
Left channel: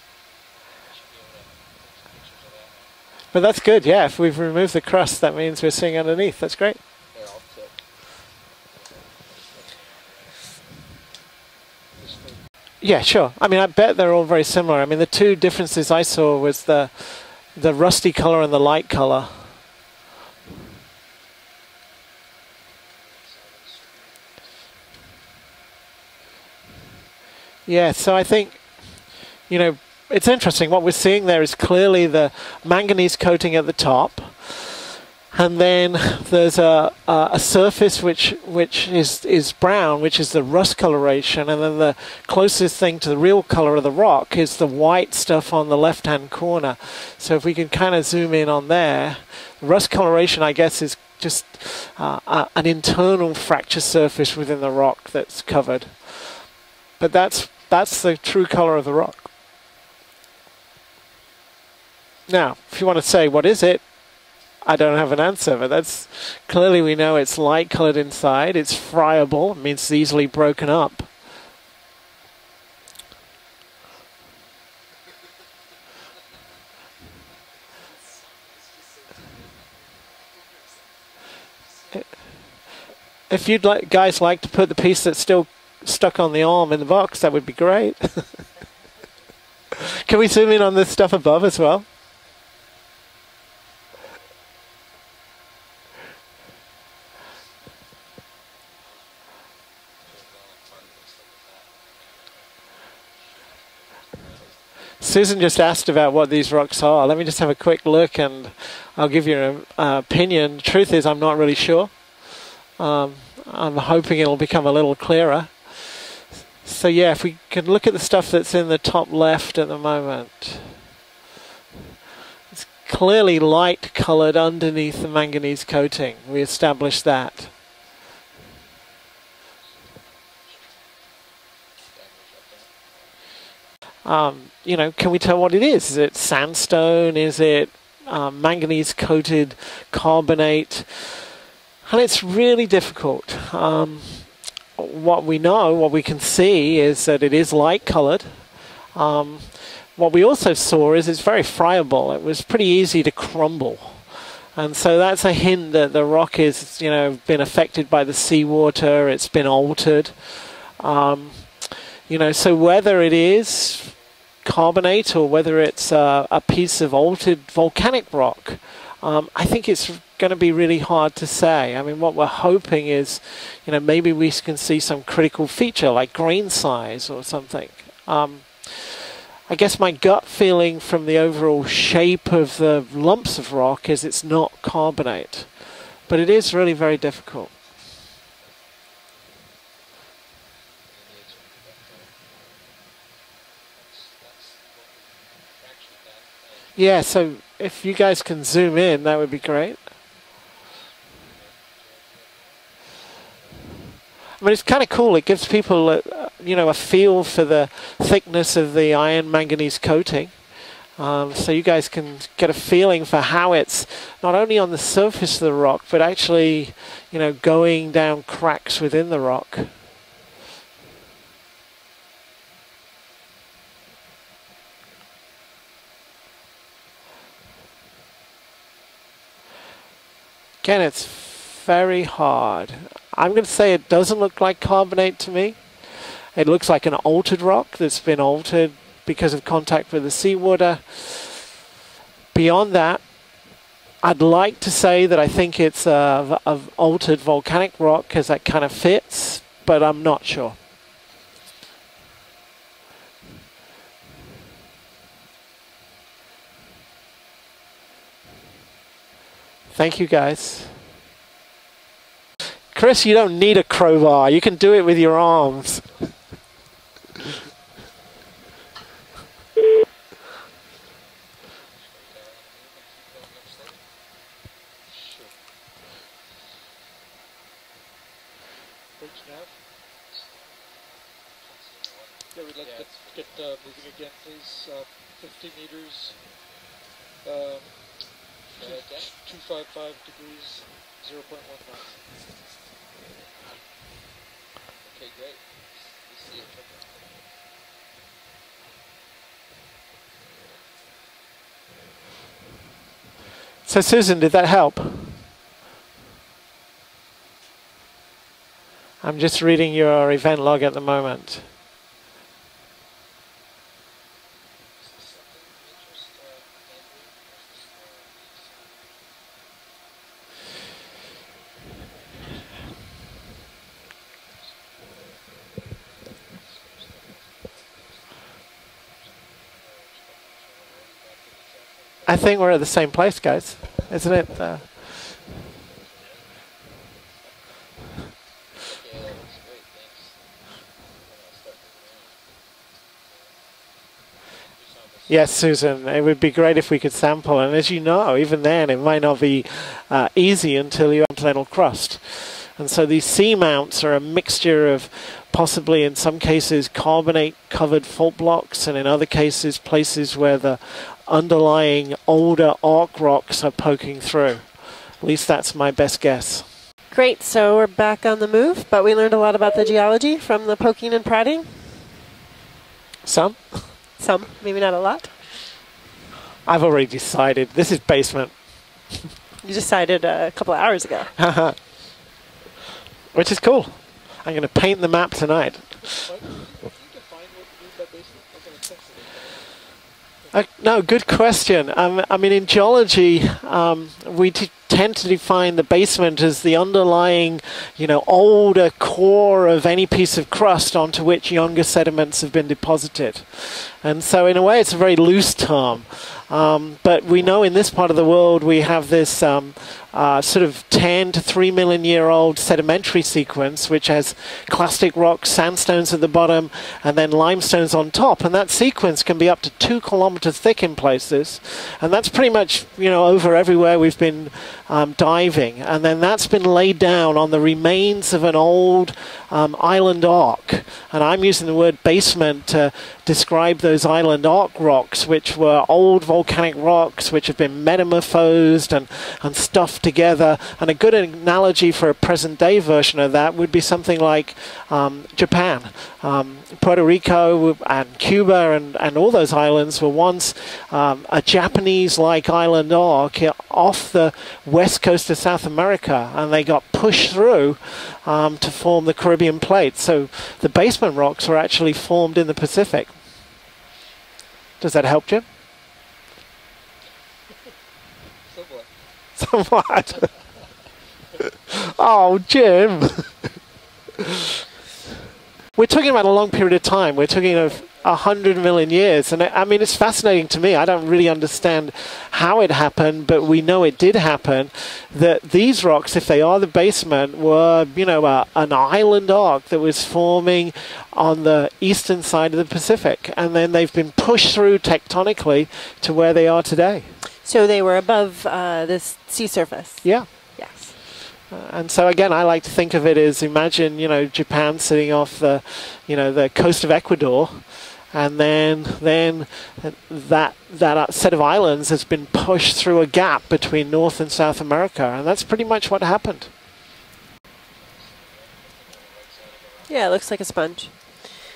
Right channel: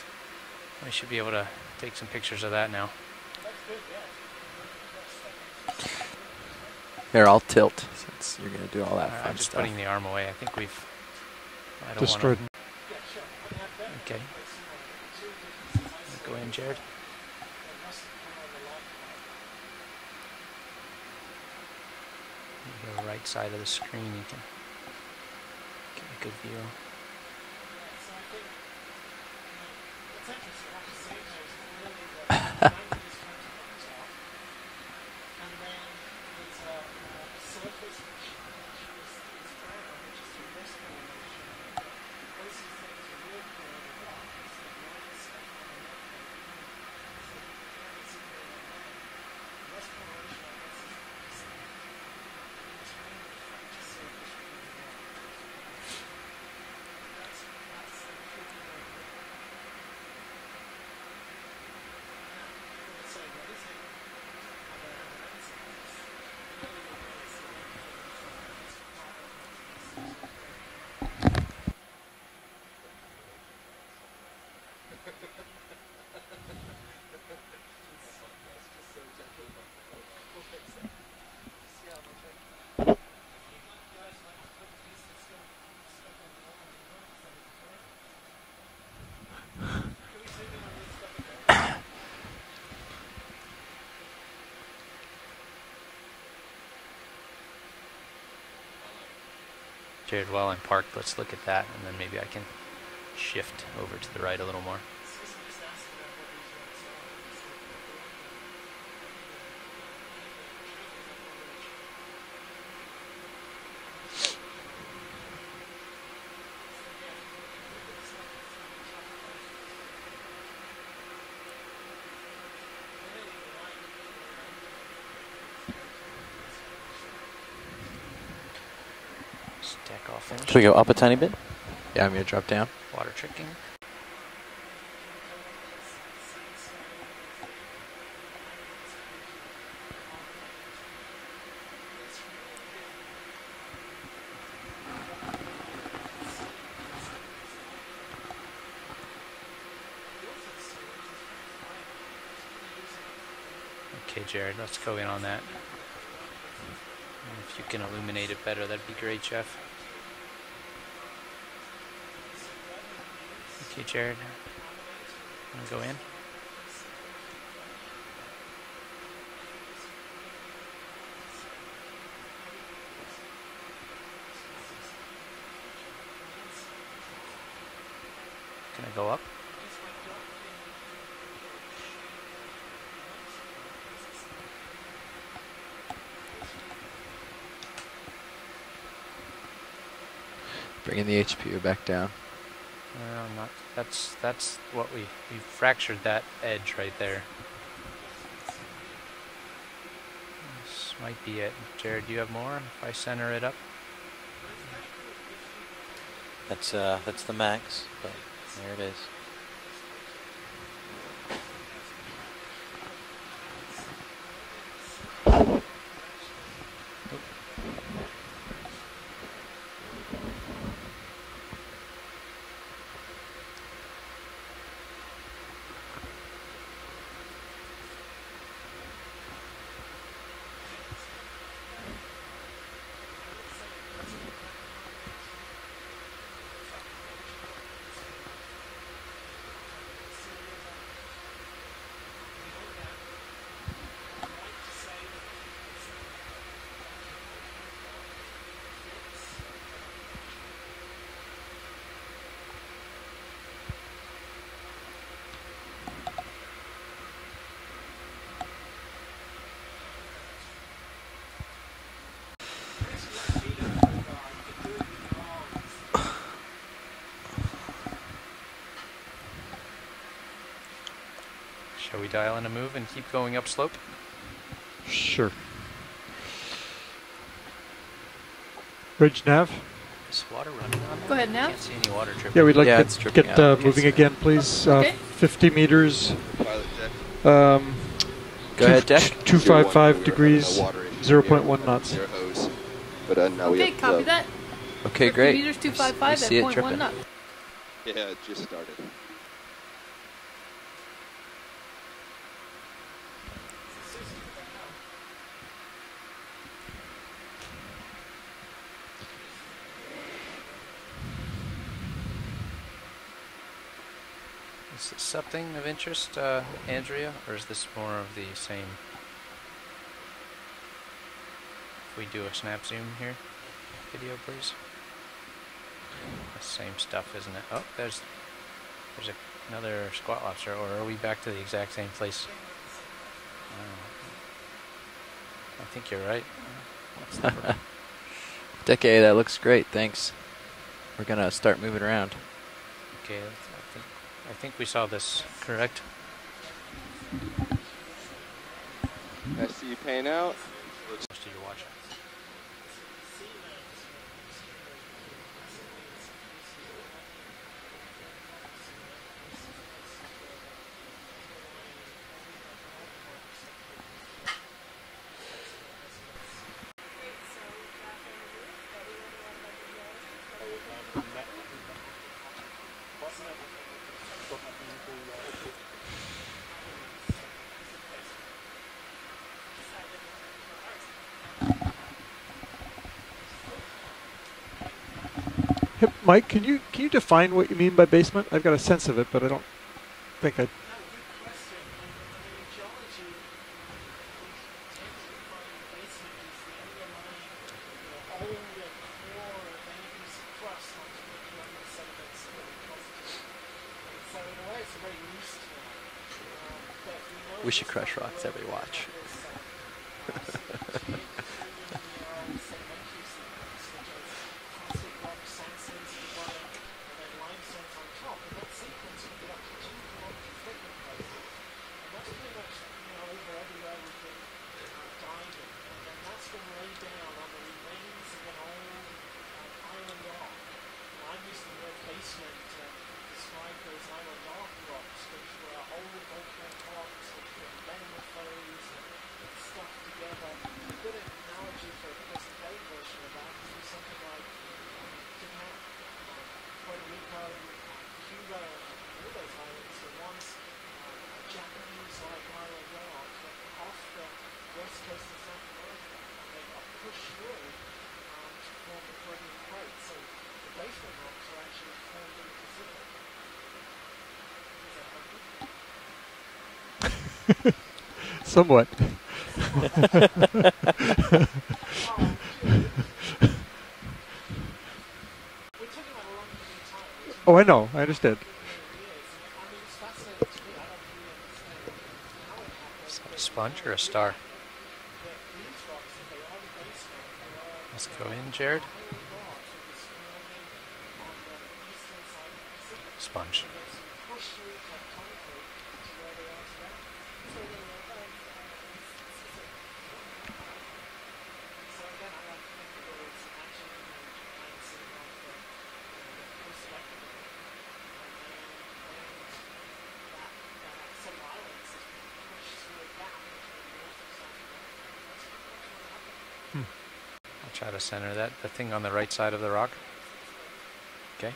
We should be able to take some pictures of that now. But that's good, yeah. If we've removed the crust, that means we're seeing underneath. That's great. Here, I'll tilt. Since you're going to do all that fun I'm just stuff. putting the arm away. I think we've destroyed. Yeah, sure. I mean, I bet they're all very similar. I mean, the two differences I saw was the rusty color and the light color. The right side of the screen, you can get a good view. Yeah, so I think, you know, it's interesting. What we're seeing there is clearly the manganese coating at the top. And then there's a surface which is brown, which is the rust coloration, and then the closest thing to the real color of the rock is the white stuff on the left-hand corner. So if we can kind of zoom in on there, rust coloration, I guess, is just an internal fracture surface within the rock that's covered. But that's the true color of the rock. Now, if you want to say, what is it? I don't have an answer, but that's clearly we know it's light colored inside. It's friable, it means it's easily broken up. If you'd guys like to put the piece that's still stuck on the arm in the box, that would be great. Can we zoom in on this stuff above as well? Jared, while I'm parked, let's look at that, and then maybe I can shift over to the right a little more. Susan just asked about what these rocks are. Let me just have a quick look, and I'll give you an opinion. The truth is, I'm not really sure. I'm hoping it'll become a little clearer. So yeah, if we can look at the stuff that's in the top left at the moment. It's clearly light colored underneath the manganese coating. We established that. Can we go up a tiny bit? Yeah, I'm going to drop down. Water tricking. You know, can we tell what it is? Is it sandstone? Is it manganese coated carbonate? And it's really difficult. What we know, what we can see is that it is light colored. What we also saw is it's very friable. It was pretty easy to crumble. And so that's a hint that the rock is, you know, been affected by the seawater. It's been altered. You know, so whether it is carbonate or whether it's a piece of altered volcanic rock, I think it's going to be really hard to say. I mean, what we're hoping is, you know, maybe we can see some critical feature like grain size or something. I guess my gut feeling from the overall shape of the lumps of rock is it's not carbonate, but it is really very difficult. Bringing the HPU back down. That's what we fractured that edge right Yeah, there. so if you guys can zoom in, that would be great. This might be it. Jared, do you have more? If I center it up? I mean, it's kind of cool. It gives people, you know, a feel for the thickness of the iron manganese coating. So you guys can get a feeling for how it's not only on the surface of the rock, but actually, you know, going down cracks within the rock. Again, it's very hard. I'm going to say it doesn't look like carbonate to me. It looks like an altered rock that's been altered because of contact with the seawater. Beyond that, I'd like to say that I think it's a altered volcanic rock because that kind of fits, but I'm not sure. Thank you, guys. Chris, you don't need a crowbar. You can do it with your arms. Shall we dial in a move and keep going up slope? Sure. Bridge nav. Is water running on Go ahead now. Can't see any water dripping. Yeah, we'd like it's to dripping get out. moving again, please. Okay. 50 meters. Go ahead, Deck. 255 degrees, 0.1 knots. But now we Okay, have copy that. Okay, 50 great. meters, We 255 see at it 0.1 dripping. knot. Yeah, it just started. So Susan, did that help? I'm just reading your event log at the moment. Is this something of interest, Andrea, or is this more of the same? If we do a snap zoom here, video please. Same stuff, isn't it? Oh, there's another squat lobster, or are we back to the exact same place? I think we're at the same place, guys, isn't it? you're right. Decay, that looks great. Thanks. We're gonna start moving around. Okay, I think we saw this. Yes, Susan, it would be great if we could sample. And as you know, even then, it might not be easy until you have little crust. And so these seamounts are a mixture of possibly, in some cases, carbonate-covered fault blocks, and in other cases, places where the underlying older arc rocks are poking through. At least that's my best guess. Great, so we're back on the move, but we learned a lot about the geology from the poking and prodding. Some, maybe not a lot. I've already decided. This is basement. You decided a couple of hours ago. Which is cool. I'm going to paint the map tonight. Hey, Mike, can you define what you mean by basement? I've got a sense of it, but I don't think no, good question. I mean, in geology, we tend to define the basement as the underlying, older core of any piece of crust onto which younger sediments have been deposited. And so, in a way, it's a very loose term. But we know in this part of the world we have this sort of 10 to 3 million year old sedimentary sequence, which has clastic rocks, sandstones at the bottom, and then limestones on top. And that sequence can be up to 2 kilometers thick in places. And that's pretty much, over everywhere we've been diving. And then that's been laid down on the remains of an old island arc. And I'm using the word basement to describe those island arc rocks, which were old volcanic rocks which have been metamorphosed and stuffed together. And a good analogy for a present day version of that would be something like Japan. Puerto Rico and Cuba and all those islands were once a Japanese-like island arc off the west coast of South America, and they got pushed through to form the Caribbean plate. So the basement rocks were actually formed in the Pacific. Does that help, Jim? Somewhat. Somewhat. Oh, Jim. We're talking about a long period of time. We're talking about 100 million years. And I mean, it's fascinating to me. I don't really understand how it happened, but we know it did happen. That these rocks, if they are the basement, were, an island arc that was forming on the eastern side of the Pacific. And then they've been pushed through tectonically to where they are today. So they were above the sea surface? Yeah. Yes. And so again, I like to think of it as, imagine, Japan sitting off the, the coast of Ecuador, and then that set of islands has been pushed through a gap between North and South America, and that's pretty much what happened. I'll try to center that, the thing on the right side of the rock. Yeah, it looks like a sponge. Okay.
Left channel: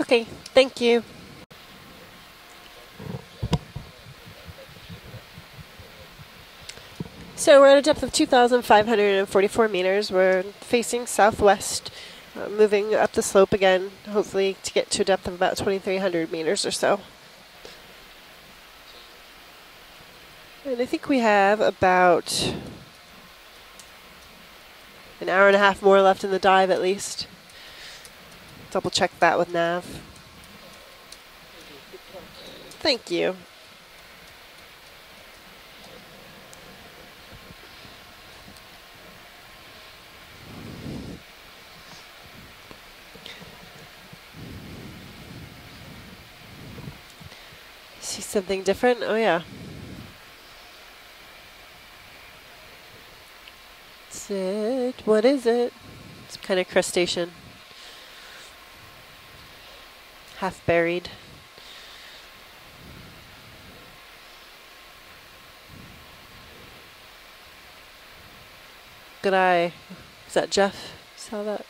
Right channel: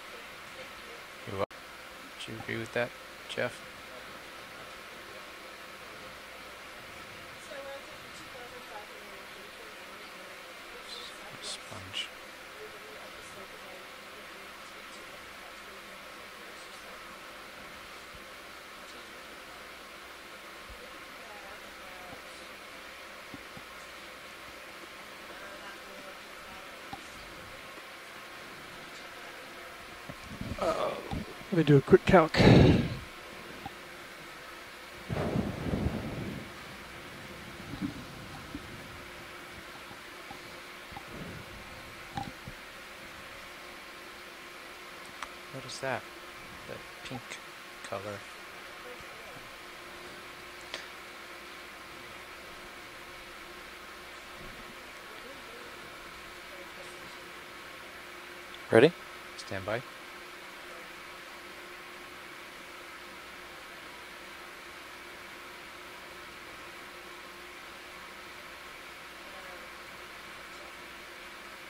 Okay, thank you. You're welcome. Do you agree with that, Jeff? So we're at a depth of 2,544 meters. We're facing southwest, moving up the slope again, hopefully to get to a depth of about 2,300 meters or so. And I think we have about an hour and a half more left in the dive at least. Double check that with Nav. Let me do a quick calc. Thank you. What is that? The pink color. See something different? Oh yeah. What is it? It's kind of crustacean. Ready? Stand by. Half buried. Good eye. Is that Jeff? Saw that?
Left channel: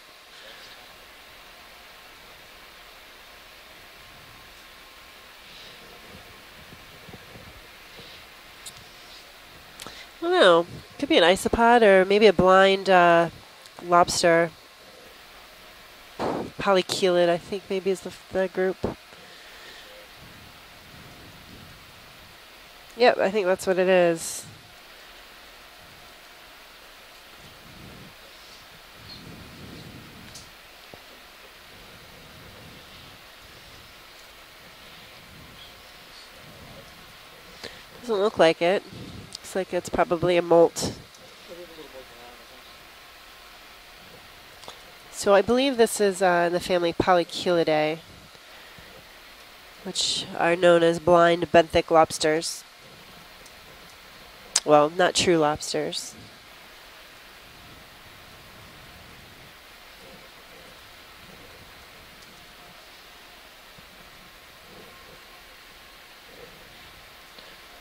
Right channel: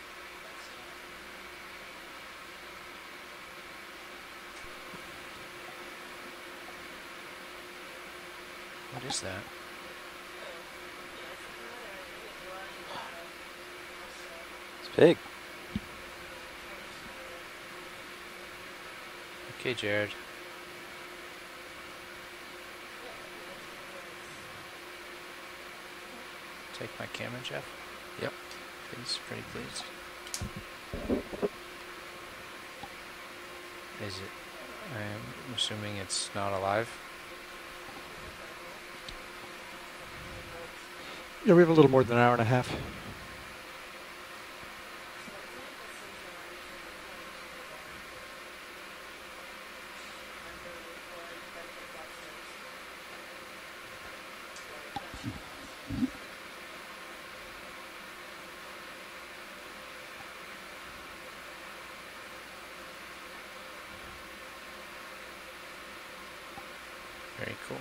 What is that? I don't know. Could be an isopod or maybe a blind lobster. It's big. Polychelid, I think maybe is the group. Okay, Jared. Yep, I think that's what it is. Take my camera, Jeff. Yep. Please, pretty please. Is it? I'm assuming it's not alive. Doesn't look like it. Looks like it's probably a molt. Yeah, we have a little more than an hour and a half. So I believe this is in the family Polychelidae, which are known as blind benthic lobsters. Well, not true lobsters. Very cool.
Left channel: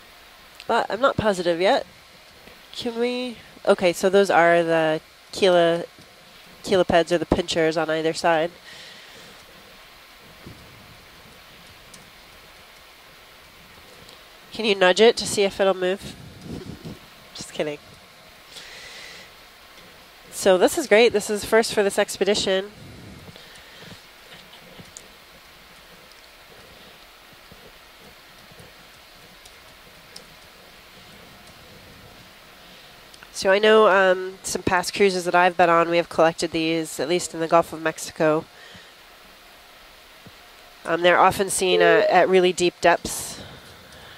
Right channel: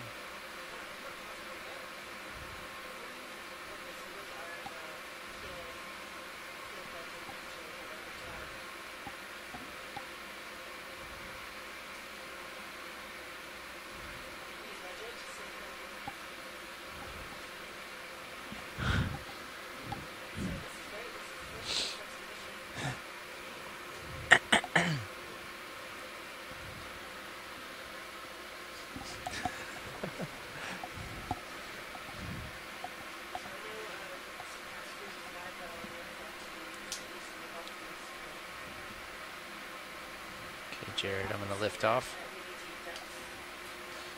But I'm not positive yet. Can we? Okay, so those are the cheilopeds or the pinchers on either side. Can you nudge it to see if it'll move? Just kidding. So this is great. This is first for this expedition. So I know some past cruises that I've been on, we have collected these, at least in the Gulf of Mexico. They're often seen at really deep depths.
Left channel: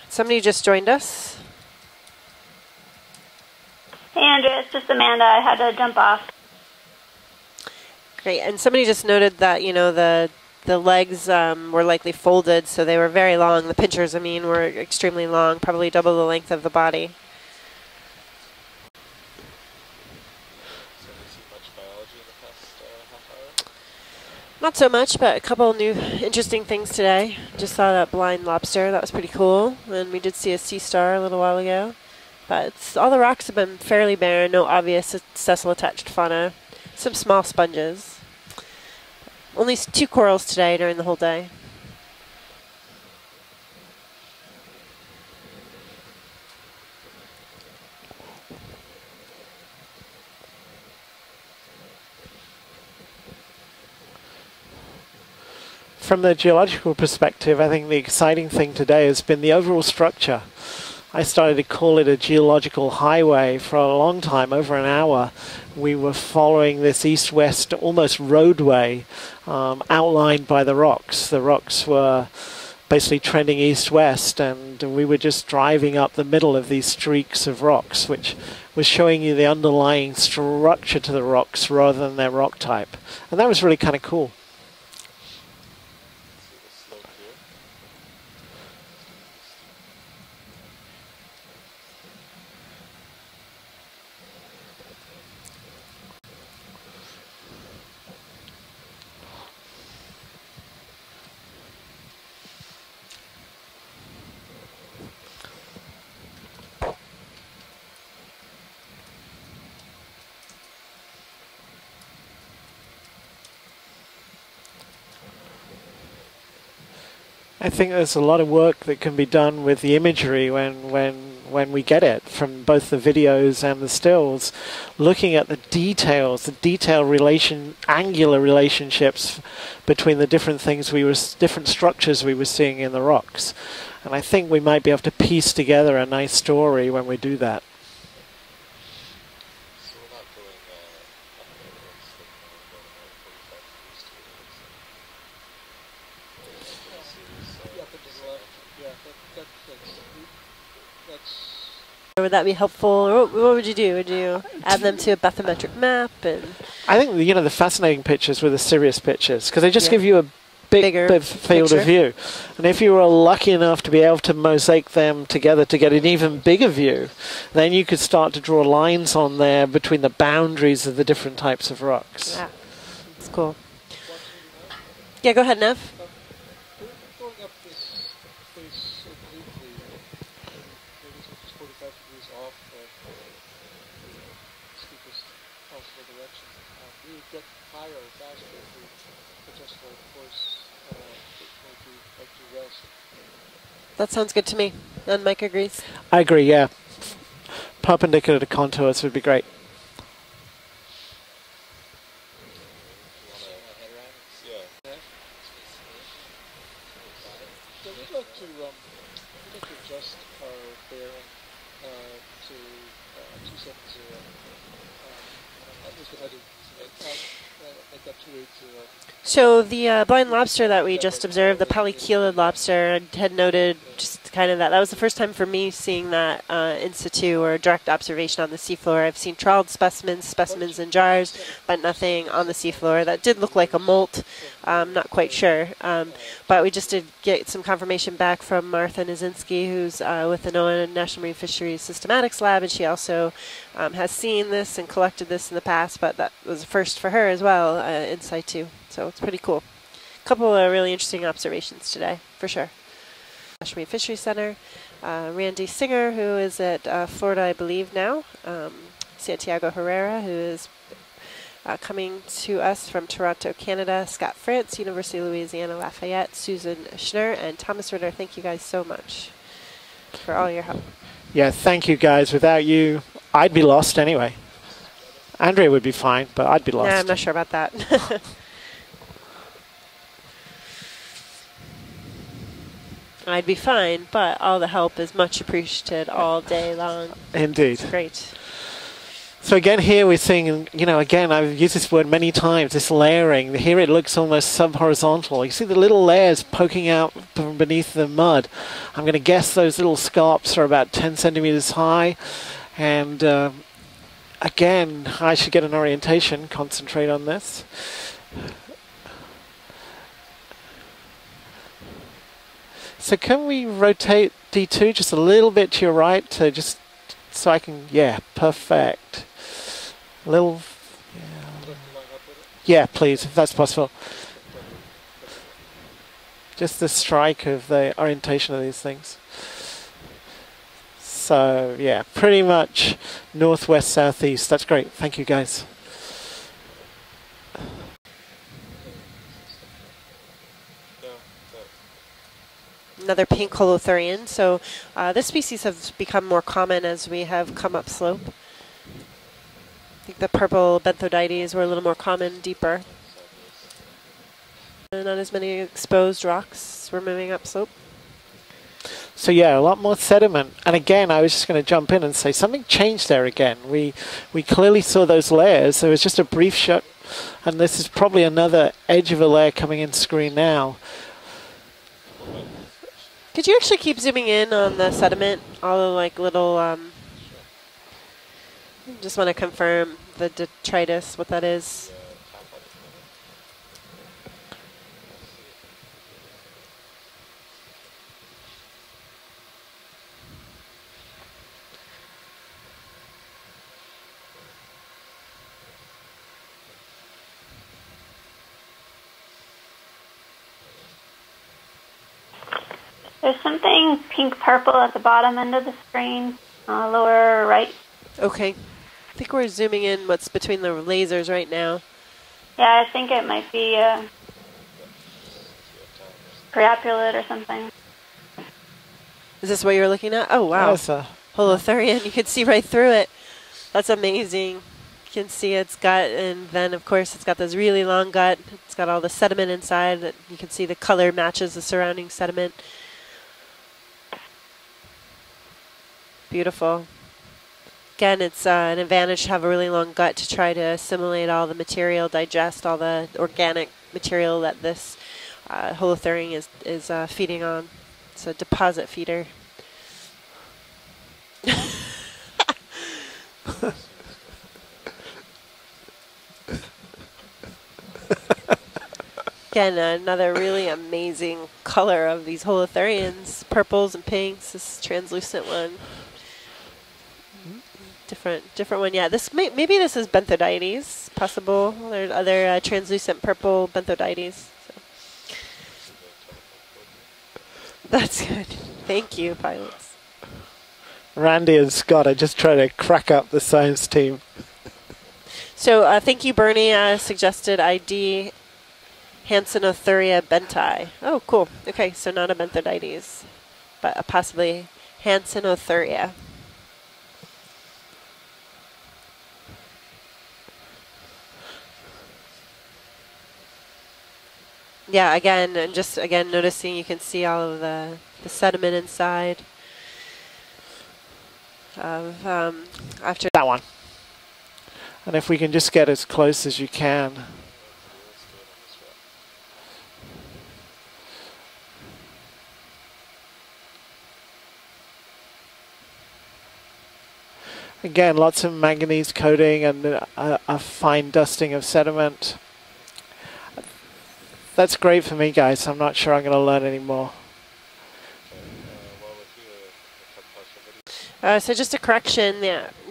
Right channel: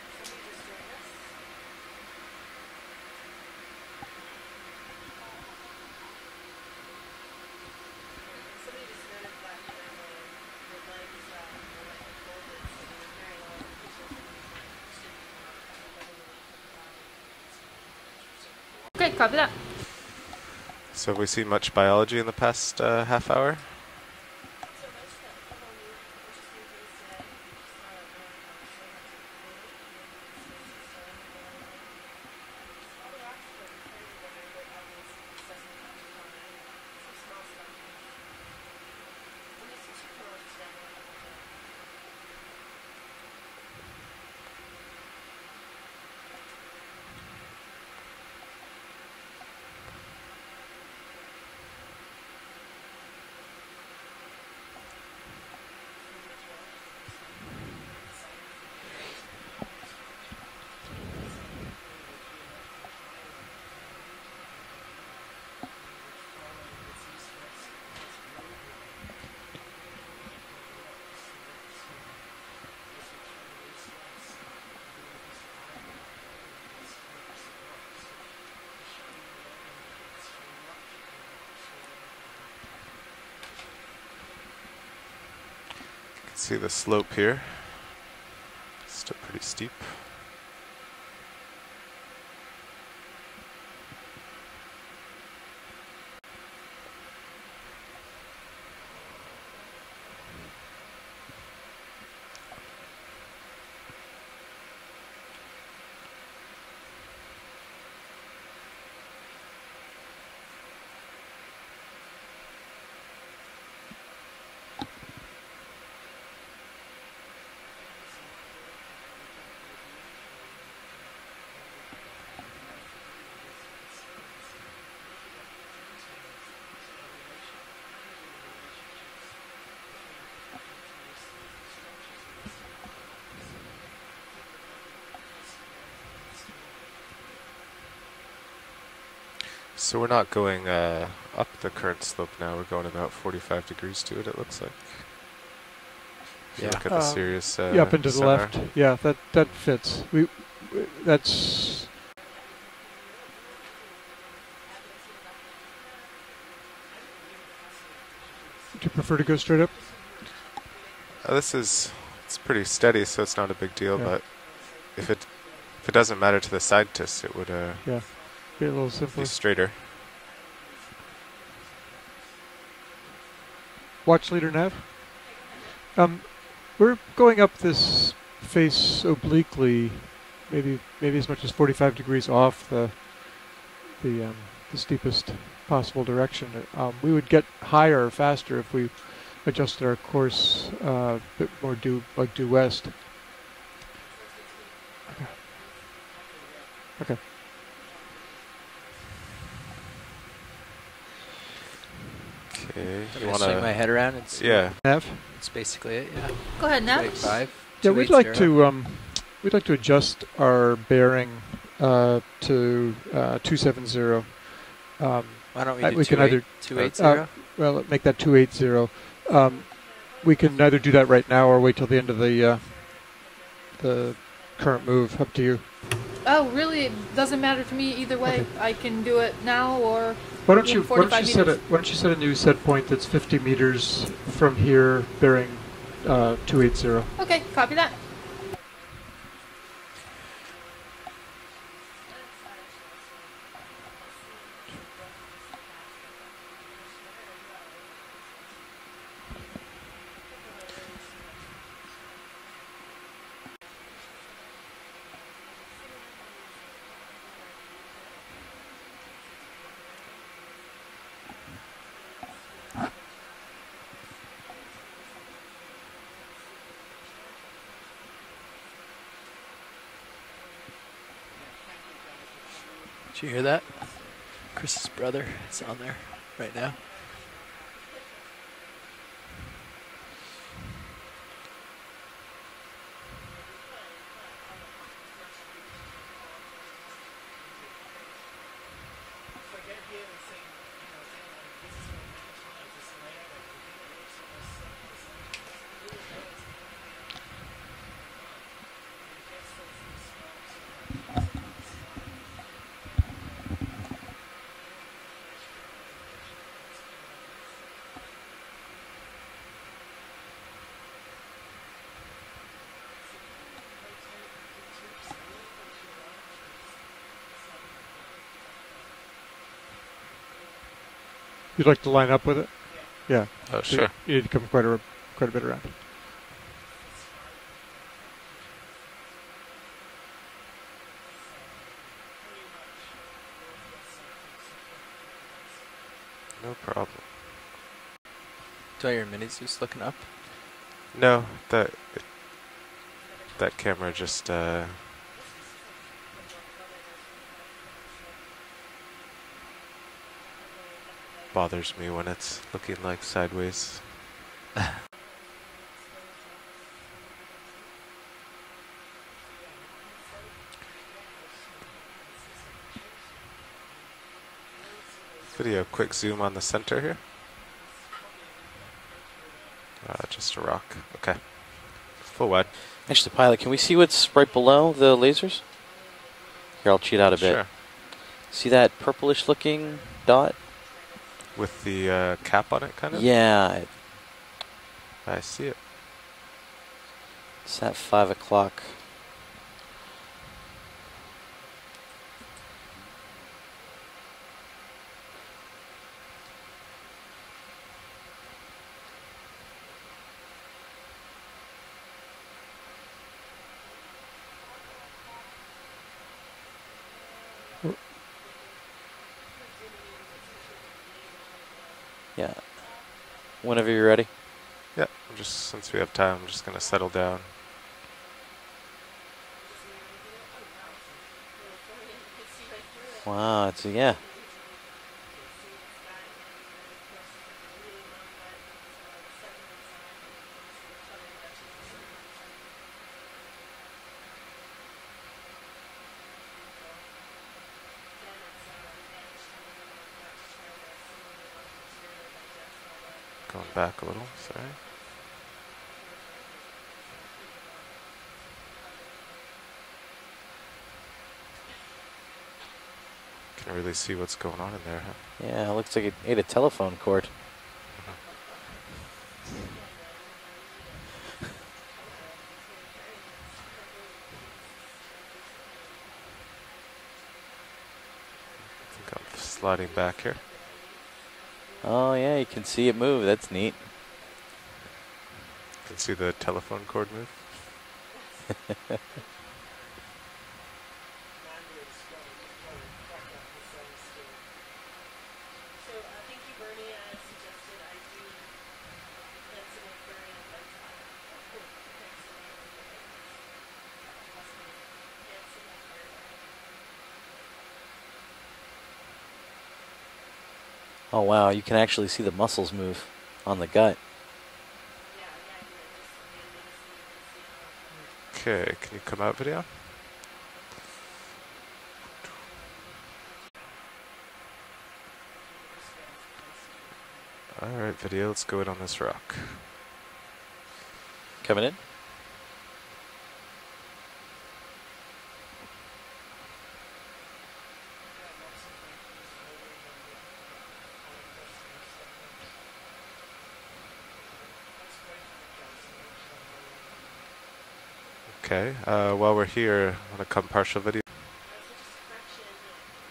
Somebody just joined us. Hey, Andrea, it's just Amanda. I had to jump off. Great, and somebody just noted that, you know, the legs were likely folded, so they were very long. The pinchers, I mean, were extremely long, probably double the length of the body. Okay, copy that. So have we seen much biology in the past half hour? Not so much, but a couple new interesting things today. Just saw that blind lobster. That was pretty cool. And we did see a sea star a little while ago. But all the rocks have been fairly barren, no obvious sessile-attached fauna. Some small sponges. Only 2 corals today during the whole day. From the geological perspective, I think the exciting thing today has been the overall structure. I started to call it a geological highway for a long time, over an hour. We were following this east-west, almost roadway, outlined by the rocks. The rocks were basically trending east-west, and we were just driving up the middle of these streaks of rocks, which was showing you the underlying structure to the rocks rather than their rock type. And that was really kind of cool. See the slope here. Still pretty steep. I think there's a lot of work that can be done with the imagery when we get it from both the videos and the stills, looking at the details, angular relationships between the different structures we were seeing in the rocks. And I think we might be able to piece together a nice story when we do that. So we're not going up the current slope now, we're going about 45 degrees to it looks like. Yeah. Look at the Sirius yeah, up into the sonar. left. Yeah, that fits. That's. Would that be helpful? Or what would you do? Would you add them to a bathymetric map? And I think the fascinating pictures were the Sirius pictures because they just yeah. give you a bigger field of view. And if you were lucky enough to be able to mosaic them together to get an even bigger view, then you could start to draw lines on there between the boundaries of the different types of rocks. Yeah, it's cool. Watch leader Nev? Yeah, go ahead, Nev. We're going up this face obliquely, maybe as much as 45 degrees off the steepest possible direction. We would get higher faster if we adjusted our course a bit more due west. That sounds good to me. And Mike agrees. I agree, yeah. Okay. Perpendicular to contours would be great. Okay. You want to swing my head around? It's yeah. Nev? That's basically it. Yeah. Go ahead, Nav. 5. Yeah, we'd like to adjust our bearing to 270. Why don't we do we can either 280? well, make that 280. So the blind we can lobster either that do we that just right now or observed, the wait till the end of polychelid the, lobster, I had noted just kind of that. That was the first time for me seeing that Oh, really? in It situ doesn't or matter to direct me either observation way. on the I can seafloor. I've do seen it trial now specimens, Why don't specimens you, in why don't jars, you set it, why but don't you set a nothing new on the set point seafloor. that's That 50 did look like a meters molt. from here? Not quite sure. But we just did Okay, get some copy that. confirmation back from Martha Nizinski, who's with the NOAA National Marine Fisheries Systematics Lab, and she also has seen this and collected this in the past, but that was a first for her as well, in situ. So it's pretty cool. A couple of really interesting observations today, for sure. National Marine Fisheries Center, Randy Singer, who is at Florida, I believe now, Santiago Herrera, who is coming to us from Toronto, Canada, Scott France, University of Louisiana Lafayette, Susan Schnur, and Thomas Ritter. Thank you guys so much for all your help. Yeah, thank you guys. Without you, I'd be lost anyway. Chris's brother. Andrea would be fine, but I'd be lost. Yeah, I'm not sure about that. I'd be fine, but all the help is much appreciated all day long. Indeed. It's great. So again, here we're seeing, you know, again, I've used this word many times, this layering. Here it looks almost sub-horizontal. You see the little layers poking out from beneath the mud. I'm going to guess those little scallops are about 10 centimeters high. And again, I should get an orientation, concentrate on this. So can we rotate D2 just a little bit to your right to just so I can, yeah, perfect. Little. You'd like to line up with it? Yeah, please, Yeah. if that's possible. You need to come quite a bit around. Just the strike of the orientation of these things. So yeah, pretty much northwest, southeast. That's great. Thank you, guys. No problem. Do I hear Mini Zeus looking up? No, that. Another pink That camera holothurian. just, So this species has become more common as we have come up slope. I think the purple benthodides were a little more common deeper. Like sideways. Not as many exposed rocks were moving up slope. So yeah, a lot more sediment. And again, I was just going to jump in and say something changed there again. We clearly saw those layers. There was just a brief shot. And this is probably another edge of a layer coming in screen now. Okay. Full wide. Actually, pilot, Could can you we see actually keep what's zooming right in below on the lasers? sediment? All the like little. Here, I'll cheat out a bit. Sure. See that Just purplish want to looking confirm dot? the detritus, what that With is. the cap on it, kind of? Yeah, I see it. it's at 5 o'clock. There's something pink-purple at the bottom end of the screen, lower right. Okay. I think we're zooming in what's between the lasers right now. Yeah. Yeah, I think it might Whenever be you're ready. Yeah, just since we have time, I'm just going to settle Pteropods down. or something. Is this what you're looking at? Oh, wow. That's a Holothurian. You can see right through it. Wow, it's, That's yeah. amazing. You can see its gut, and then, of course, it's got this really long gut. It's got all the sediment inside. That you can see the color matches the surrounding sediment. Beautiful. Again, it's an advantage to have a really long gut to try to assimilate all the material, digest all the organic material that this holothurian is feeding on. It's a deposit feeder. Can really see what's going on in there. Yeah, it looks like it ate a telephone cord. Again, another really amazing color of these holothurians. Purples and pinks, this translucent one. Different one, yeah. This maybe this is benthodides, possible. Oh, There are yeah, you other can see it move. translucent That's purple benthodides. You can see the telephone cord move. That's good. Thank you, pilots. Randy and Scott are just trying to crack up the science team. So thank you, Bernie. Suggested ID Hansenothuria benti. Oh, cool. Okay, so not a benthodides, but possibly Hansenothuria. Oh, wow, you can actually see the muscles move on the gut. Yeah, again, and just again noticing you can see all of the sediment inside. After that one. And if we can just get as close as you can. All right, video, let's go in on this rock. Coming in. Again, lots of manganese coating and a fine dusting of sediment. That's great for me, guys. I'm not sure I'm going to learn any more. Okay, while we're here, I'm going to come partial video. So just a correction,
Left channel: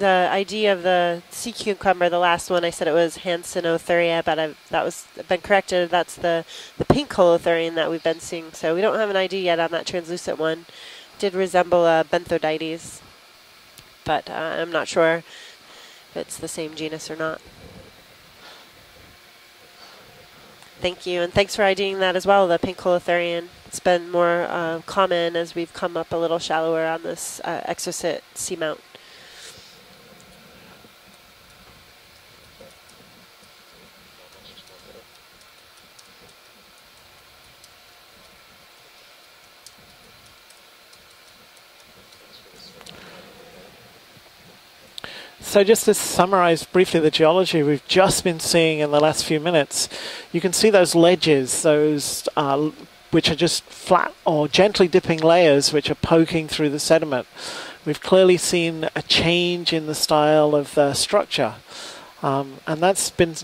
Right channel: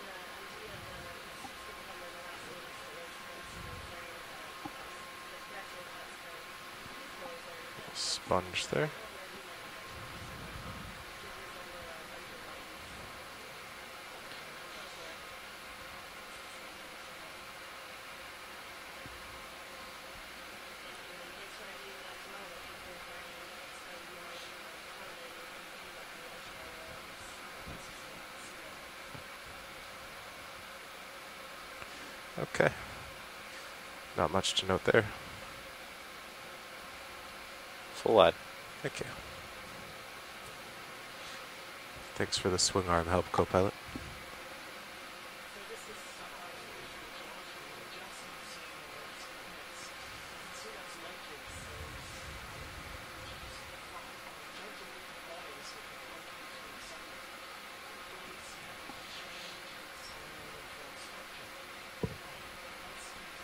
the ID of the sea cucumber, the last one, I said it was Hansenothuria, but that was been corrected. That's the pink holothurian that we've been seeing. So we don't have an ID yet on that translucent one. Did resemble a Benthodites, but I'm not sure if it's the same genus or not. Thank you, and thanks for IDing that as well, the pink holothurian. It's been more common as we've come up a little shallower on this Exocet Seamount. Okay. Not much to note there. Full wide. Thank you. Thanks for the swing arm help, co-pilot. So just to summarize briefly the geology we've just been seeing in the last few minutes, you can see those ledges, those which are just flat or gently dipping layers which are poking through the sediment. We've clearly seen a change in the style of the structure. And that's been,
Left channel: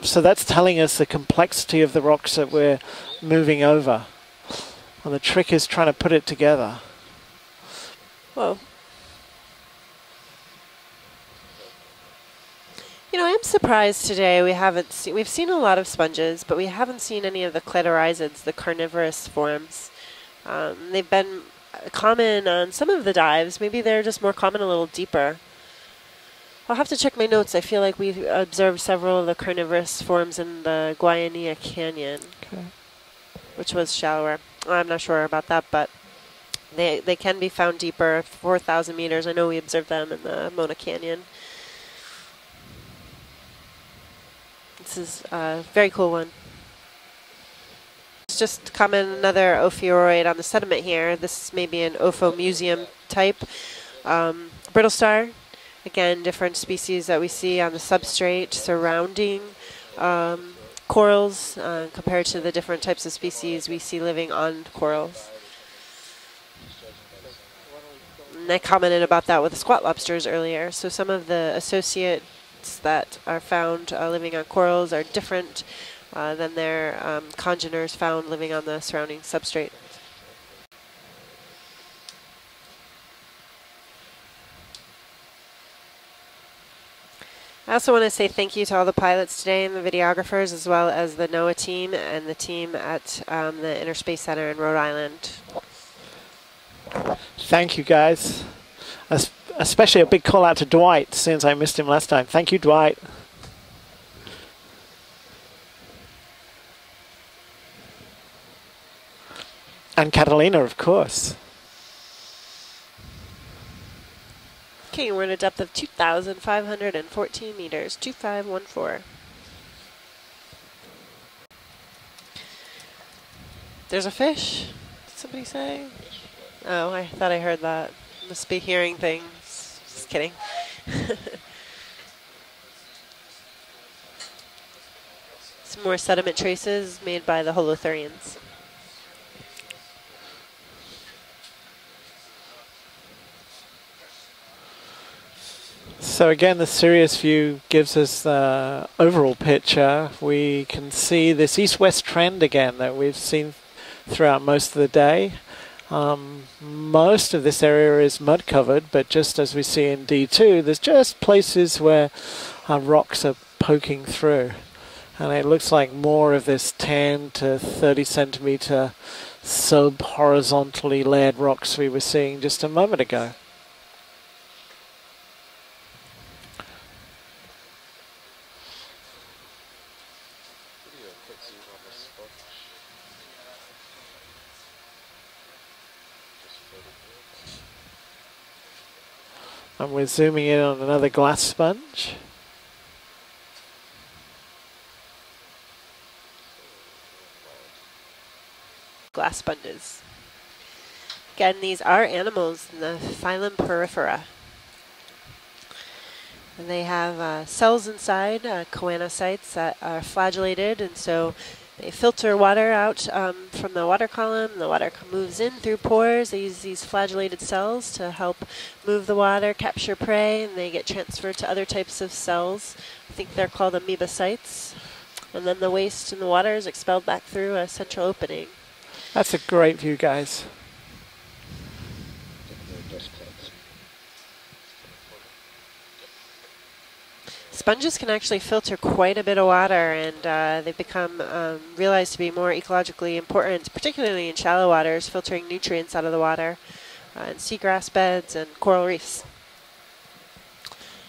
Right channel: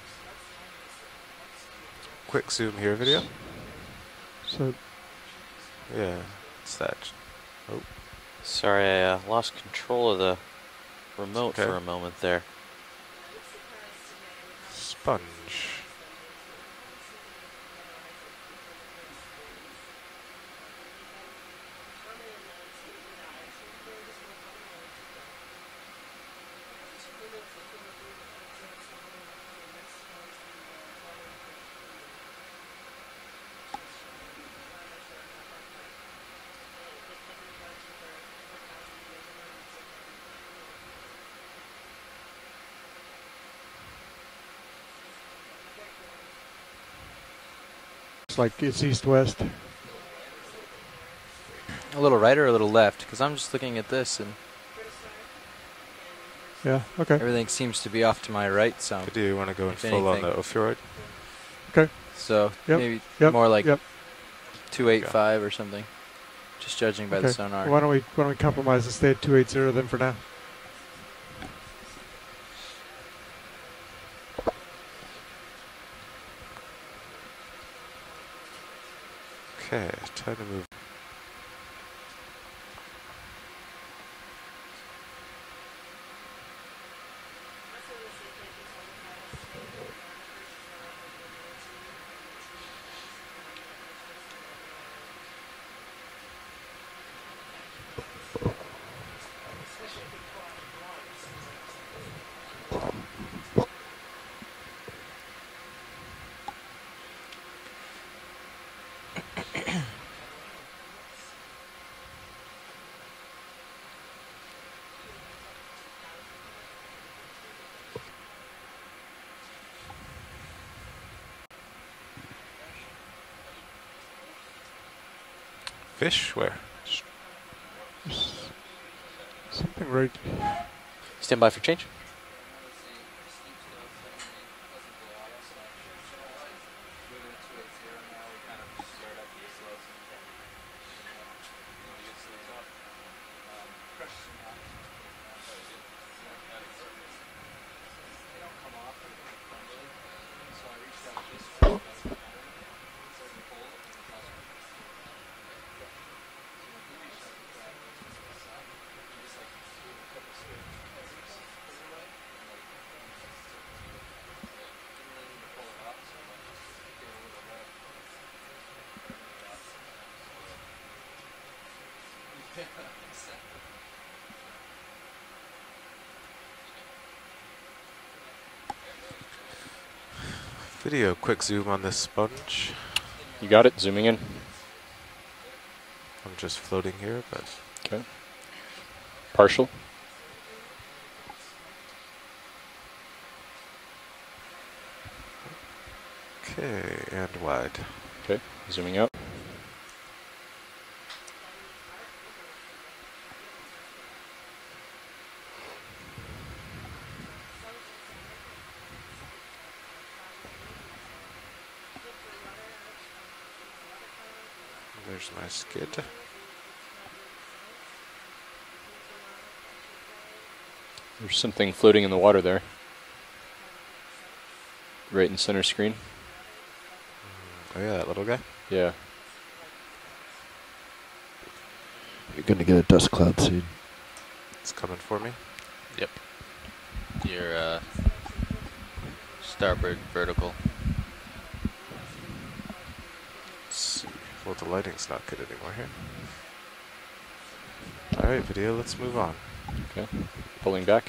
so that's telling us the complexity of the rocks that we're moving over. And the trick is trying to put it together. Whoa. Sorry, I lost control of the remote for a moment there. You know, I'm surprised today we haven't seen, we've seen a lot of sponges, but we haven't seen any of the clitorisids, the carnivorous forms. They've been common on some of the dives. Maybe they're just more common a little deeper. I'll have to check my notes. I feel like we've observed several of the carnivorous forms in the Guaianea Canyon, which was shallower. I'm not sure about that, but they can be found deeper, 4,000 meters. I know we observed them in the Mona Canyon. This is a very cool one. It's just common another ophiuroid on the sediment here. This may be an Ophomuseum type. I'm just looking at this. Brittle star. Again, different species that we see on the substrate surrounding corals compared to the different types of species we see living on coral. 285 or something. Just judging by the sonar. Why don't we and I commented about that with the squat lobsters earlier. So some of the associates that are found living on corals are different than their congeners found living on the surrounding substrate. Okay, time to move. I also want to say thank you to all the pilots today and the videographers, as well as the NOAA team and the team at the Inner Space Center in Rhode Island. Thank you, guys. Especially a big call out to Dwight, since I missed him last time. Thank you, Dwight. And Catalina, of course. Okay, we're at a depth of 2,514 meters, 2514. There's a fish. Somebody say? Fish? Where? Oh, I thought I heard that. Must be hearing things. Just kidding. Stand by for change. Some more sediment traces made by the holothurians. So again, the Sirius view gives us the overall picture. We can see this east-west trend again that we've seen throughout most of the day. Most of this area is mud covered, but just as we see in D2, there's just places where rocks are poking through. And it looks like more of this 10 to 30 centimeter sub-horizontally layered rocks we were seeing just a moment ago. Video, quick zoom on this sponge. You got it, zooming in. I'm just floating here, but... Okay. Partial. And we're zooming in on another glass sponge. Okay, and wide. Okay, zooming out. Glass sponges. Again, these are animals in the phylum Porifera. And they have cells inside, choanocytes that are flagellated, and so they filter water out from the water column. The water moves in through pores. They use these flagellated cells to help move the water, capture prey, and they get transferred to other types floating of in the water cells. there. I think they're called amoebocytes. Right in the center And then the screen. waste in the water is expelled back through a central opening. Yeah. That's a great view, guys. You're going to get a dust cloud soon. It's coming for me. Yep. Sponges can actually filter quite a bit of water, starboard and they become realized to be more ecologically important, particularly in shallow waters, filtering nutrients out of the water, and seagrass beds and coral reefs. Okay. Pulling back.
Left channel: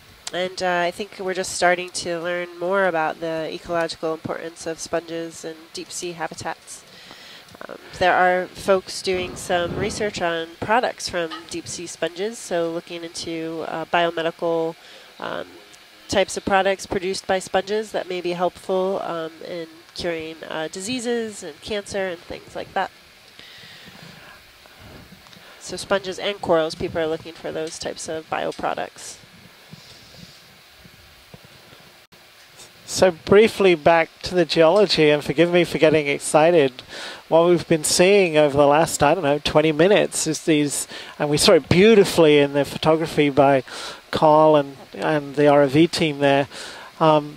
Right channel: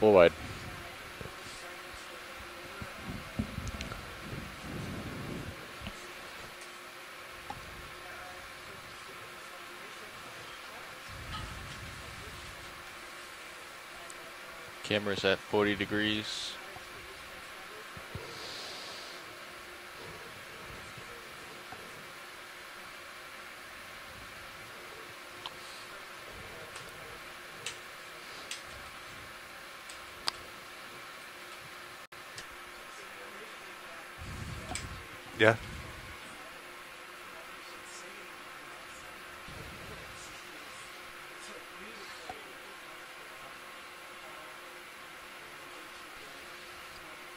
Full wide. And I think we're just starting to learn more about the ecological importance of sponges and deep sea habitats. There are folks doing some research on products from deep sea sponges, so looking into biomedical Camera's at 40 degrees. types of products produced by sponges that may be helpful in curing diseases and cancer and things like that. So sponges and corals, people are looking for those types of bioproducts. So briefly back to the geology, and forgive me for getting excited. What we've been seeing over the last, I don't know, 20 minutes is these, and we saw it beautifully in the photography by Carl and the ROV team there,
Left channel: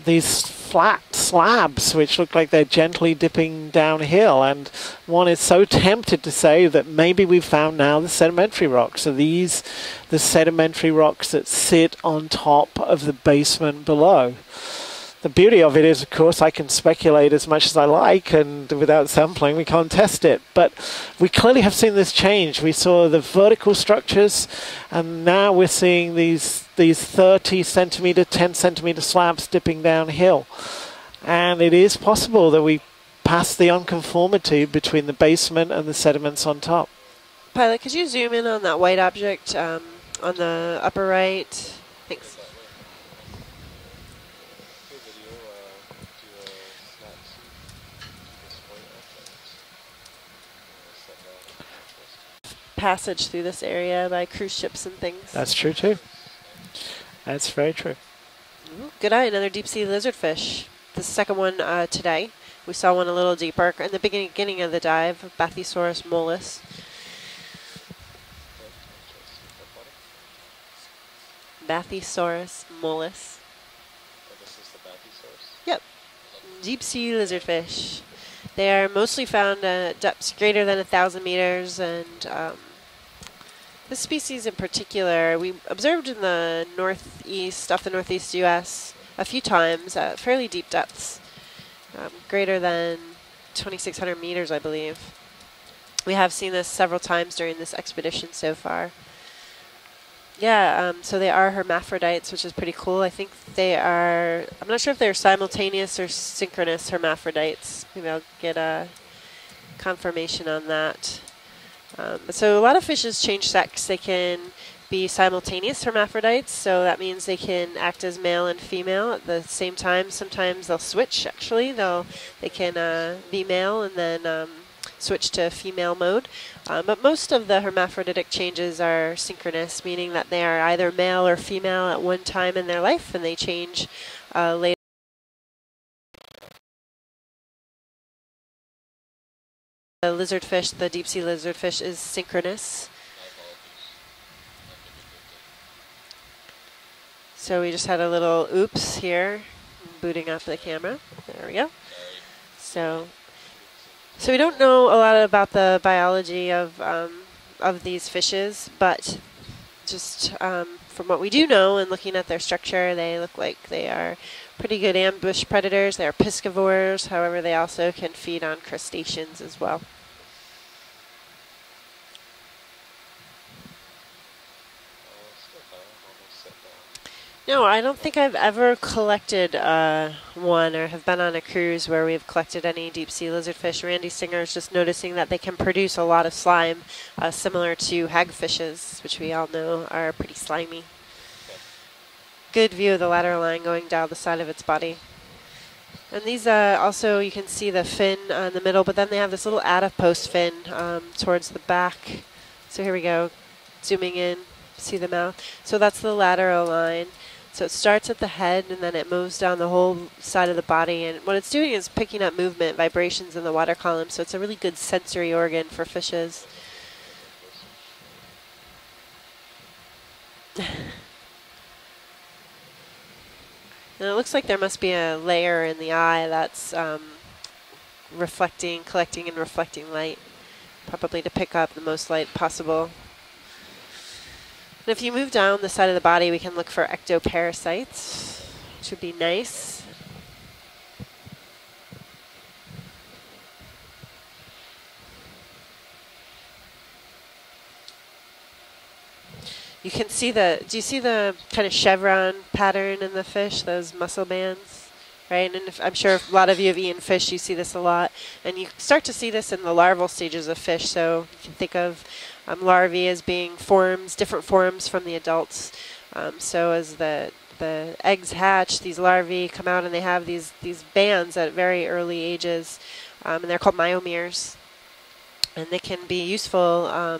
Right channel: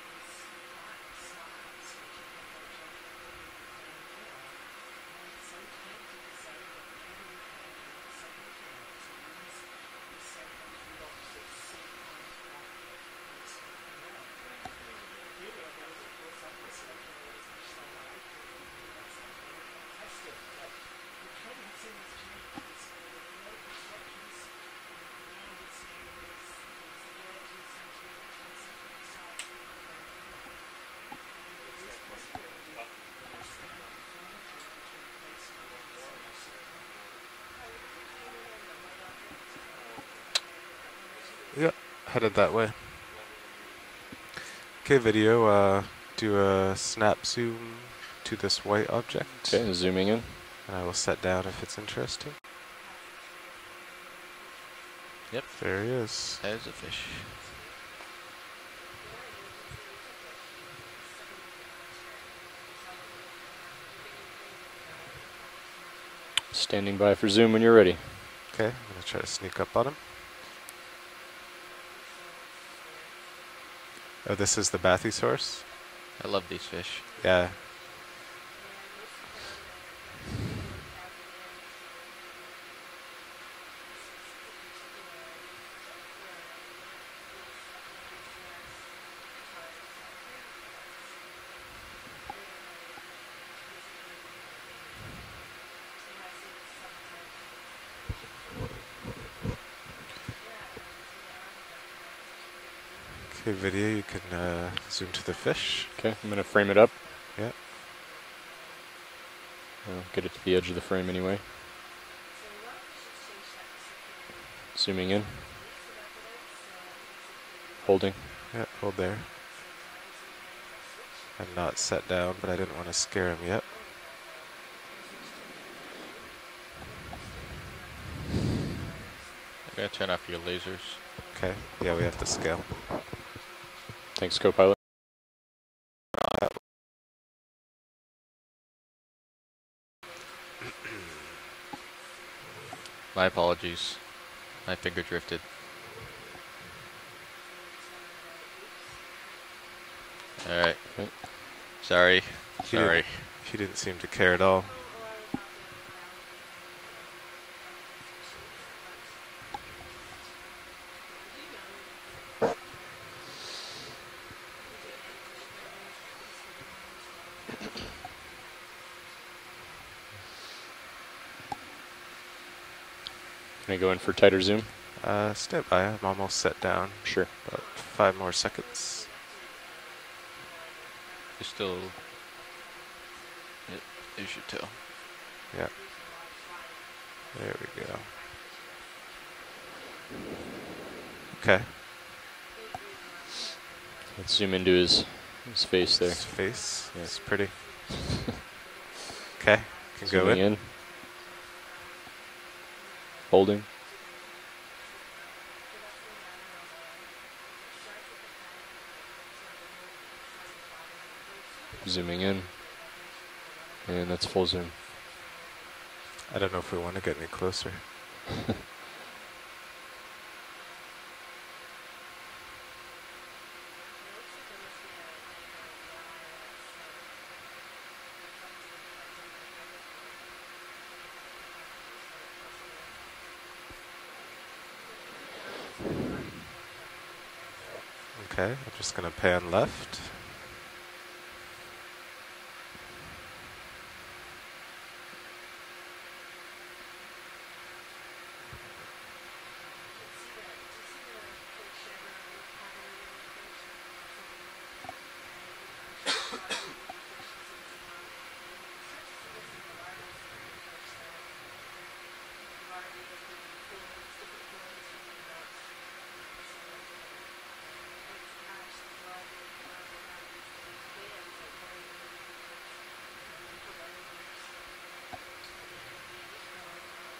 these flat slabs which look like they're gently dipping downhill, and one is so tempted to say that maybe we've found now the sedimentary rocks. So these, the sedimentary rocks that sit on top of the basement below. The beauty of it is, of course, I can speculate as much as I like, and without sampling, we can't test it. But we clearly have seen this change. We saw the vertical structures, and now we're seeing these 30 centimeter, 10 centimeter slabs dipping downhill. And it is possible that we pass the unconformity between the basement and the sediments on top. Pilot, could you zoom in on that white object on the upper right? Yep, headed that way. Okay, video, do a snap zoom to this white object. Okay, zooming in. And I will set down if it's interesting. Passage through this area by cruise ships and things. That's true There too. it is. That's very true. Good eye, another deep sea lizardfish. The second one today. We saw one a little deeper in the beginning of the dive, Bathysaurus mollis. Standing by for zoom when you're ready. Okay, I'm going to try to sneak up on him. Bathysaurus mollis. Oh, this is the Bathysaurus? Yep. I love these Deep fish. sea lizardfish. They are mostly found at depths greater than 1,000 meters, and this species in particular, we observed in the northeast, off the northeast U.S. a few times at fairly deep depths, greater than 2,600 meters, I believe. We have seen this several times during this expedition so far. Yeah, so they are hermaphrodites, which is pretty cool. I think they are, I'm not sure if they're simultaneous or synchronous hermaphrodites. Maybe I'll get a confirmation on that. Anyway. So a lot of fishes change sex. They can Zooming be in. simultaneous hermaphrodites, so that means they can act Holding. as male and female at the same time. Sometimes they'll switch, actually. They can be male and then switch to female mode. But most of the hermaphroditic changes are synchronous, meaning that they are either male or female at one time in their life, and they change later. The lizardfish, the deep sea lizardfish, is synchronous. My apologies. My finger drifted. So we just had a little oops here, booting up the camera. There we go. Sorry. Sorry. He didn't seem to care So we don't know a lot about the biology of these fishes, but just from what we do know and looking at their structure, they look like they are pretty good ambush predators. They are piscivores, however, they also can feed on crustaceans as well. Can I go in for tighter zoom? Step by. I'm almost set down. Sure. No, I don't think I've ever seconds. collected one or have been on a cruise where we've collected any deep sea lizardfish. Randy Singer is just noticing that they can produce a lot of slime, similar to hagfishes, which we all know are pretty slimy. Okay. Good view of the lateral line going down the side of its body. His face there. And these also, you can see the fin in the middle, but then they have this little adipose fin towards the back. So here we go. Holding. Zooming in. See the mouth? So that's the lateral line. So it starts at the head and then it moves down the whole side of the body. And what it's doing is picking up movement, vibrations in the water column. So it's a really good sensory organ for fishes. I don't know if we want to get any closer. And it looks like there must be a layer in the eye that's collecting and reflecting light, probably to pick up the most light possible. And if you move down the side of the body, we can look for ectoparasites. Okay, just should gonna be pan nice. left. You can see do you see the kind of chevron pattern in the fish, those muscle bands? Right, and I'm sure if a lot of you have eaten fish, you see this a lot. And you start to see this in the larval stages of fish. So if you think of larvae as being different forms from the adults. So as the eggs hatch, these larvae come out and they have these bands at very early ages, and they're called myomeres. And they can be useful,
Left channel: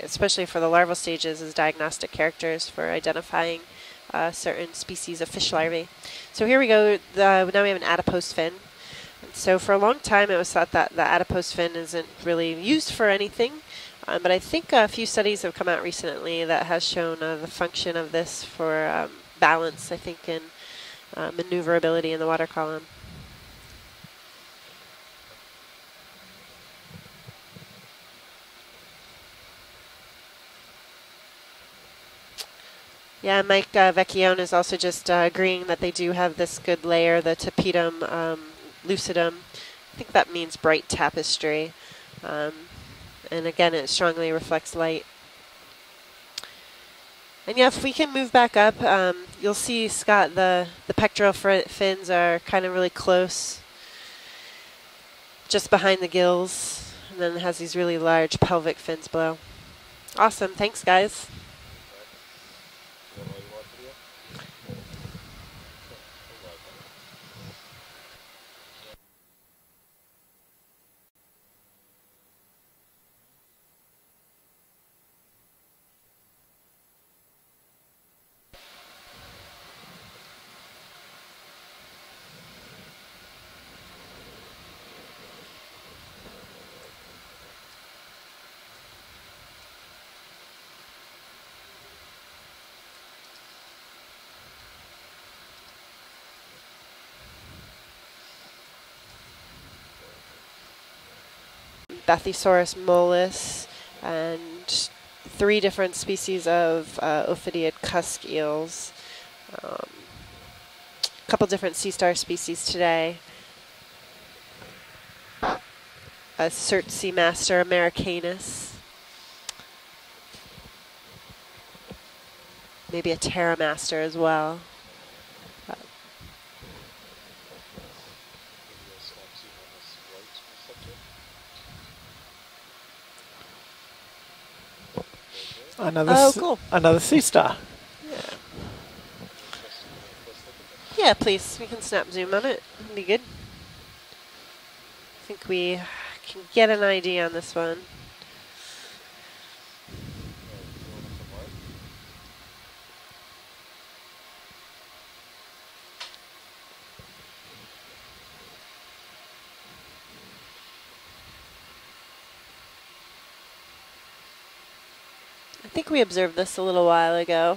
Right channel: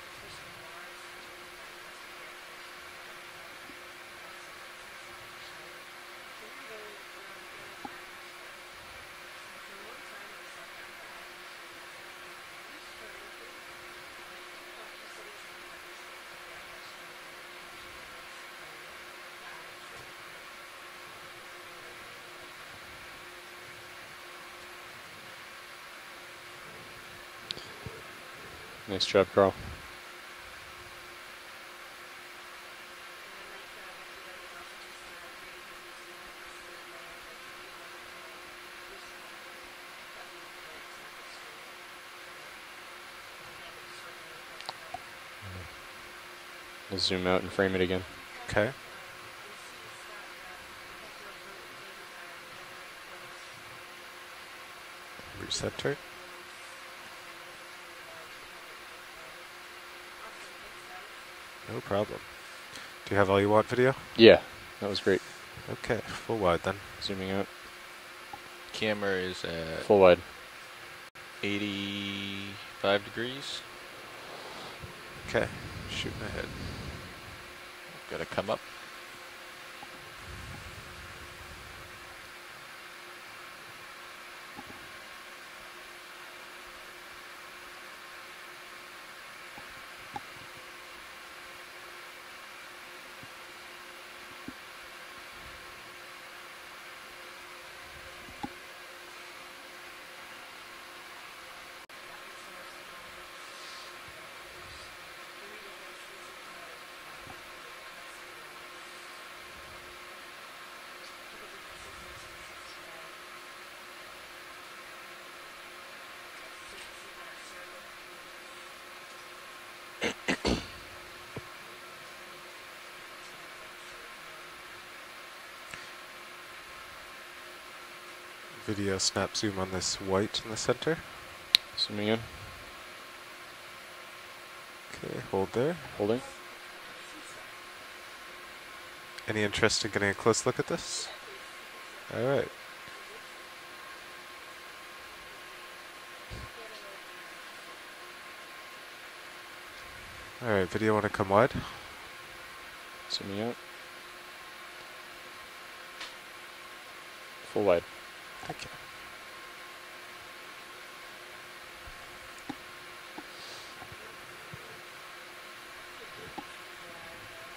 especially for the larval stages, as diagnostic characters for identifying certain species of fish larvae. So here we go. Now we have an adipose fin. So for a long time, it was thought that the adipose fin isn't really used for anything. But I think a few studies have come out recently that has shown the function of this for balance, I think, and maneuverability in the water column. Nice job, Carl. Yeah, Mike Vecchione is also just agreeing that they do have this good layer, the tapetum lucidum. I think that means bright tapestry. And again, it strongly reflects light. We'll zoom out And yeah, if we can move back up, you'll see, Scott, the pectoral fins are kind of really close, just behind the gills. And then it has these really large pelvic fins below. Awesome. Thanks, guys. No problem. Do you have all you want video? Yeah, that was great. Okay, full wide then. Zooming out. Camera is at full wide. 85 degrees. Okay, shooting ahead. Gotta come up. Bathysaurus mollis, and 3 different species of ophidiid cusk eels. A couple different sea star species today. A cert sea master Americanus. Maybe a pteramaster as well. Video snap zoom on this white in the center. Zooming in. Okay, hold there. Cool. Another sea star. Yeah. Any interest in getting a close look at this? Yeah, please. We can snap zoom on it. It'll be good. I think we can get an idea on this one. All right, video want to come wide? Zooming out. Full wide. Okay. I think we observed this a little while ago.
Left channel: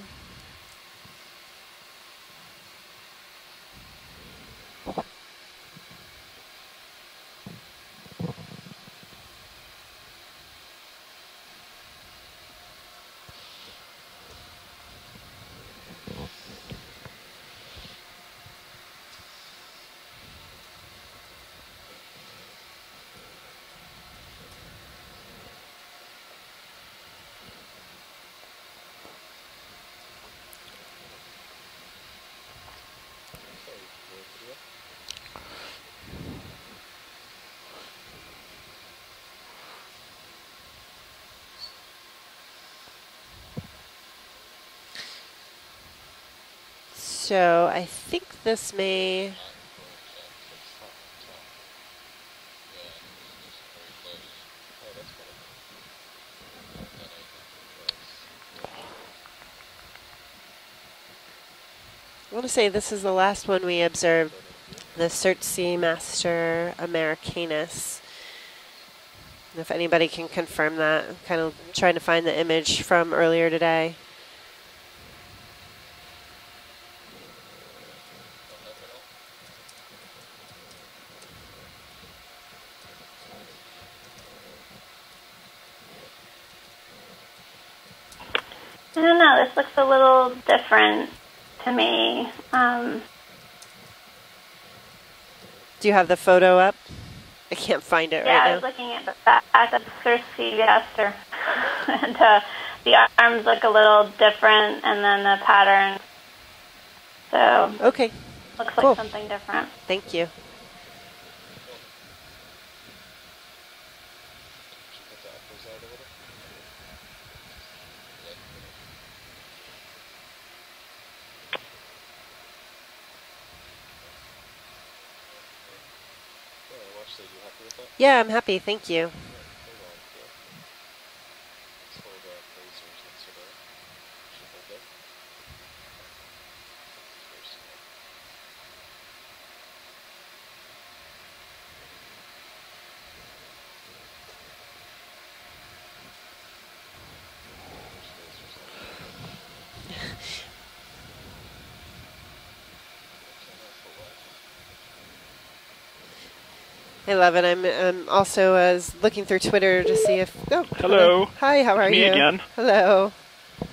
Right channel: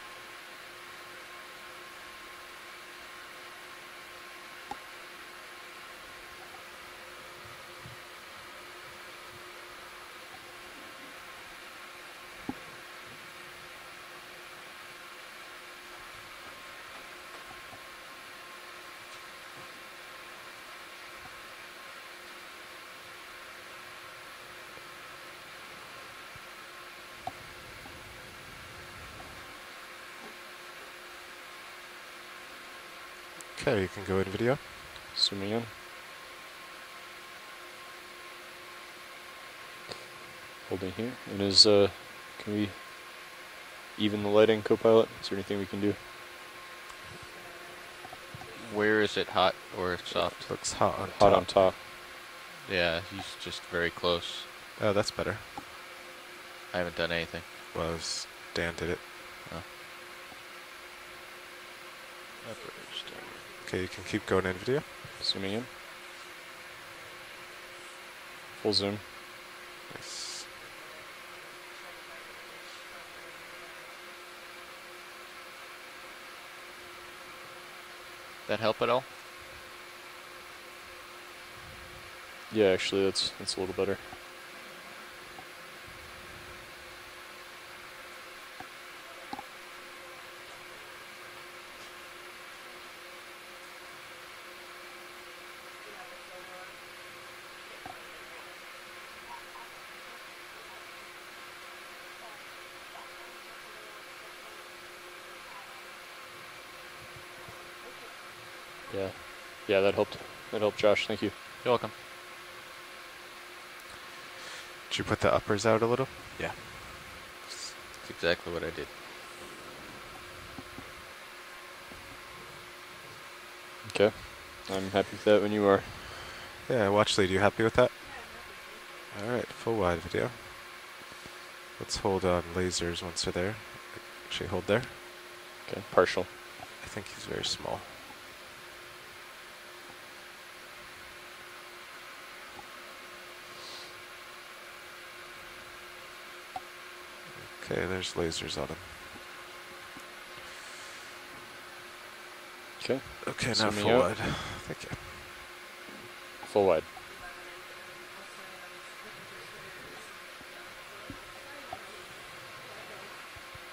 Okay, you can go in video. Zooming in. Holding here. And can we even the lighting, Copilot? Is there anything we can do? So I think this Where may... is it hot or soft? Looks hot on top. Hot on top. Yeah, he's just very close. Oh, that's better. I haven't done anything. Well, Dan did it. want to say this is the last one we Okay, observed. going in video. The Search Seamaster Americanus. Full zoom. And if anybody can confirm that, I'm kind of trying to find the image from earlier today. That help at all? Yeah, actually, that's a little better. I don't know. This looks a little different to me. Do you have the photo up? I can't find it Yeah, right I now. was looking at the back of the Seamount, and the arms look a little different, and then the pattern. So okay, looks cool. like something different. Yeah, that Thank helped. you. That helped, Josh. Thank you. You're welcome. Did you put the uppers out a little? Yeah. That's exactly what I did. Okay. I'm happy with that when you are. Yeah, watch lead. You happy with that? Yeah, I'm happy. Thank you. All right, full wide video. Let's hold on lasers once they're there. Actually, hold there. Okay, partial. I think he's very small. Okay, there's lasers on him. Okay. Okay, now Zooming full out. wide. Thank you. Full wide. Hey, Levin, I'm also looking through Twitter to see if... Oh, Hello. Hi, how are Me you? again. Hello.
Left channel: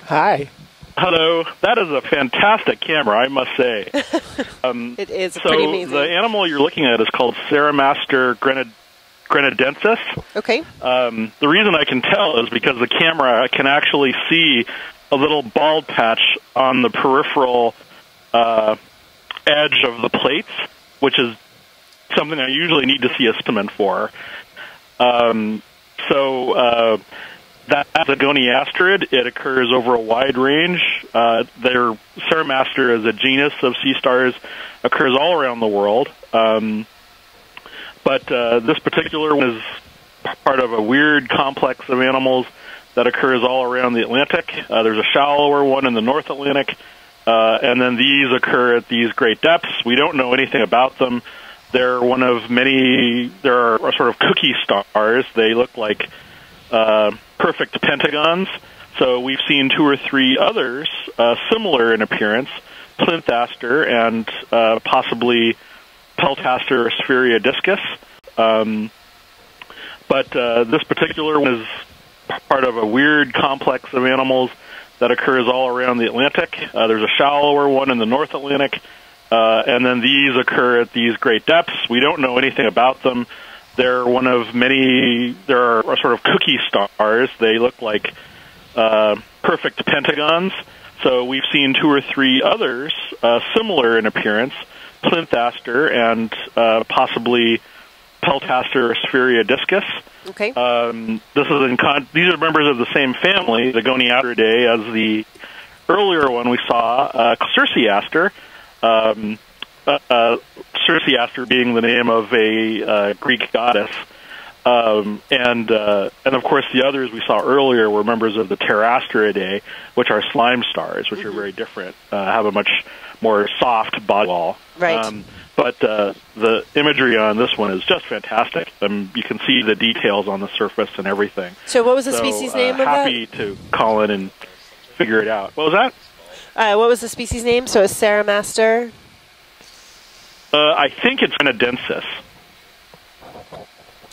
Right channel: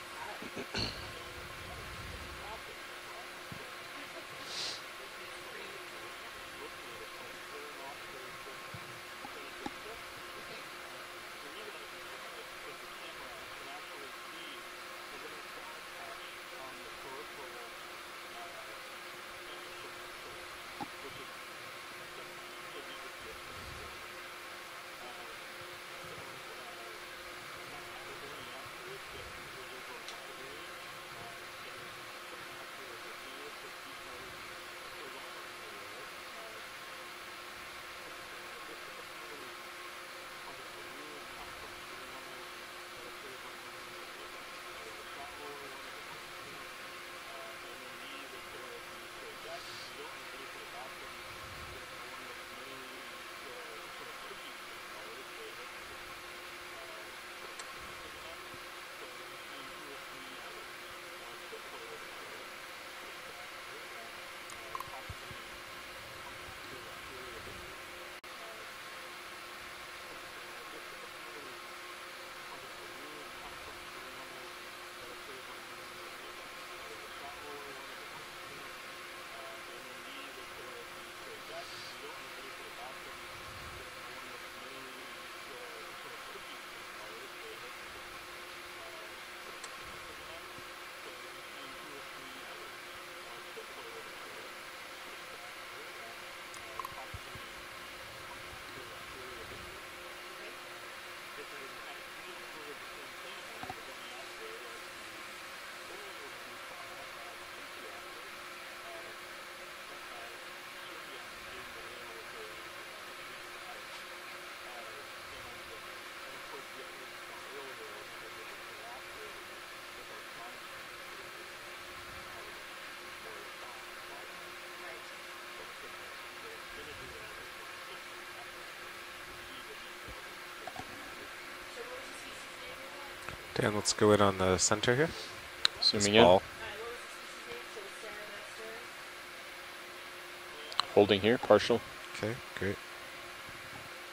Hi. Hello. That is a fantastic camera, I must say. It is so pretty amazing. the animal you're looking at is called Ceramaster grenadensis. Okay. The reason I can tell is because the camera can actually see a little bald patch on the peripheral edge of the plates, which is something I usually need to see a specimen for. That's a goniasterid. It occurs over a wide range. Their Ceramaster is a genus of sea stars, occurs all around the world. But this particular one is part of a weird complex of animals that occurs all around the Atlantic. There's a shallower one in the North Atlantic, and then these occur at these great depths. We don't know anything about them. They're one of many, there are sort of cookie stars. They look like perfect pentagons. So we've seen 2 or 3 others similar in appearance, Plinthaster and possibly Peltaster spheroidiscus. But this particular one is part of a weird complex of animals that occurs all around the Atlantic. There's a shallower one in the North Atlantic, and then these occur at these great depths. We don't know anything about them. They're one of many, there are sort of cookie stars. They look like perfect pentagons. So we've seen 2 or 3 others similar in appearance, Plinthaster and possibly Peltaster spheroidiscus. Okay. These are members of the same family, the Goniastridae, as the earlier one we saw, Circeaster. Circeaster being the name of a Greek goddess. And of course the others we saw earlier were members of the Pterastiridae, which are slime stars, which are very different, have a much more soft body wall. Right. But the imagery on this one is just fantastic. You can see the details on the surface and everything. So what was the species name of that? Happy to call in and on the center figure it out. What was that? What was the species name? So it's Ceramaster? I think it's grenadensis. Okay, great.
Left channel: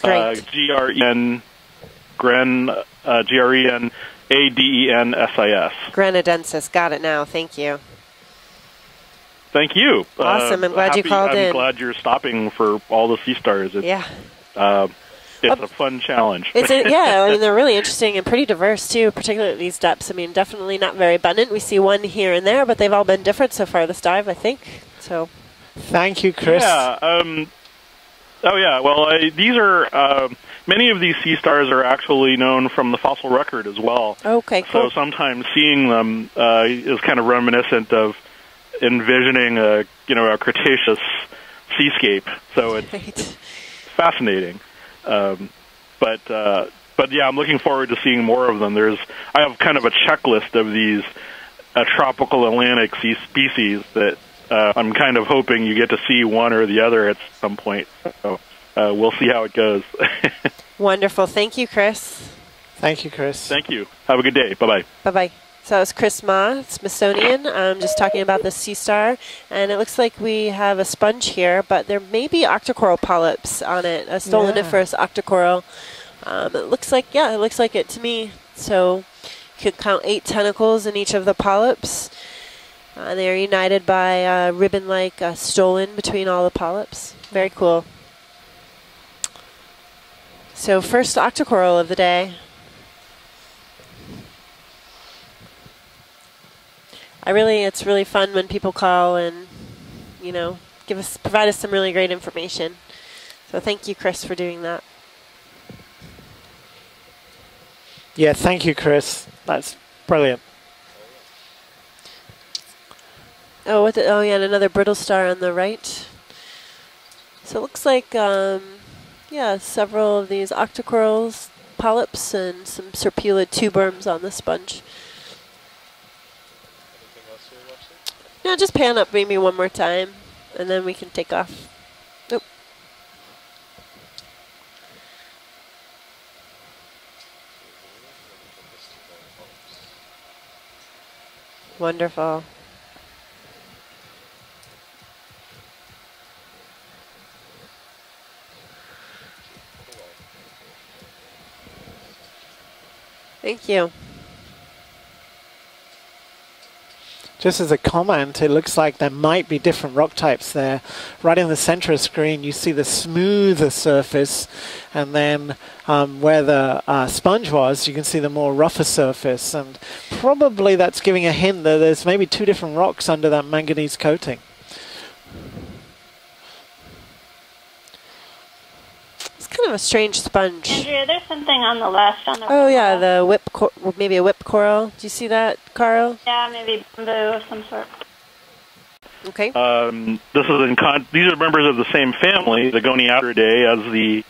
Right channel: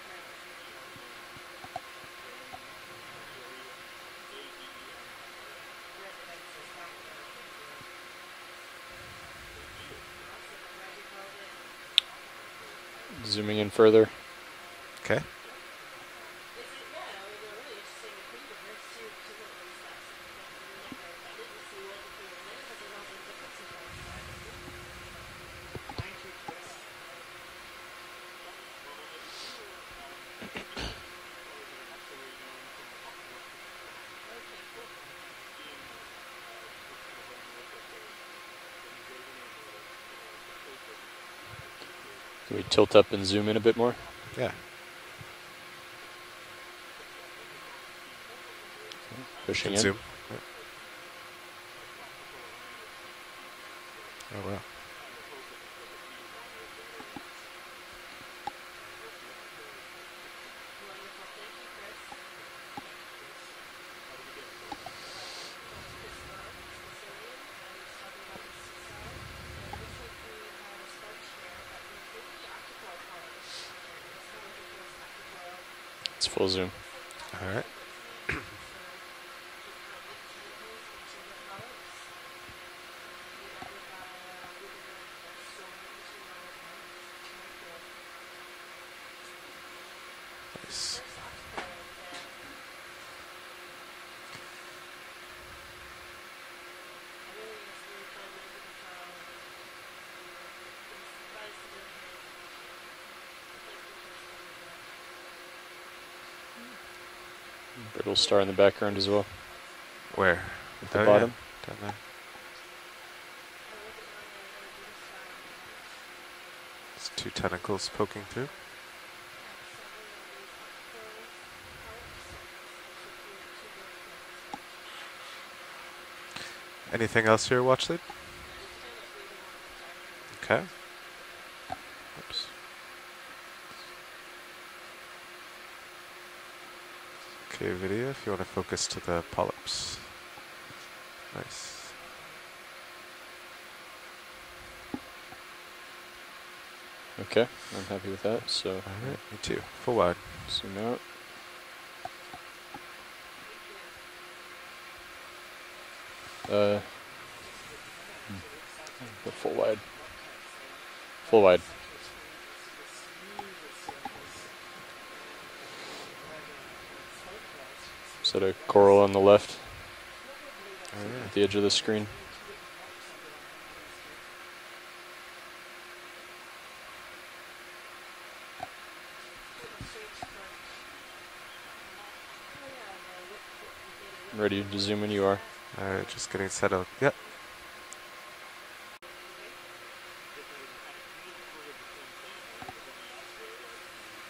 Great. Grenadensis. Grenadensis. Got it now. Thank you. Thank you. Awesome. I'm glad you called in. I'm glad you're stopping for all the sea stars. Yeah. Okay. It's a fun challenge. Yeah, I mean, they're really interesting and pretty diverse, too, particularly at these depths. I mean, definitely not very abundant. We see one here and there, but they've all been different so far this dive, I think. So. Thank you, Chris. Yeah. Well, these are many of these sea stars are actually known from the fossil record as well. Okay, cool. So sometimes seeing them is kind of reminiscent of envisioning a Cretaceous seascape. So tilt up and zoom in a bit more. Fascinating. Yeah. But yeah, I'm looking forward to seeing more of them. I have kind of a checklist of these a tropical Atlantic sea species that I'm kind of hoping you get to see one or the other at some point. So we'll see how it goes. Wonderful. Thank you, Chris. Thank you, Chris. Thank you. Have a good day. Bye-bye. Bye-bye. So that was Chris Ma, Smithsonian, just talking about the sea star. And it looks like we have a sponge here, but there may be octocoral polyps on it, a stoloniferous octocoral. It looks like, yeah, it looks like it to me. So you could count 8 tentacles in each of the polyps. They're united by a ribbon-like stolon between all the polyps. Very cool. So first octocoral of the day. It's really fun when people call and, you know, provide us some really great information. So thank you, Chris, for doing that. Yeah, thank you, Chris. Well. That's brilliant. At the bottom. Oh, yeah, and another brittle star on the right. It's 2 tentacles. So it looks like, yeah, several of these octocorals, polyps, and some serpulid tuberms on the sponge. Anything else here, watch lead? No, just pan up maybe one more time, okay, and then we can take off. Nope. Okay, video, if you want to focus to the polyps. Nice. Wonderful. Okay, I'm happy with that. So, alright, me too. Full wide. Zoom out. Thank you. Just as a comment, it looks like there might be different rock types there. Right in the center of the screen, you see the smoother surface, and then where the sponge was, you can see the more rougher surface. And probably that's giving a hint that there's maybe 2 different rocks under that manganese coating. Kind of a strange sponge. Andrea, there's something on the left on the Oh yeah, the maybe a whip coral. Did you see that, Carl? Yeah, maybe blue of some sort. Okay. This is these are members of the same family, the Goniatridae, as the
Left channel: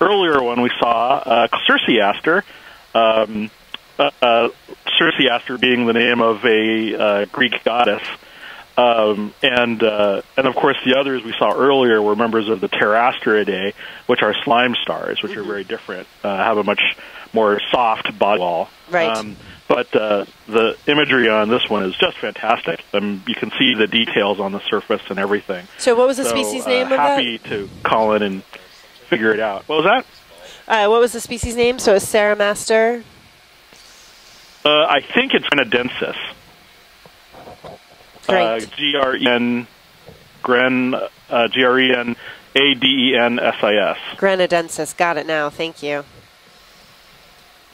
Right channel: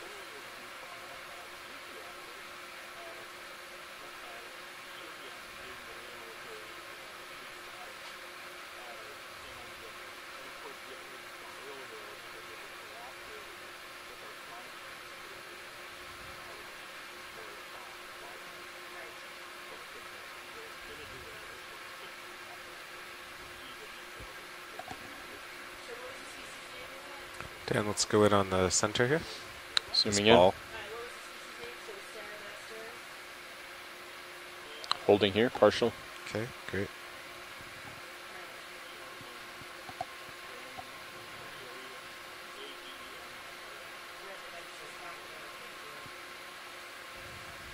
earlier one we saw, Circeaster. Circeaster being the name of a Greek goddess. And of course the others we saw earlier were members of the Pterastiridae, which are slime stars, which are very different, have a much more soft body wall. Right. But the imagery on this one is just fantastic. You can see the details on the surface and everything. So what was the species name of that? Happy to call in and on the center figure it out. What was that? What was the species name? So it's Ceramaster? I think it's Grenadensis. Okay, great. G-R-E-N, G-R-E-N-A-D-E-N-S-I-S. Grenadensis. Got it now. Thank you.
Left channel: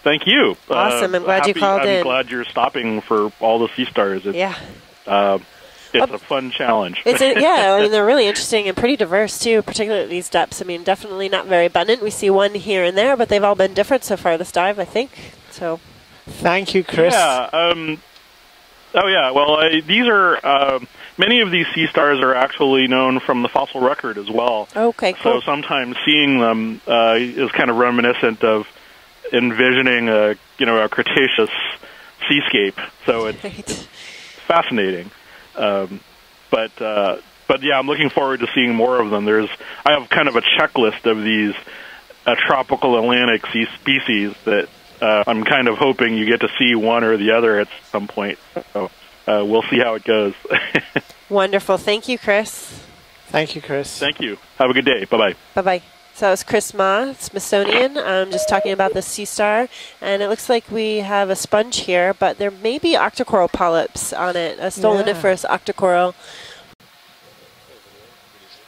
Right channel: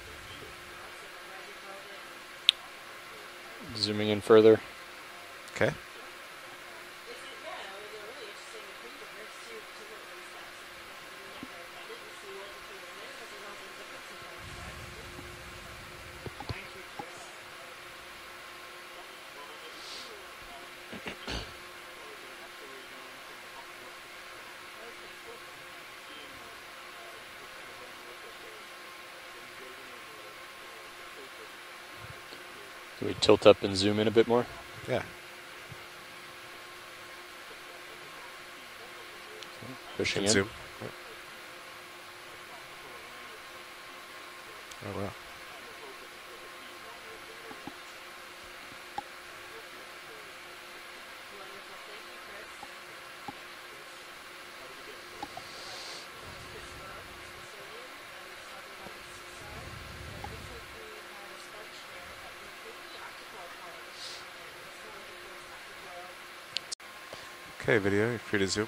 Thank you. Awesome. I'm glad you called in. I'm glad you're stopping for all the sea stars. Yeah. Okay. It's a fun challenge. Yeah, I mean, they're really interesting and pretty diverse, too, particularly at these depths. I mean, definitely not very abundant. We see one here and there, but they've all been different so far this dive, I think. So. Thank you, Chris. Yeah. Oh, yeah. Well, these are many of these sea stars are actually known from the fossil record as well. Okay, cool. So sometimes seeing them is kind of reminiscent of envisioning a Cretaceous seascape. So tilt up and zoom in a bit more. Fascinating. Yeah. But yeah, I'm looking forward to seeing more of them. I have kind of a checklist of these tropical Atlantic sea species that I'm kind of hoping you get to see one or the other at some point. So we'll see how it goes. Wonderful. Thank you, Chris. Thank you, Chris. Thank you. Have a good day. Bye-bye. Bye-bye. So that was Chris Ma, Smithsonian, just talking about the sea star. And it looks like we have a sponge here, but there may be octocoral polyps on it, a stoloniferous octocoral. Okay, video, you're free to zoom.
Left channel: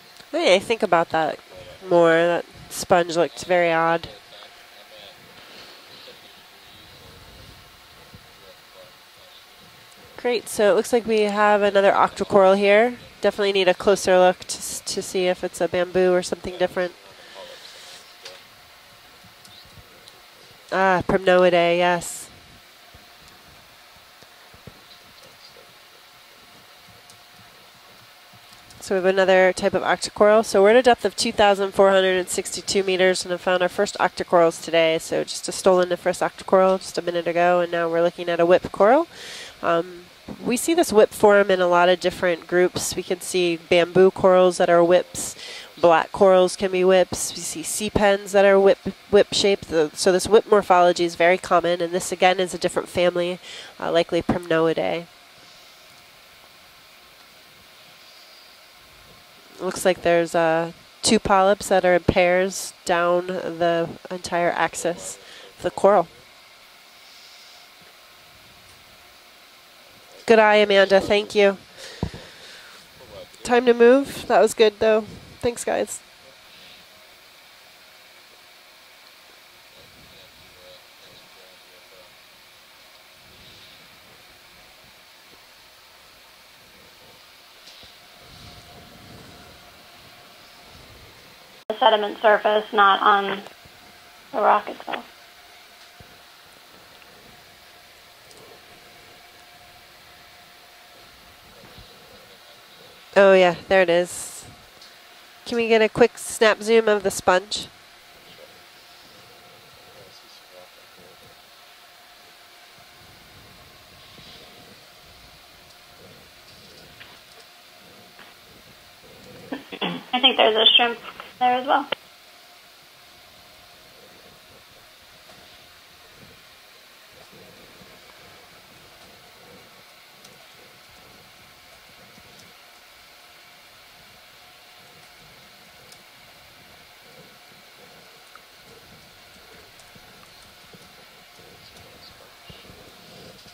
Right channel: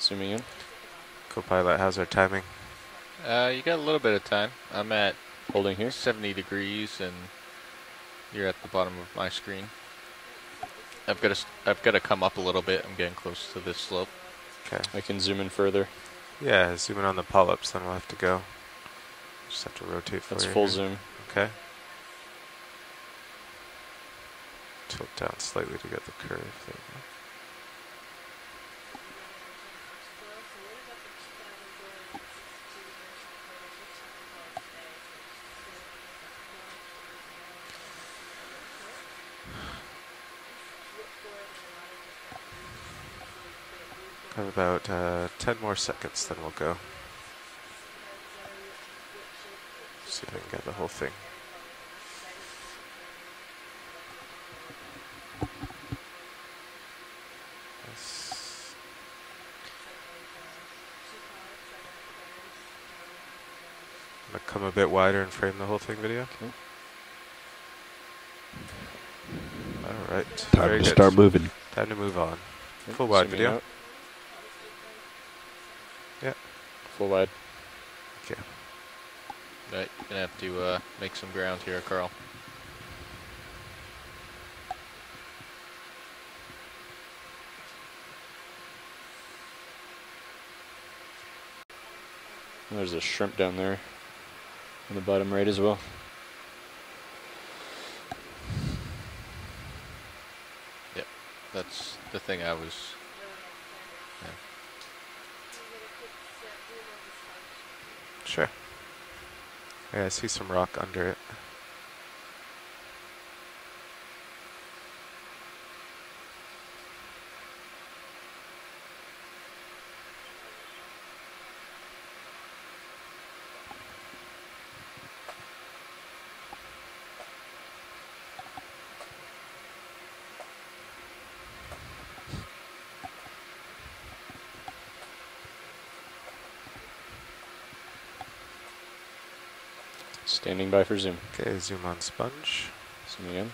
Zooming in. Hey, think about that Co-pilot has more. our timing. That sponge looks very you got odd. a little bit of time. I'm at holding here 70 degrees, and you're at the bottom of my screen. Great. So it looks like we have another octocoral here. Definitely need a closer look to see if it's a bamboo or something different. Yeah, zoom in on the polyps, then we'll have to go. Just have to rotate for you. Full zoom. Primnoidae, yes. Tilt down slightly to get the curve. So we have another type of octocoral. So we're at a depth of 2,462 meters and have found our first octocorals today. So just a stoloniferous octocoral just a minute ago, and now we're looking at a whip coral. We see this whip form in a lot of different groups. We can see bamboo corals that are whips. 10 more Black seconds, corals then can we'll be whips. We see sea pens that are whip shaped. So this whip morphology is very common, and this again is a different family, likely Primnoidae. Looks like there's 2 polyps that are in pairs down the entire axis. A bit wider and frame the the whole coral. video. All right. Good eye, Amanda. Thank you. Time to move on. Full wide video. Time to move. That was good, though. Thanks, guys. Yeah. Full wide. Okay. Right, gonna have to make some ground here, Carl. The sediment surface, There's not a on shrimp down there. the rock On itself. the bottom right as well. Yep, that's the thing I was... Oh, yeah. There it is. Can we get a quick snap zoom of the sponge? Sure. Yeah, I see some rock under it. I think there's a shrimp there as well. Standing by for zoom. Okay, zoom on sponge. Zoom in.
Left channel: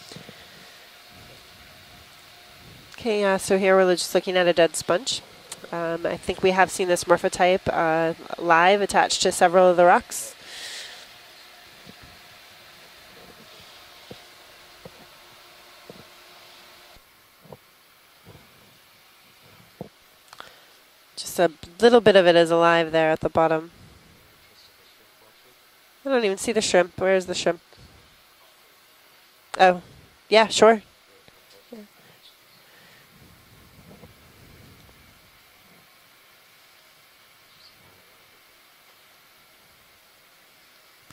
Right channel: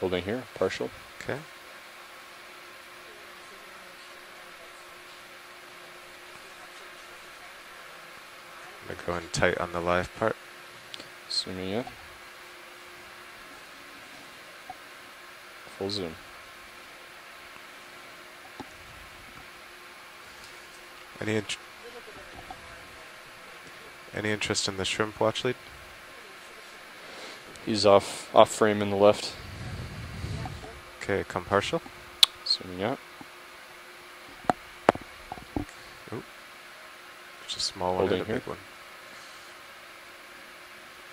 Holding here, partial. Okay. Okay, so here we're just looking at a dead sponge. I think we have seen this morphotype live attached to several of the rocks. Zooming in. Full zoom. Just a little bit of it is alive there at the bottom. Any interest in the shrimp watch lead? I don't even see the shrimp. Where is the shrimp? He's off frame in the left. Oh, yeah, sure. Okay, come partial. Zooming out. Oop. There's a small one and a big one.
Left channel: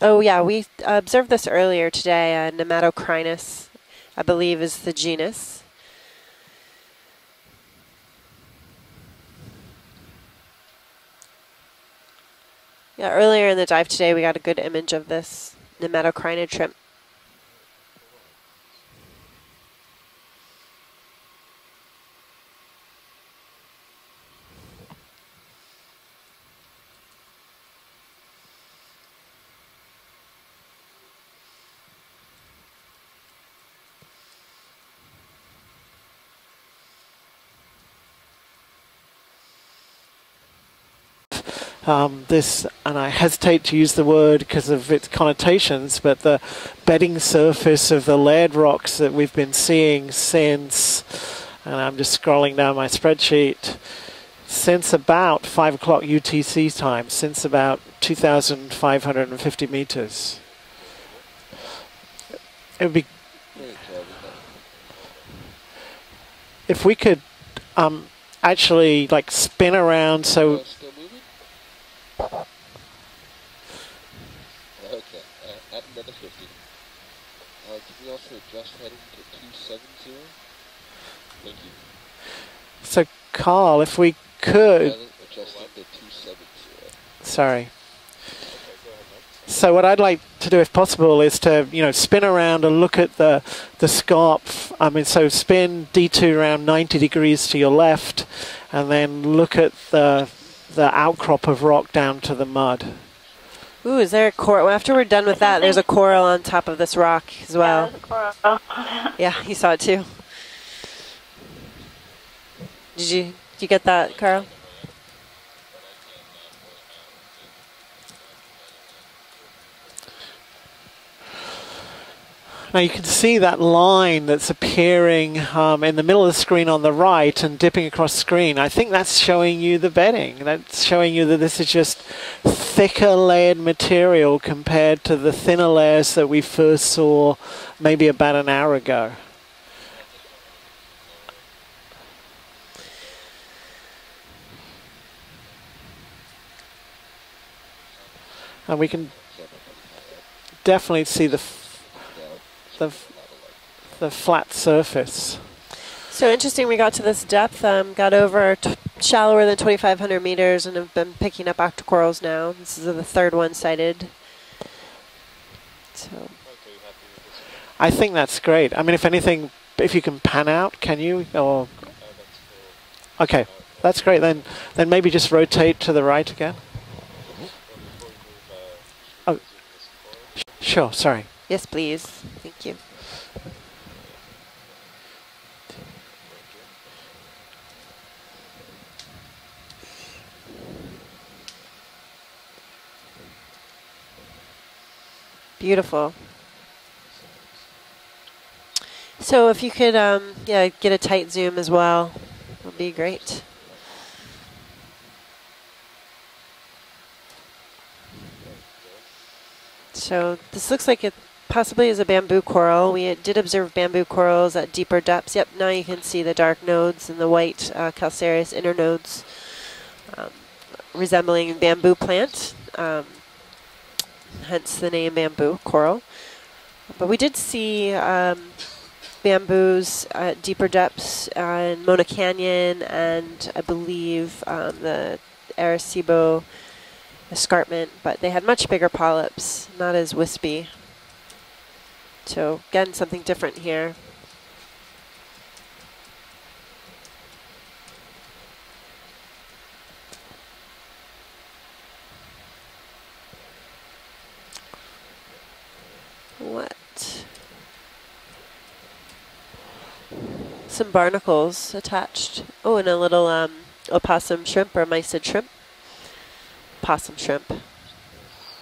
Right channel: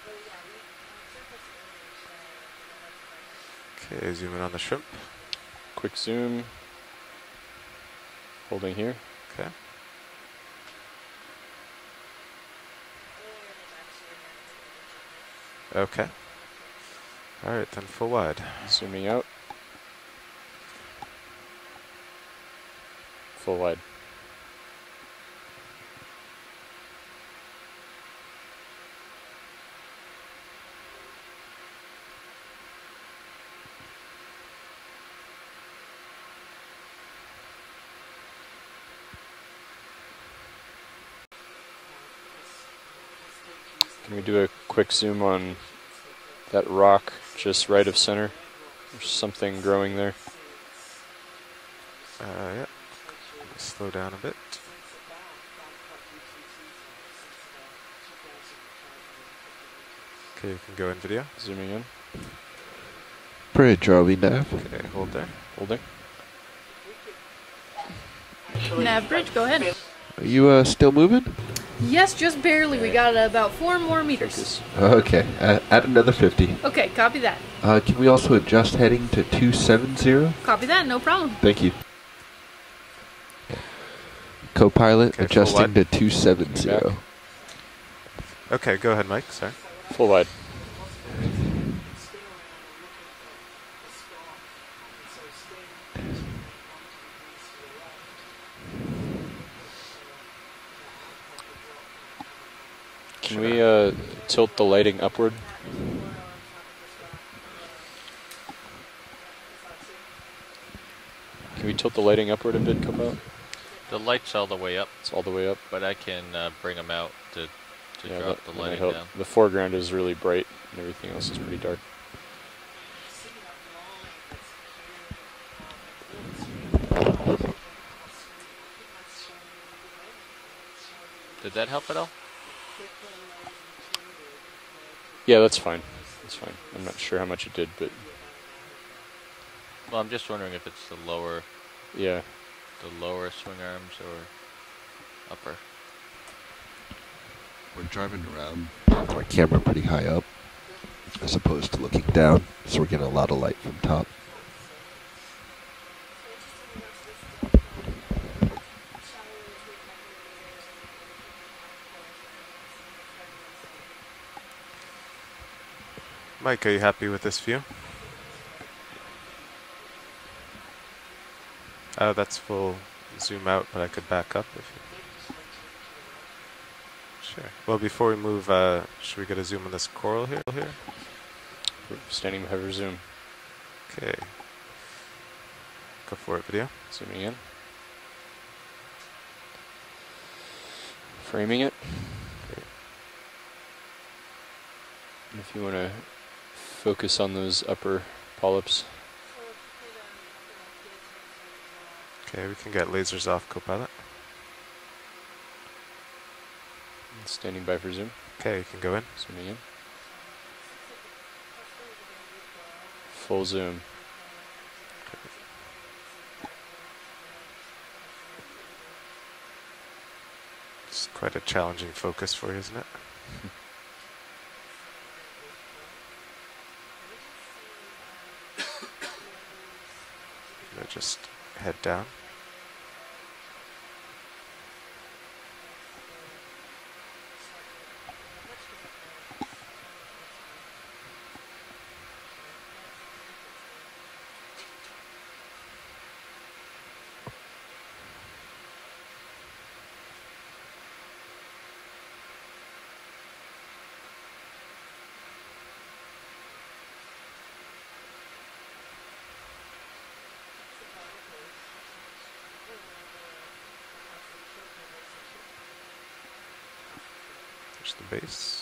Oh, yeah, we observed this earlier today. Nematocrinus, Okay, I believe, is the genus. Quick zoom. Holding here. Okay. Yeah, earlier in the dive today, we got a good image of this nematocrinid shrimp. All right, then full wide. Zooming out. Full wide. This, and I hesitate to use the word because of its connotations, but the bedding surface of the layered rocks that we've been seeing since, and I'm just scrolling down my spreadsheet, Slow down a bit. since about 5 o'clock UTC time, since about 2,550 meters. Okay, you can go in video. Zooming in. It would be Bridge, are we nav? Okay, hold there. Hold there. if we could actually Nav bridge, like go ahead. spin around. You So still moving? Yes, just barely. We got about 4 more meters. Okay, add another 50. Okay, copy that. Can we also adjust heading to 270? Copy that, no problem. Thank you. So Carl, if we could, Co-pilot adjusting to 270. Sorry. Okay, go ahead, Mike. Sorry. So what I'd like to do, if possible, is to spin around and look at the scarp. I mean, so spin D2 around 90 degrees to your left, and then look at the outcrop of rock down to the mud. Can we? Ooh, is there a coral? After we're done with that, there's a coral on top of this rock as well. Yeah, coral. Yeah, you saw it too. Can we tilt the lighting upward a bit? Did you get that, the light's Carl? all the way up. It's all the way up. But I can bring them out to drop the lighting help. down. The foreground is really bright, and everything else is pretty dark. Now you can see that line that's appearing in the middle of the screen on the right and dipping across the screen. I think that's showing you the bedding. That's showing you that this is just thicker layered material compared to the thinner layers that we first saw maybe about an hour ago. Well, I'm just wondering if it's the lower, the lower swing arms or upper. We're driving around. And we can our camera pretty high up. Definitely see as opposed to looking down, so we're getting a lot of light from top. The flat surface. So interesting, we got to this depth, got over shallower than 2,500 meters and have been picking up octocorals now. This is the third one sighted. So Mike, are you happy with this view? I think that's great. I mean, if anything, if you can pan out, can you? Or that's full. Okay, zoom out, but that's great. Then maybe just rotate to the right again. Sure. Well, before we move, should we get a zoom on this coral here? Sure. Sorry. Yes, please. Standing by for zoom. Okay. Go for it, video. Zooming in. Framing it. If you beautiful. Focus on those upper polyps. So if you could, yeah, get a tight zoom as well. Okay, we can get lasers great. off Copilot. Standing by for zoom. Okay, you can go in. Zooming in. So this looks like it possibly is a bamboo coral. We did observe bamboo corals at deeper depths. Yep, now you can see the dark nodes and the white calcareous inner nodes resembling bamboo plants. Hence the name bamboo coral. But we did see bamboos at deeper depths in Mona Canyon and I believe the Arecibo escarpment, but they had much bigger polyps, not as wispy. So again, something different here. What? Some barnacles attached. Oh, and a little opossum shrimp or mysid shrimp. Possum shrimp. There's the base.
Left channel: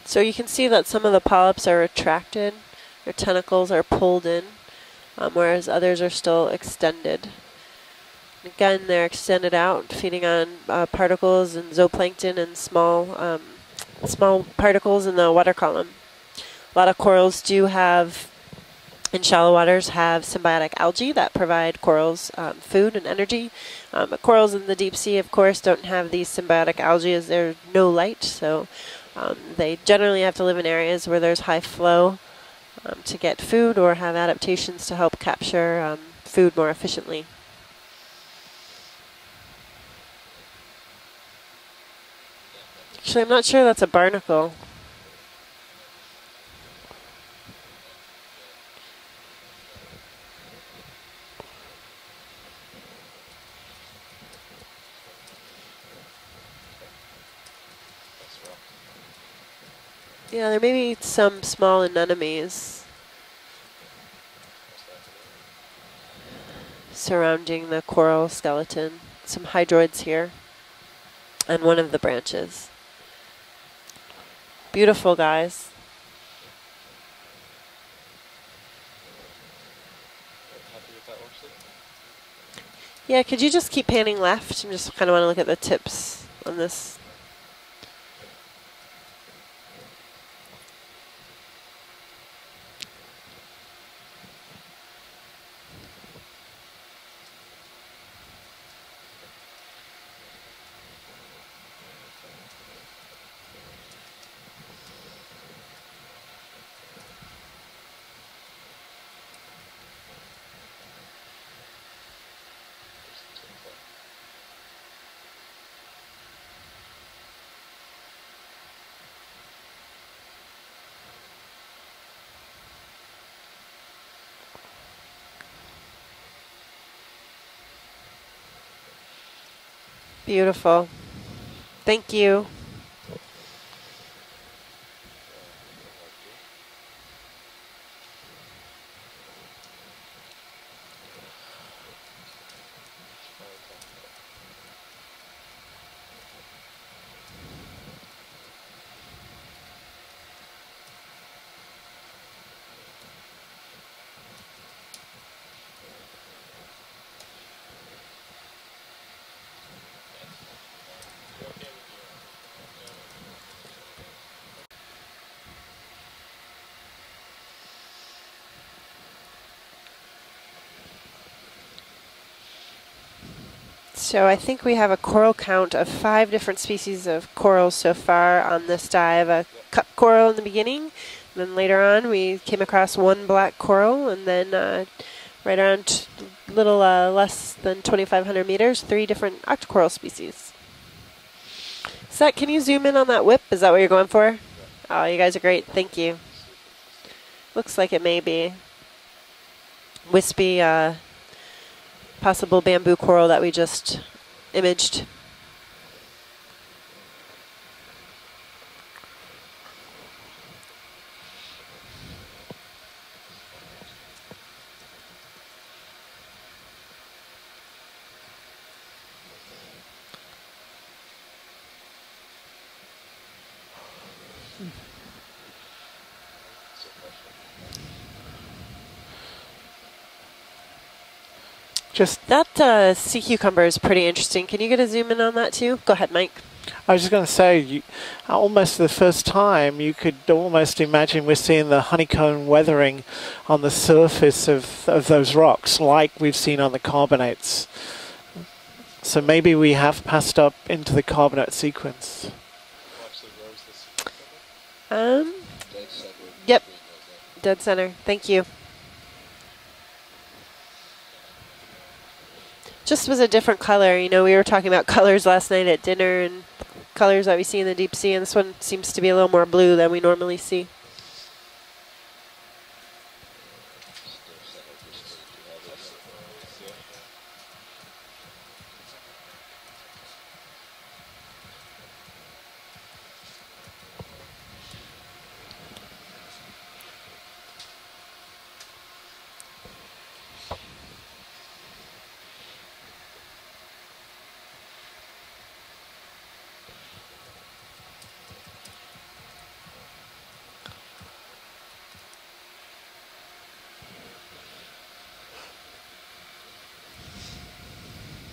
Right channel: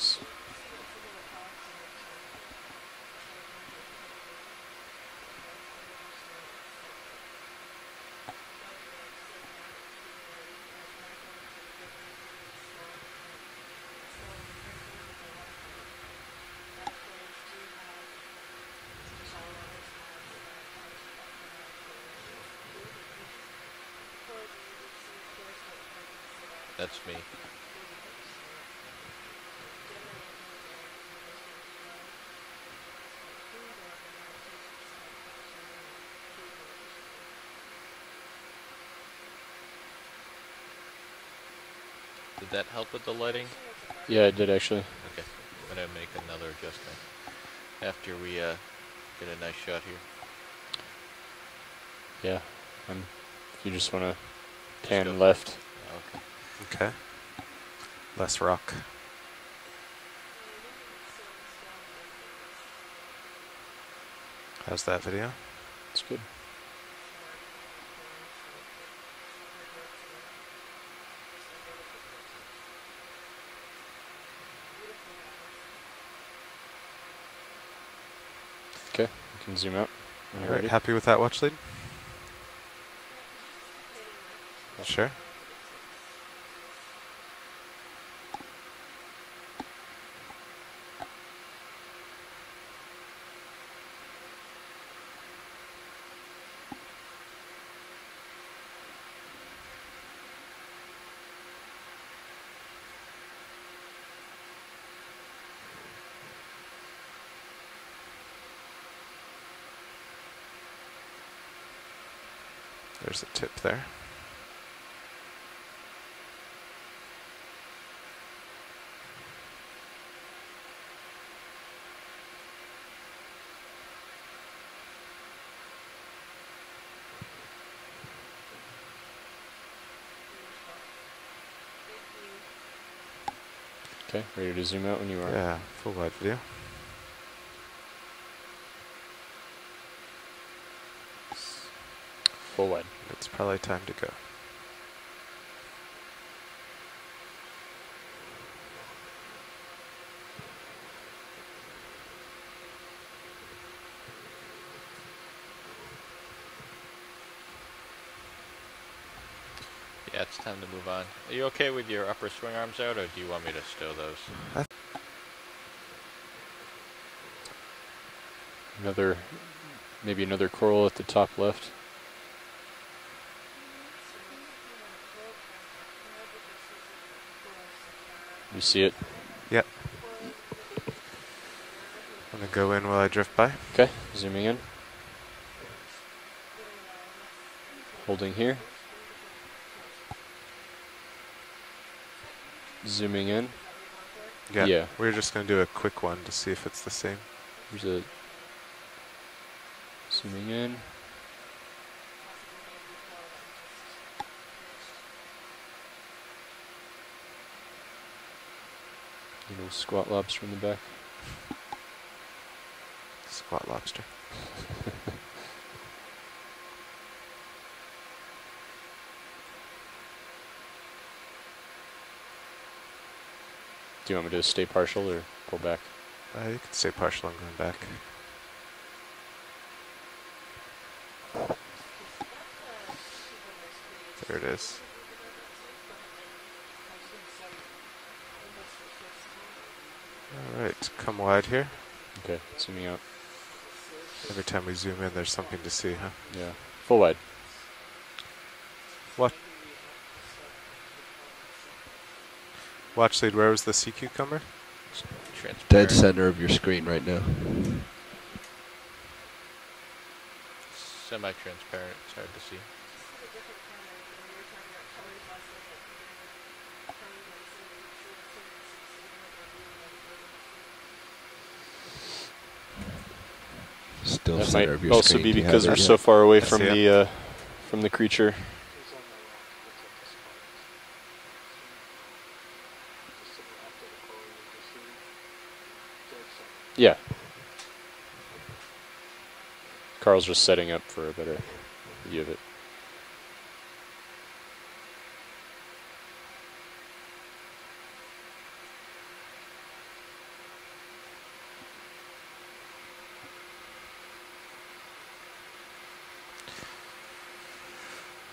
So you can see that some of the polyps are retracted, their tentacles are pulled in, whereas others are still extended. Again, they're extended out, feeding on particles and zooplankton and small particles in the water column. A lot of corals do have, in shallow waters, have symbiotic algae that provide corals food and energy. But corals in the deep sea, of course, don't have these symbiotic algae as there's no light, so they generally have to live in areas where there's high flow to get food or have adaptations to help capture food more efficiently. Did that help with Actually, I'm not sure that's a barnacle. Yeah, it did actually. Okay, I'm going to make another adjustment after we get a nice shot here. Yeah, and you just want to pan left. Okay. Less rock. Yeah, there may be some small anemones. How's that video? It's good. Surrounding the coral skeleton. Some hydroids here. And one of the branches. Beautiful, guys. Okay, you can zoom out. All right, happy with that watch lead? Yeah, could you just keep panning left? I just kind of want to look at the tips on this. There's a tip there. Beautiful. Thank you. Okay, ready to zoom out when you are. Yeah, full wide video. Full wide. It's probably time to go. it's time to move on. Are you okay with your upper swing arms out, or do you want me to stow those? Maybe another coral at the top left. So I think we have a coral count of 5 different species of corals so far on this dive. A cut coral in the beginning, and then later on we came across one black coral, and then right around a little less than 2,500 meters, 3 different octocoral species. Seth, can you zoom in on that whip? Is that what you're going for? Yeah. Oh, you guys are great. Thank you. To see if it's the same. Looks like it may be. Wispy, possible bamboo coral that we just imaged. Little squat lobster in the back. Squat lobster. Do you want me to stay partial or pull back? You can stay partial. I'm going back. Just that sea cucumber is pretty interesting. Can you get a zoom in on that too? Go ahead, Mike. I was just going to say, almost for the first time, you could almost imagine we're seeing the honeycomb weathering on the surface of those rocks, like we've seen on the carbonates. So maybe we have passed up into the carbonate sequence. Watch lead, where was the sea cucumber? Dead center of your screen right now. Dead center. Thank you. Semi-transparent, it's hard to see. Just was a different color. You know, we were talking about colors last night at dinner and colors that we see in the deep sea, and this one seems to be a little more blue than we normally see. Still that center might of your also screen. be because we're so far away from the creature. Yeah. Carl's just setting up for a better view of it.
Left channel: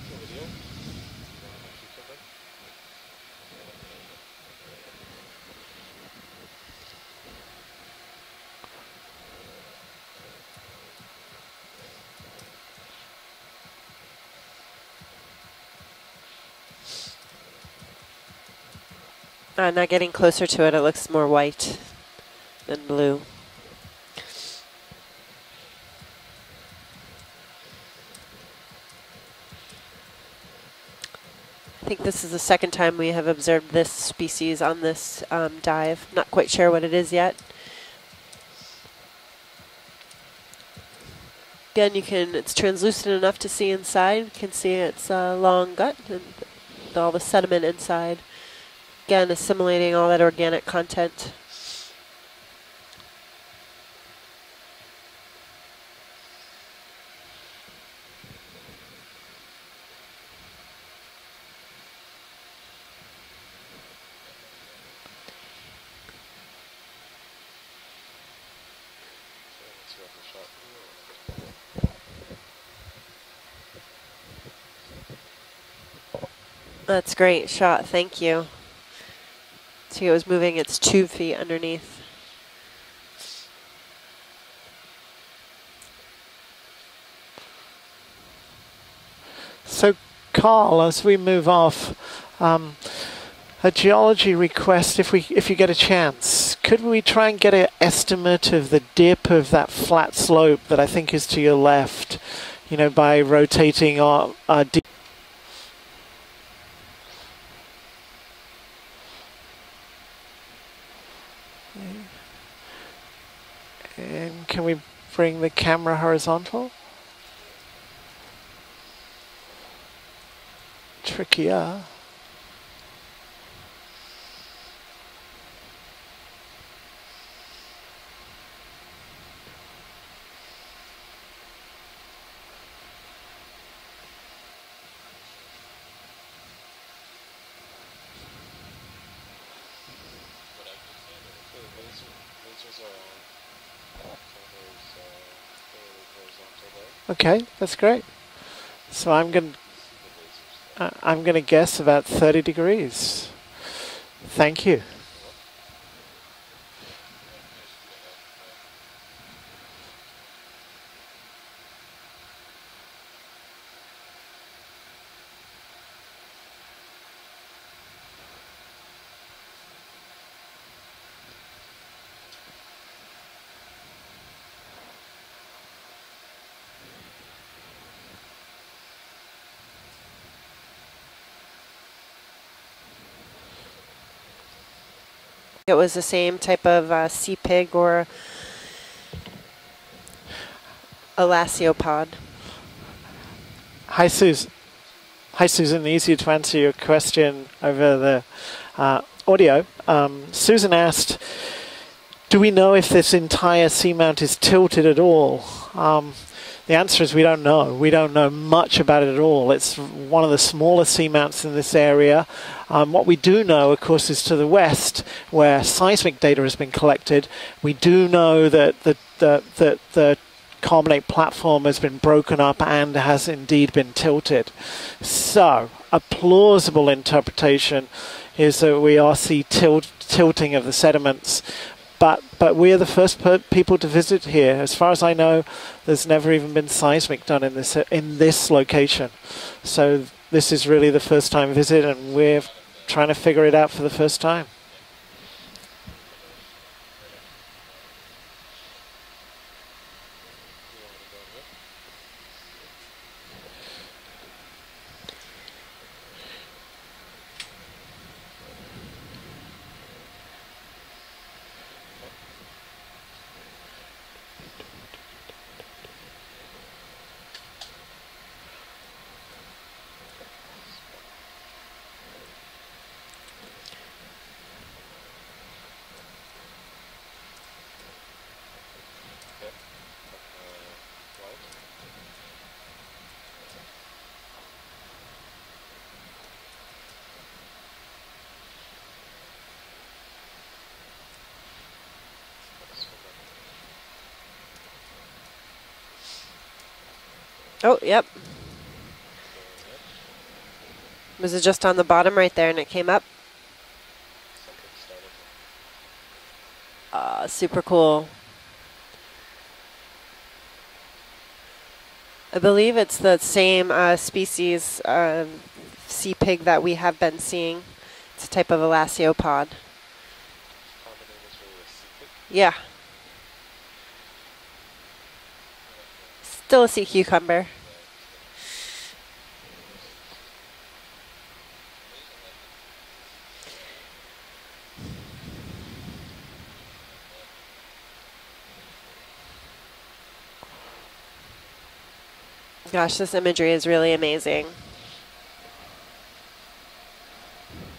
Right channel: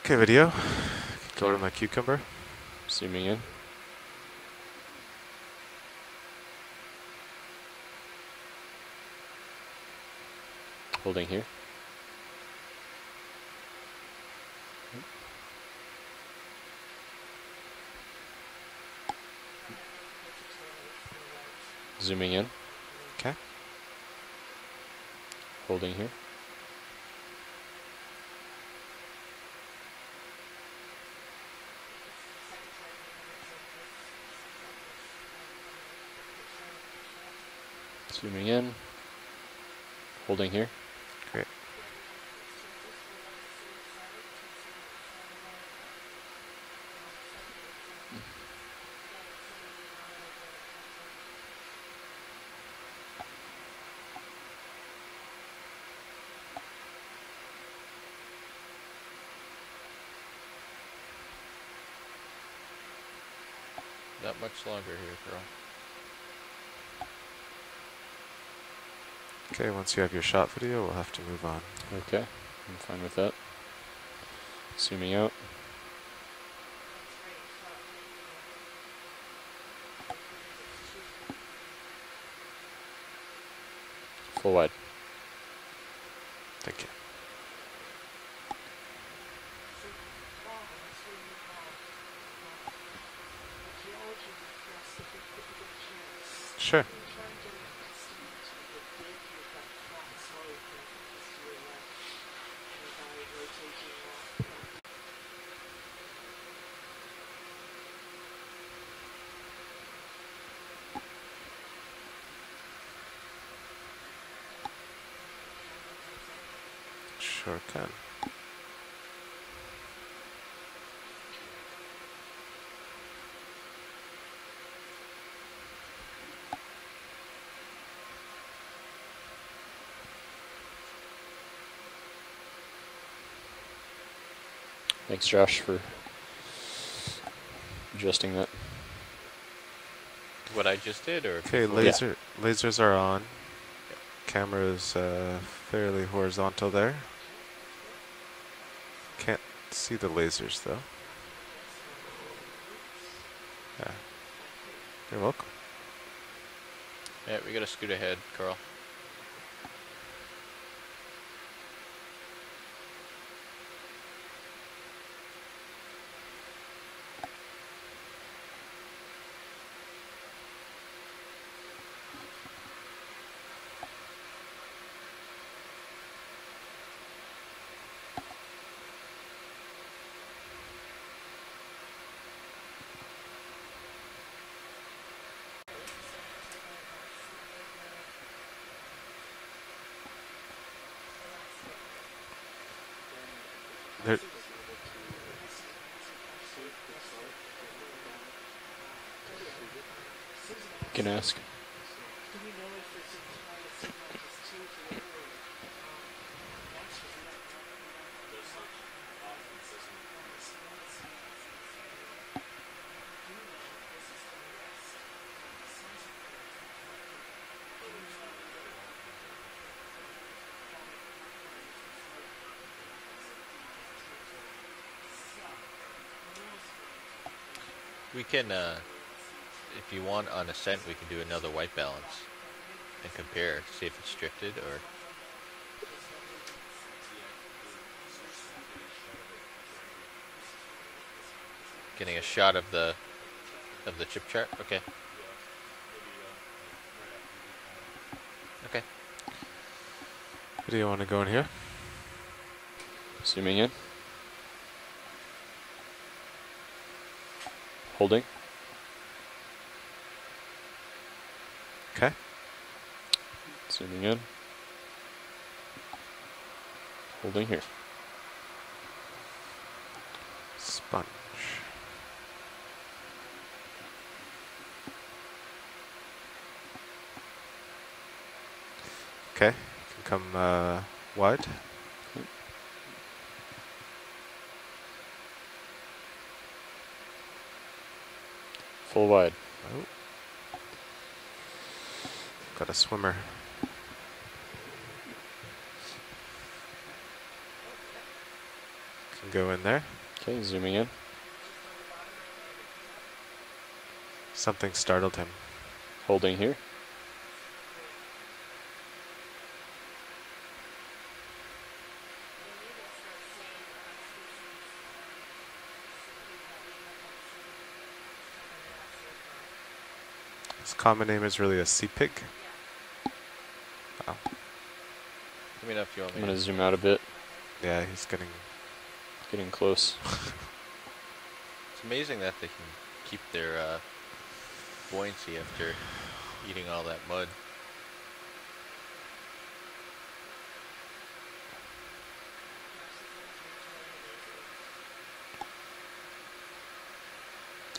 Okay, video. Go to my cucumber. Zooming in. Holding here. Not getting closer to it, it looks more white. Zooming in. Than blue. Okay. Holding here. I think this is the second time we have observed this species on this dive. Not quite sure what it is yet. Zooming in. Holding here. Great. Again, it's translucent enough to see inside. You can see its long gut and all the sediment inside. Again, assimilating all that organic content. Not much longer here, Carl. Okay, once you have your shot video, we'll have to move on. Okay, I'm fine with that. Zooming out. That's great shot, thank you. See, it was moving its 2 feet underneath. Full wide. Thank you. So, Carl, as we move off, a geology request, if you get a chance, sure. Could we try and get an estimate of the dip of that flat slope that I think is to your left, you know, by rotating our And can we bring the camera horizontal? Sure can. Trickier. Thanks, Josh, for adjusting that. What I just did, or? Okay, lasers are on. Camera is fairly horizontal there. Okay, that's great. So I'm going to see the lasers though. I'm going to guess about 30 degrees. Okay. Thank you. You're welcome. Yeah, we gotta scoot ahead, Carl. It was the same type of sea pig or elasiopod. Hi, Susan. Hi, Susan. Easier to answer your question over the audio. Susan asked, do we know if this entire seamount is tilted at all? The answer is we don't know. We don't know much about it at all. It's one of the smaller seamounts in this area. What we do know, of course, is to the west, where seismic data has been collected. We do know that the carbonate platform has been broken up and has indeed been tilted. So, a plausible interpretation is that we are seeing tilting of the sediments. But we are the first people to visit here. As far as I know, there's never even been seismic done in this location. So this is really the first time visit, and we're trying to figure it out for the first time. Okay. Okay. Do you want to go in here? Zooming in. Holding. Okay. Zooming in. Holding here. Sponge. Okay. Come wide. Full wide. Oh. Got a swimmer. Oh, yep. Can go in there. Okay, zooming in. Was it just on the bottom right there and it came up? Something startled him. Holding here. Super cool. I believe it's the same species sea pig that we have been seeing. It's a type of elasiopod. His common name is really a sea pig? Yeah. Wow. Let me know if you want me to Still a sea cucumber. Yeah, he's getting close. It's amazing that they can keep their buoyancy after eating all that mud. Gosh, this imagery is really amazing.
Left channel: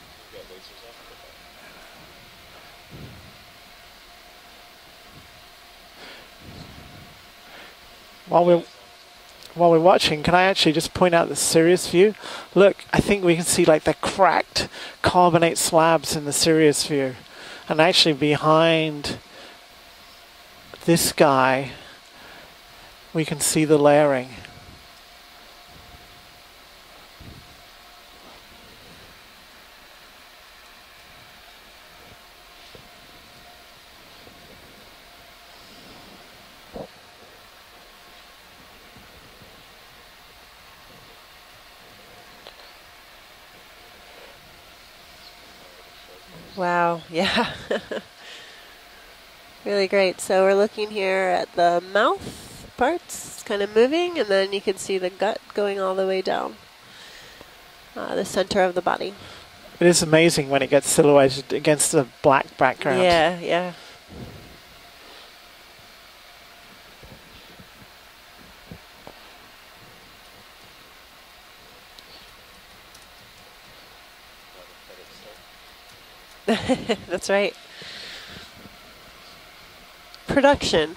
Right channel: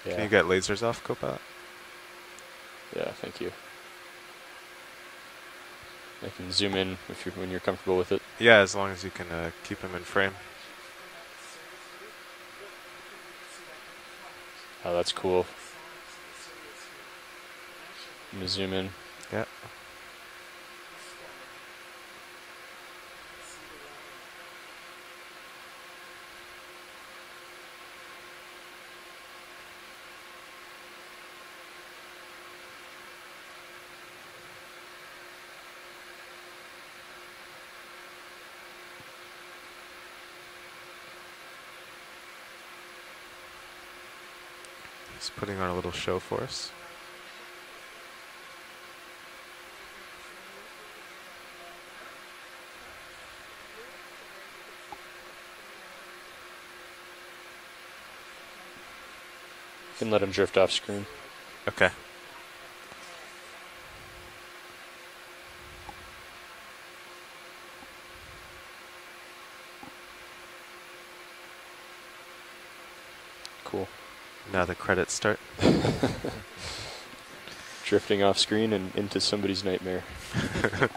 Yeah. Can you get lasers off, Copilot? Yeah, thank you. I can zoom in when you're comfortable with it. Yeah, as long as you can. While we're watching, can I actually just point out the Sirius view? Look, I think we can see like the cracked carbonate slabs in the Sirius view. And actually behind this guy, we can see the layering. Putting on a little show for us. Wow, yeah. Really great. So we're looking here at the mouth parts kind of moving, and then you can see the gut going all the way down the center of the body. It is amazing when it gets silhouetted against the black background. Yeah, yeah. Cool. Now the credits start. That's right. Drifting off screen and into somebody's nightmare. Production,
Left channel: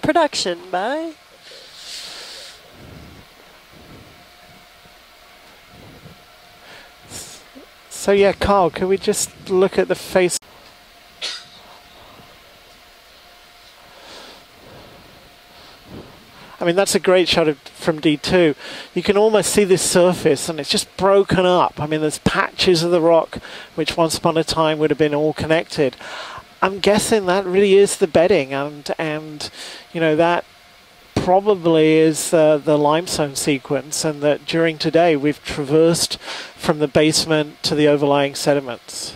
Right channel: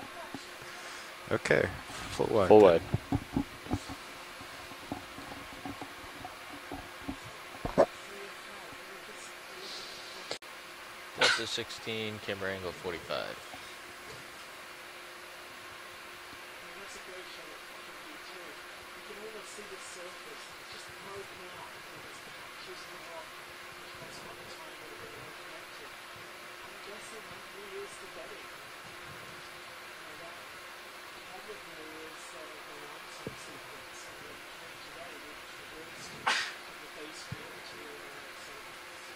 bye. Okay, full wide. Full wide. So yeah, Carl, can we just look at the face? Delta 16, camera angle 45. I mean, that's a great shot from D2. You can almost see this surface, and it's just broken up. I mean, there's patches of the rock, which once upon a time would have been all connected. I'm guessing that really is the bedding, and you know, that probably is the limestone sequence, and that during today we've traversed from the basement to the overlying sediments.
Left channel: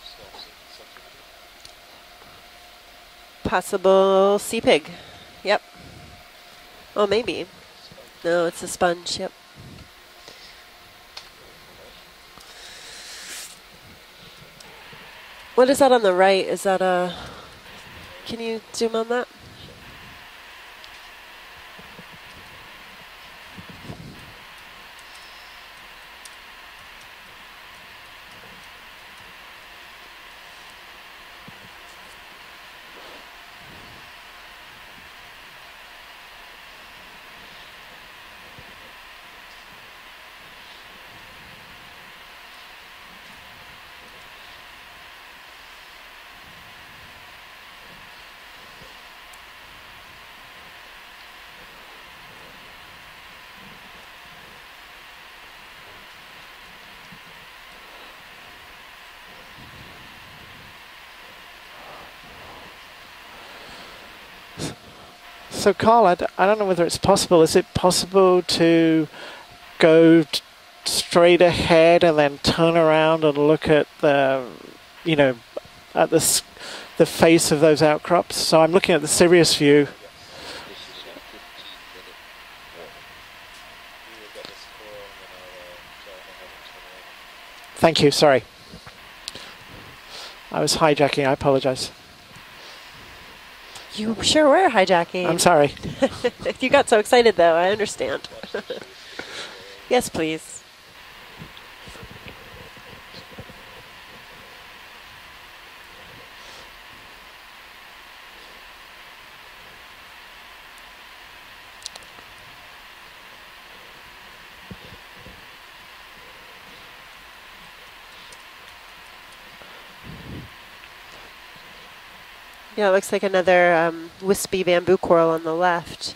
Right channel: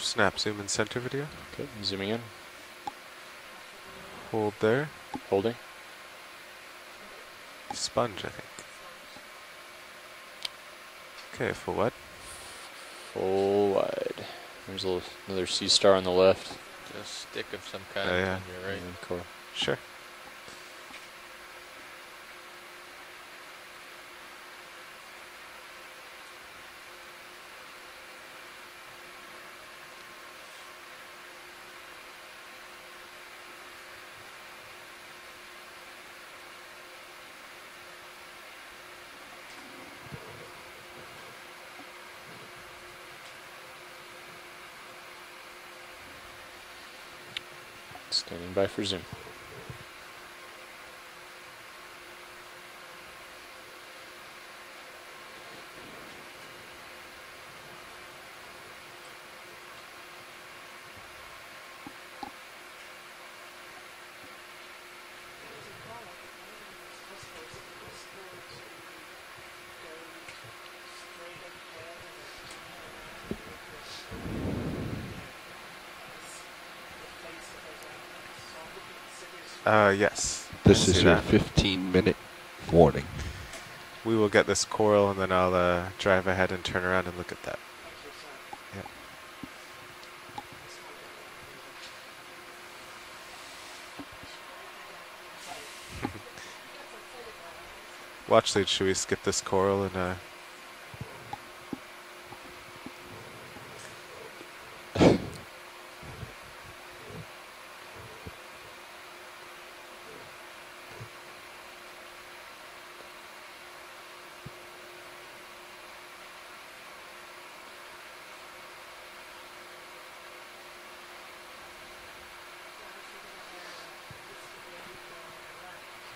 Snap, zoom, and center video. Okay, zooming in. Possible sea pig. Hold it. Yep. Oh, maybe. Sponge. No, it's a sponge. Yep. Okay, full wide. Full wide. There's another sea What is that star on the right? left. Is that a... Stick of some kind. Can you zoom on that? Sure. Standing by for zoom. So, Carl, I don't know whether it's possible. Is it possible to go straight ahead and then turn around and look at the, you know, at the face of those outcrops? So I'm looking at the Sirius view. Yes. This is your 15-minute warning. We will get this coral, and then I'll drive ahead and turn around and look at that. Thank you. Sorry. I was hijacking. I apologize. You sure were hijacking. I'm sorry. You got so excited, though. I understand. Well, actually, should we skip this coral? And, Yes, please. Yeah, it looks like another wispy bamboo coral on the left.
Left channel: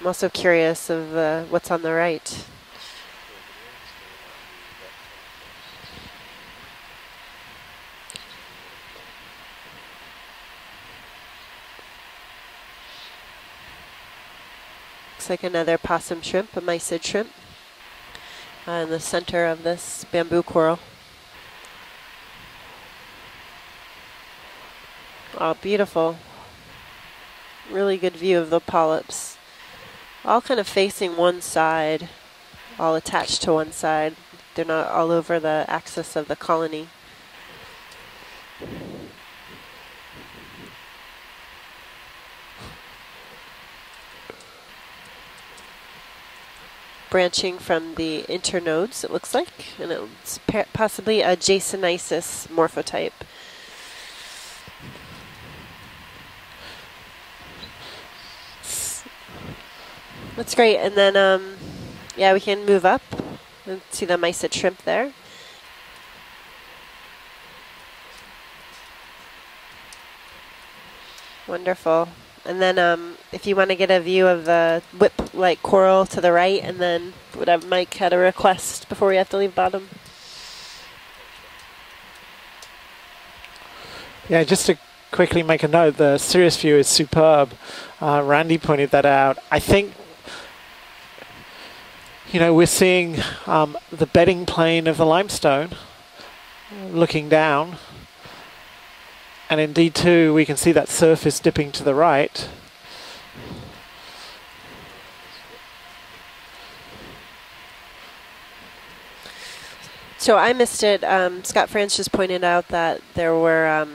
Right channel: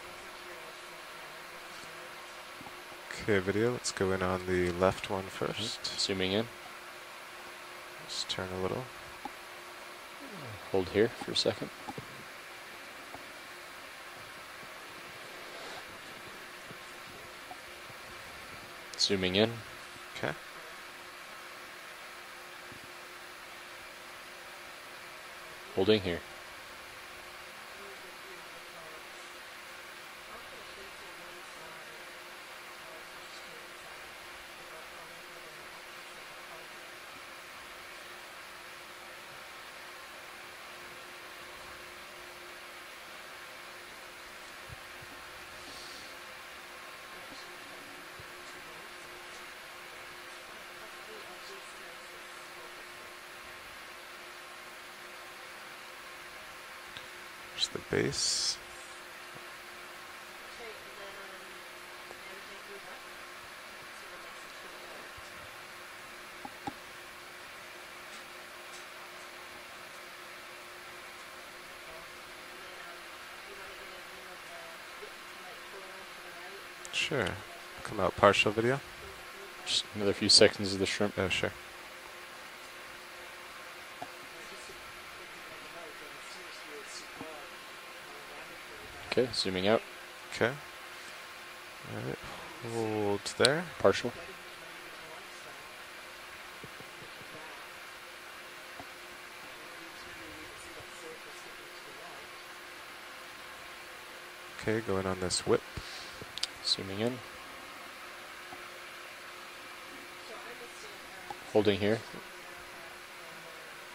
I'm also curious of what's on the right. Okay, video. Let's go in on the left one first. Zooming in. Just turn a little. Hold here for a second. Looks like another possum shrimp, a mysid shrimp, in the Zooming center in. of this bamboo coral. Oh, beautiful. Really good view of the polyps. All kind of facing one side, all attached to one side. They're not all over the axis of the colony. Branching from the internodes, it looks like, and it's possibly a Jasonisis morphotype. There's the base. That's great. And then, yeah, we can move up and see the mysid shrimp there. Wonderful. And then if you want to get a view of the whip-like coral to the right, and then would have Mike had a request video? before we have to leave bottom? Just another few seconds of the shrimp. Oh, sure. Yeah, just to quickly make a note, the Sirius view is superb. Randy pointed that out. I think, you know, we're seeing the bedding plane of the limestone looking down. And in D2, we can see that surface dipping to the right. Okay, going on this whip. Zooming in. So I missed it. Scott Holding France here. just pointed out that there were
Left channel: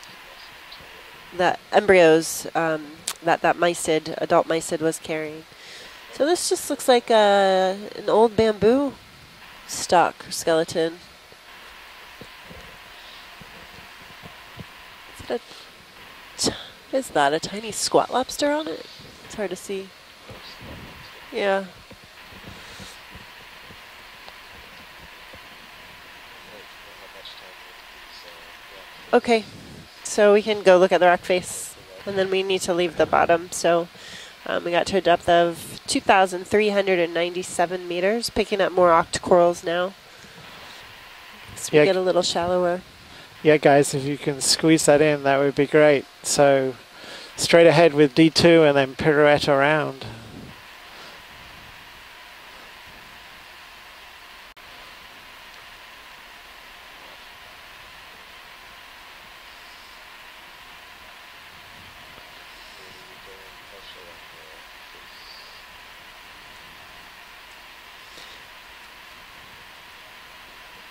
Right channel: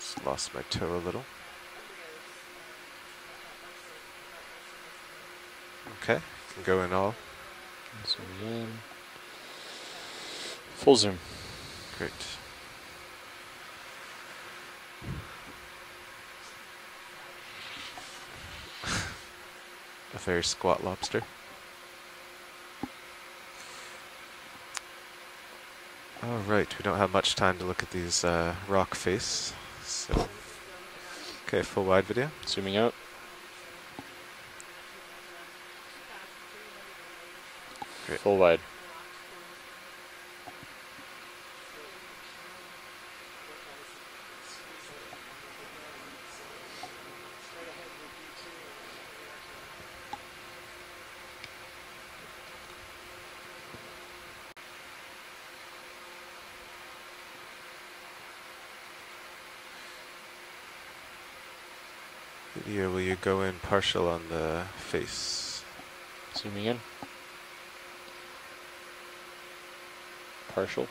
Just lost my toe a little. the embryos that mysid, adult mysid, was carrying. Okay. So this just looks Going like all. an old bamboo stock skeleton. Full zoom. Great. Is that a tiny squat lobster on it? It's hard to see. A very squat lobster. Yeah. All right, we don't have much time to look at these rock faces. Okay, so we can go look at the rock face. Okay, full wide. And then we need to leave the bottom. So we got to a depth of 2,397 meters, Full picking wide. up more octocorals now. So we Yeah. get a little shallower. Yeah, guys, if you can squeeze that in, that would be great. So straight ahead with D2 and then pirouette around. Yeah, will you go in partial on the face? Zooming in. Partial.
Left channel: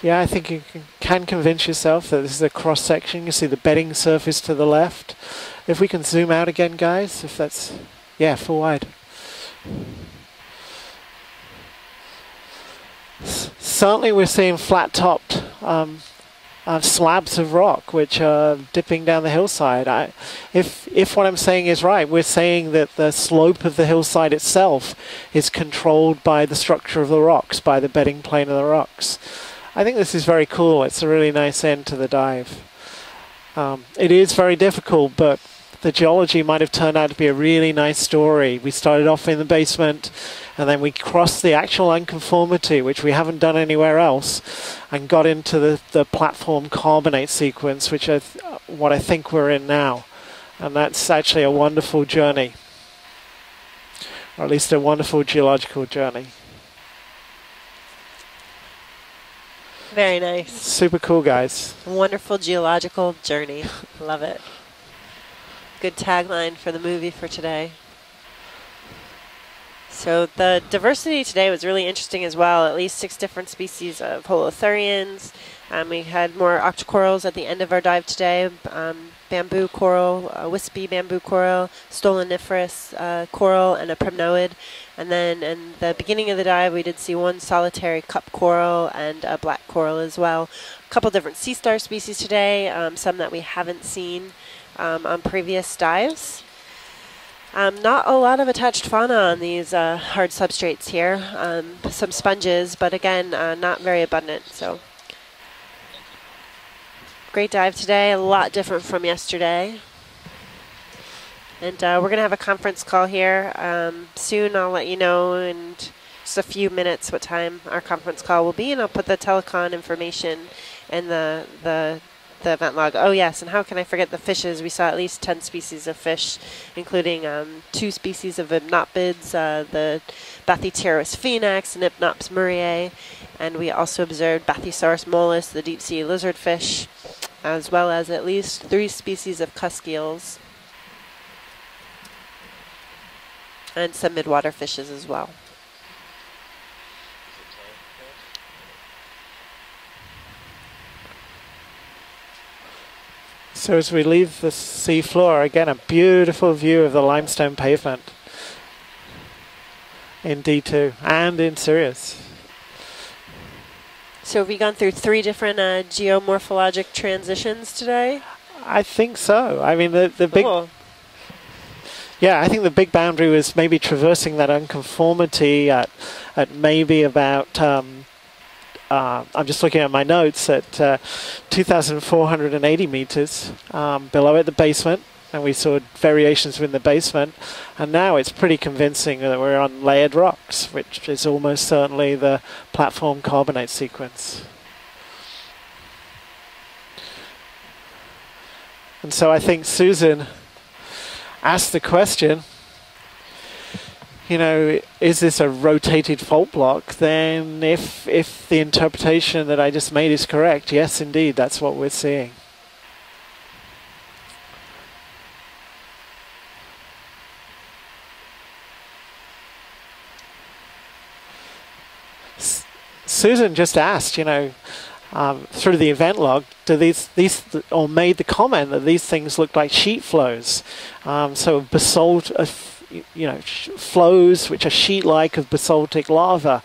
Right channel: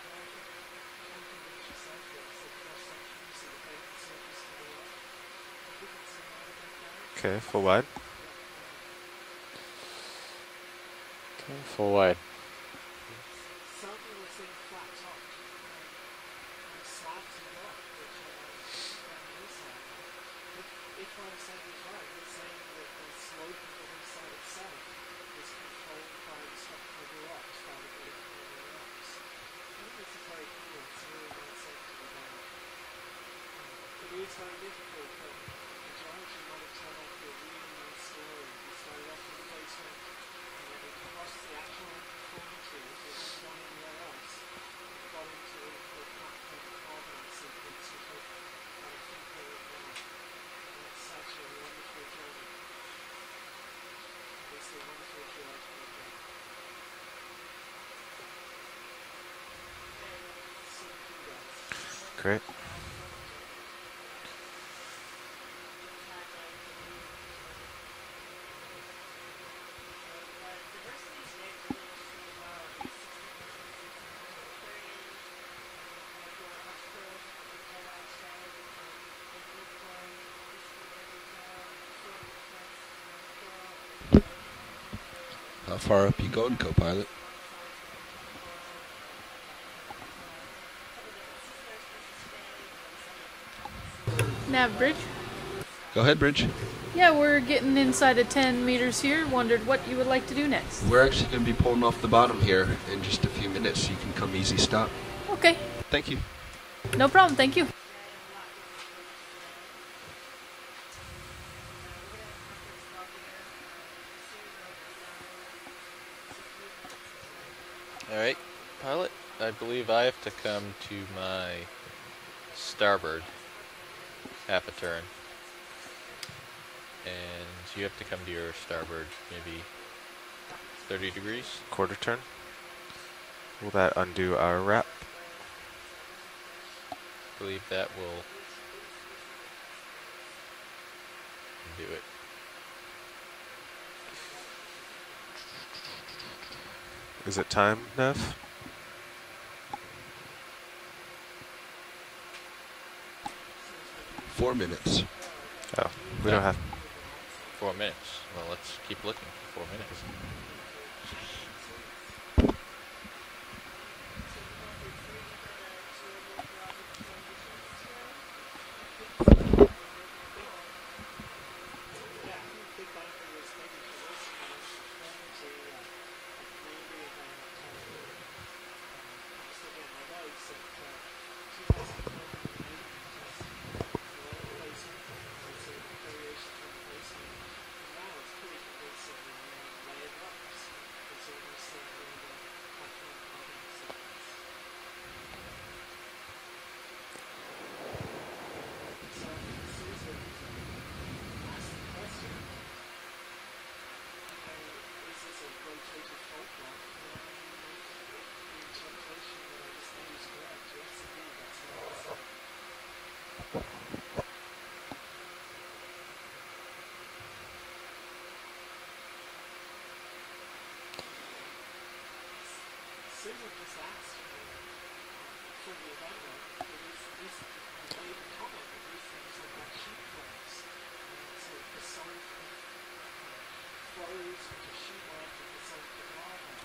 Yeah, I think you can convince yourself that this is a cross-section. You see the bedding surface to the left. If we can zoom out again, guys. Okay, if that's full wide? Yeah, full wide. Full wide. Certainly we're seeing flat-topped slabs of rock which are dipping down the hillside. If what I'm saying is right, we're saying that the slope of the hillside itself is controlled by the structure of the rocks, by the bedding plane of the rocks. I think this is very cool. It's a really nice end to the dive. It is very difficult, but the geology might have turned out to be a really nice story. We started off in the basement, and then we crossed the actual unconformity, which we haven't done anywhere else, and got into the platform carbonate sequence, which is what I think we're in now. And that's actually a wonderful journey, or at least a wonderful geological journey. Very nice. Super cool, guys. Wonderful Great. geological journey. Love it. Good tagline for the movie for today. So the diversity today was really interesting as well. At least 6 different species of holothurians. We had more octocorals at the end of our dive today. Bamboo coral, wispy bamboo coral, stoloniferous coral, and a primnoid. And then in the beginning of the dive, we did see 1 solitary cup coral and a black coral as well. A couple different sea star species today, some that we haven't seen on previous dives. Go ahead, Bridge. Yeah, we're getting Not inside a lot of 10 attached meters fauna here. on Wondered these what you would like hard to do next. substrates here. Some sponges, but again, not very abundant. So. Okay. Thank you. No problem. Great Thank dive today, a lot different from yesterday. And we're going to have a conference call here soon. I'll let you know in just a few minutes what time our conference call will be, and I'll put the telecon information in the event log. Oh yes, and how can I forget the fishes? We saw at least 10 species of fish, including 2 species of knotbids, the Bathypteros phoenix, and Nympnops murray. And we also observed Bathysaurus mollis, the deep-sea lizardfish, as well as at least 3 species of cusk eels. And some midwater fishes as well. Is it time, Nev? So as we leave the sea floor, again, a beautiful view of the limestone pavement in D2 and in Sirius. So have we gone through 3 different geomorphologic transitions today? I think so. I mean, the big... Yeah, I think the big boundary was maybe traversing that unconformity at maybe about... I'm just looking at my notes at 2,480 meters below at the basement, and we saw variations within the basement. And now it's pretty convincing that we're on layered rocks, which is almost certainly the platform carbonate sequence. And so I think Susan asked the question, you know, is this a rotated fault block? Then if the interpretation that I just made is correct, yes, indeed, that's what we're seeing. Susan just asked, you know, through the event log, do these or made the comment that these things look like sheet flows. So basalt flows which are sheet-like of basaltic lava.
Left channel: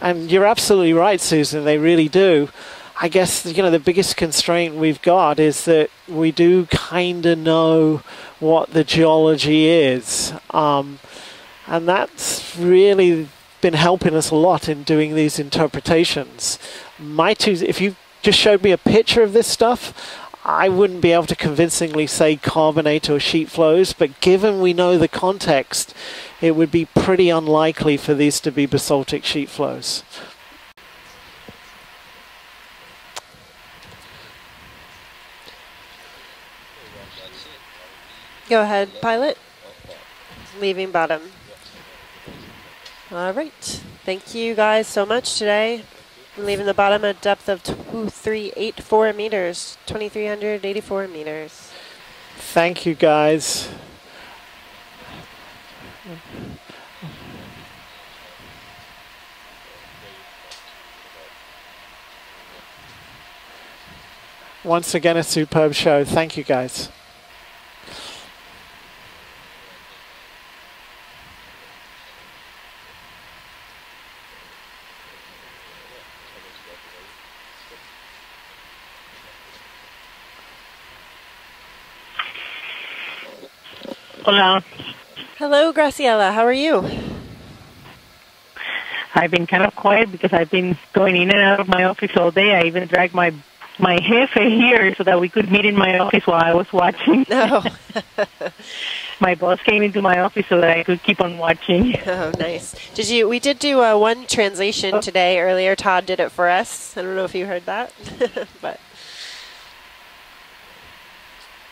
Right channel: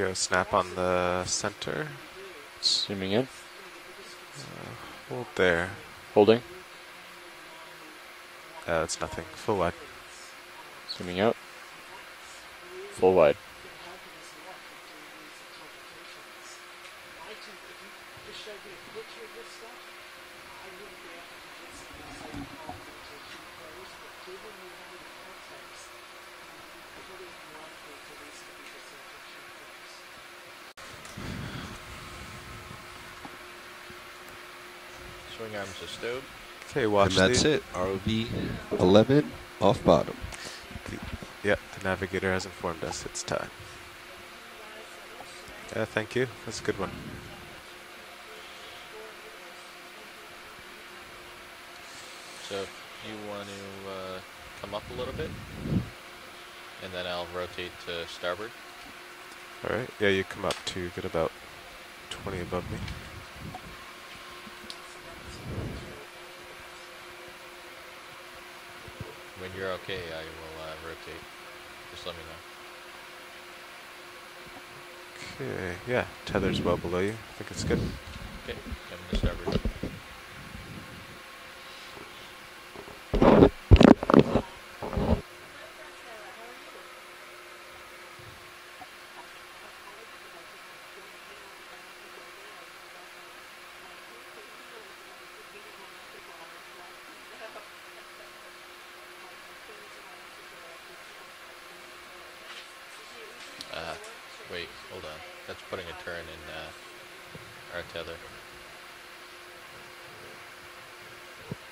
And you're absolutely right, Susan, they really do. I guess, the biggest constraint we've got is that we do kind of know what the geology is. And that's really been helping us a lot in doing these interpretations. If you just showed me a picture of this stuff, I wouldn't be able to convincingly say carbonate or sheet flows, but given we know the context, it would be pretty unlikely for these to be basaltic sheet flows. Okay, watch and that's the it. ROV. Go ahead, 11 pilot. Off bottom. Leaving bottom. Yep, the navigator has informed us. It's All time. right. Thank you guys so much today. Yeah, thank you. Leaving the bottom at depth of 2384 meters, 2,384 meters. Thank you, guys. Come up a little bit, and then I'll rotate to starboard. All right. Yeah, you come up to get about 20 above me. Once again, a superb show. Thank you, guys. When you're okay, I will rotate. Just let me know. Okay. Yeah, tether's well below you. I think it's good. Okay, come to starboard. Hola. Hello, Graciela. How are you? I've been kind of quiet because I've been going in and out of my office all day. I even dragged my jefe here so that we could meet in my office while I was watching. Oh. My boss came into my office so that I could keep on watching. Oh, nice. We did do one translation today earlier. Todd did it for us. I don't know if you heard that. But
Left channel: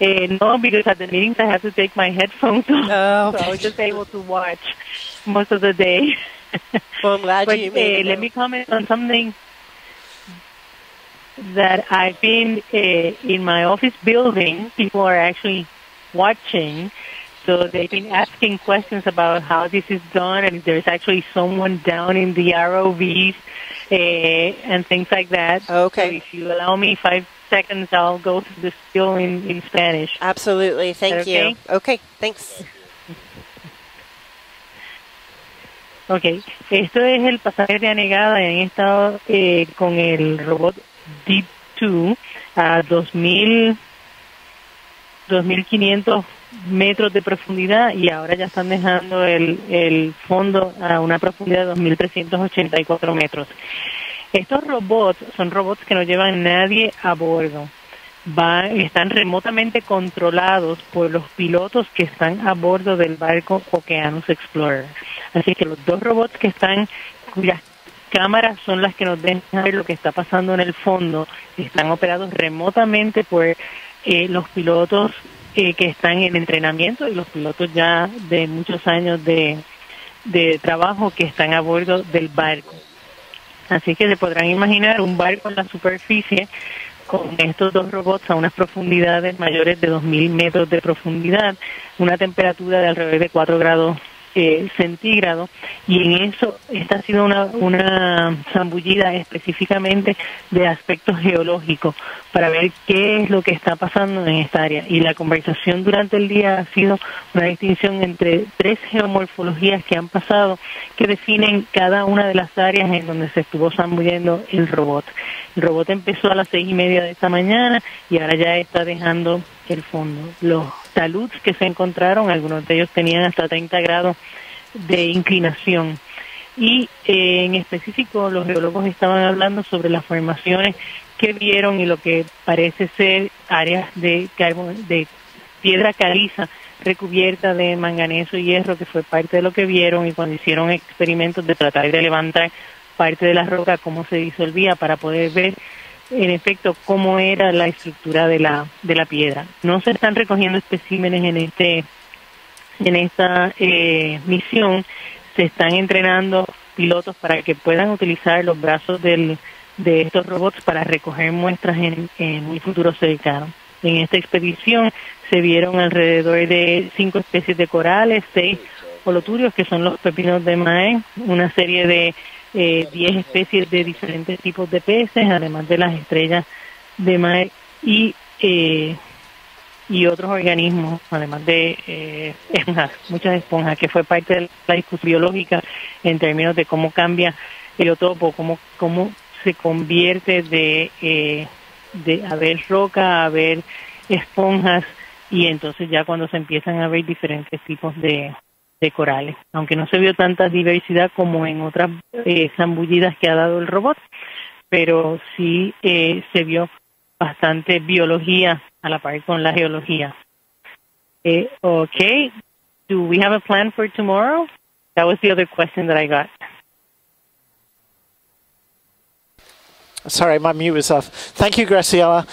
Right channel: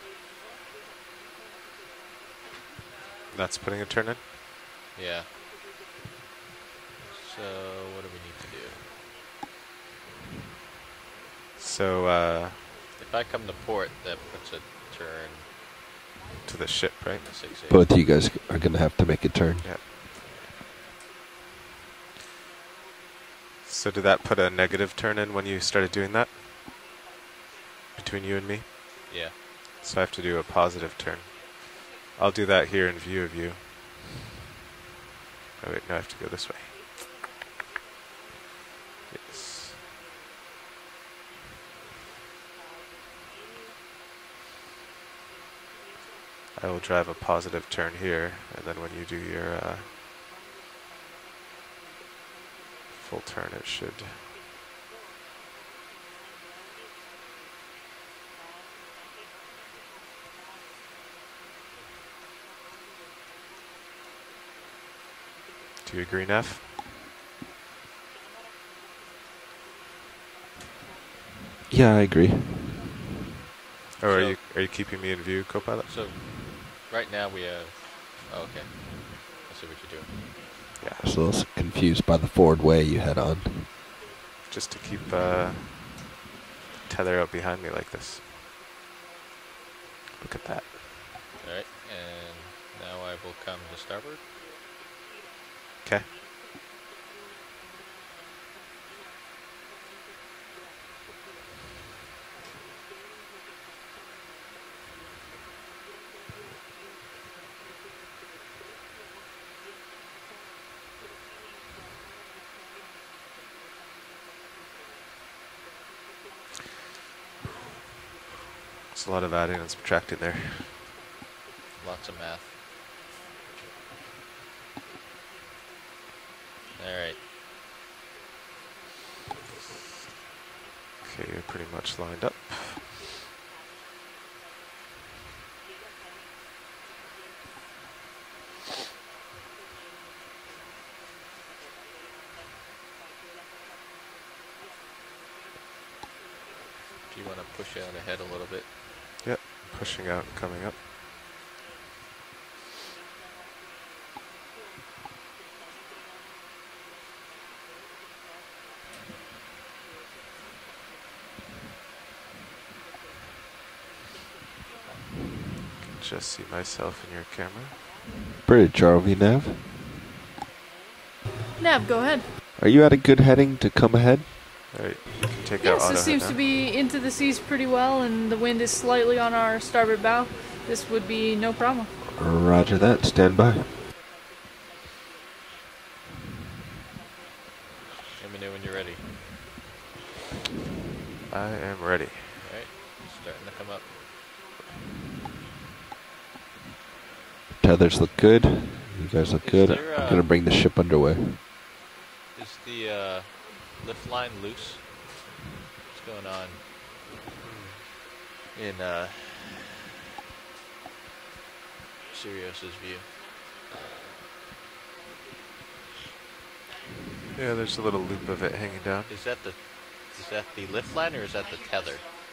no, because at the meetings I have to take my headphones off. Oh, so I was just able to watch most of the day. Well, I'm glad you made it. Let me comment on something that I've been in my office building. People are actually watching. So they've been asking questions about how this is done, and there's actually someone down in the ROVs and things like that. Okay, if you allow me 5 seconds, I'll go through the spiel in Spanish. Absolutely, thank you. Okay, thanks. I'll do that here in view of you. Ok, esto es el pasaje de anegada en estado con el robot Deep 2 a 2.500 metros de profundidad y ahora ya están dejando el fondo a una profundidad de 2.384 metros. Estos robots son robots que no llevan nadie a bordo. Están remotamente controlados por los pilotos que están a bordo del barco Okeanos Explorer. Así que los dos robots que están, cuyas cámaras son las que nos dejan ver lo que está pasando en el fondo, están operados remotamente por los pilotos que están en entrenamiento y los pilotos ya de muchos años de trabajo que están a bordo del barco. Así que se podrán imaginar un barco en la superficie con estos dos robots a unas profundidades mayores de 2.000 metros de profundidad, una temperatura de alrededor de 4 grados centígrados, y en eso esta ha sido una zambullida específicamente de aspectos geológicos para ver qué es lo que está pasando en esta área. Y la conversación durante el día ha sido una distinción entre 3 geomorfologías que han pasado que definen cada una de las áreas en donde se estuvo zambullendo el robot. El robot empezó a las 6:30 de esta mañana y ahora ya está dejando el fondo. Los taludes que se encontraron, algunos de ellos tenían hasta 30 grados de inclinación. Y en específico los geólogos estaban hablando sobre las formaciones que vieron y lo que parece ser áreas de piedra caliza recubierta de manganeso y hierro, que fue parte de lo que vieron, y cuando hicieron experimentos de tratar de levantar parte de la roca, cómo se disolvía, para poder ver en efecto cómo era la estructura de la piedra. No se están recogiendo especímenes en esta misión. Se están entrenando pilotos para que puedan utilizar los brazos de estos robots para recoger muestras en un futuro cercano. En esta expedición se vieron alrededor de 5 especies de corales, 6 holoturios, que son los pepinos de maíz, una serie de Are you at a 10 good heading especies to de come ahead? diferentes tipos de peces, además de las Seems to estrellas be into the de seas mar pretty well, y, and the wind is slightly on our starboard y otros bow. This organismos, would be además no de problem. esponjas, muchas esponjas, que fue parte de la discusión biológica en términos de cómo cambia el biotopo, cómo se convierte de haber roca a haber esponjas, y entonces ya cuando se empiezan a ver diferentes tipos de corales. Aunque no se vio tanta diversidad como en otras zambullidas que ha dado el robot, pero sí se vio bastante biología a la par con la geología. Okay, do we have a plan for tomorrow? That was the other question that I got. Yeah, there's a little loop of it hanging down. Is that the? Sorry, my mute was off. Thank you, Graciela.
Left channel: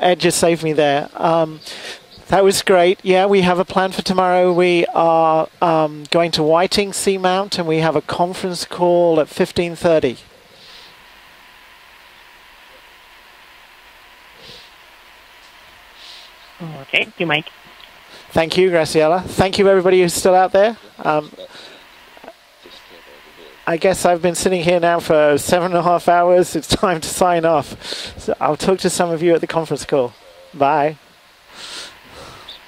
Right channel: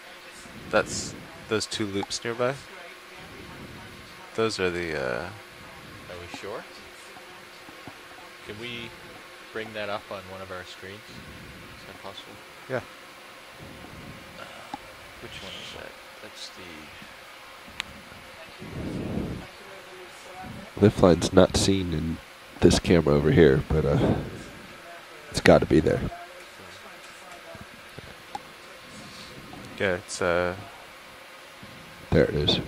Ed just saved me there. Those 2 loops nearby. That was great. Yeah, we have a plan for tomorrow. We are going to Whiting Seamount, and we have a conference call at 15:30. Yeah. Okay, thank you, Mike. Thank you, Graciela. Thank you, everybody who's still out there. Lift line's not seen in this camera over here. I guess I've been sitting here now for 7.5 hours. It's time to sign off. So I'll talk to some of you at the conference call. Bye. There it is.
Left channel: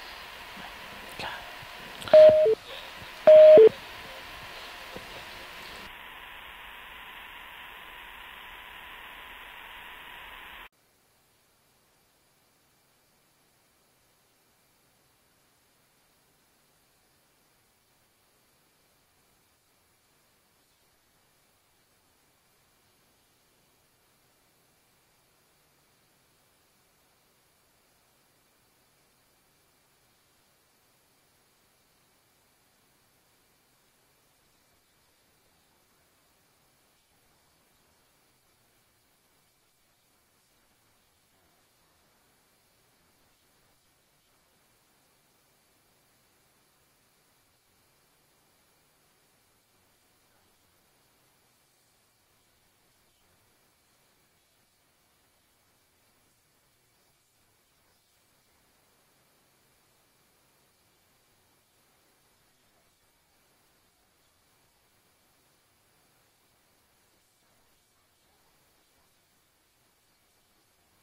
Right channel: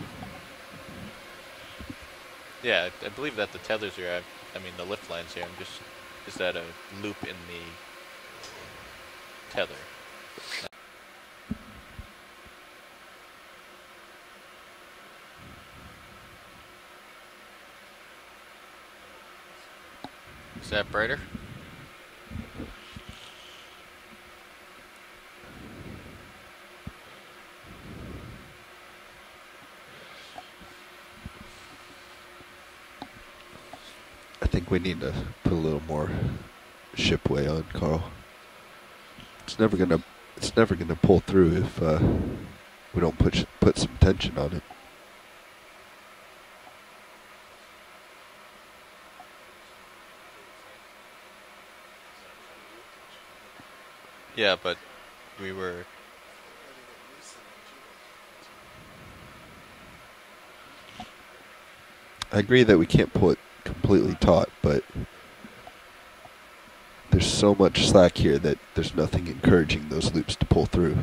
Yeah, I believe that the tethers are at, I mean the lift lines here, is that a loop in the tether? Is that brighter? I think we need to put a little more shipway on, Carl. It's never gonna pull through if we don't put some tension on it. Yeah, but we were. I agree that we can't pull it completely taut, but there's so much slack here that there's nothing encouraging those loops to pull through.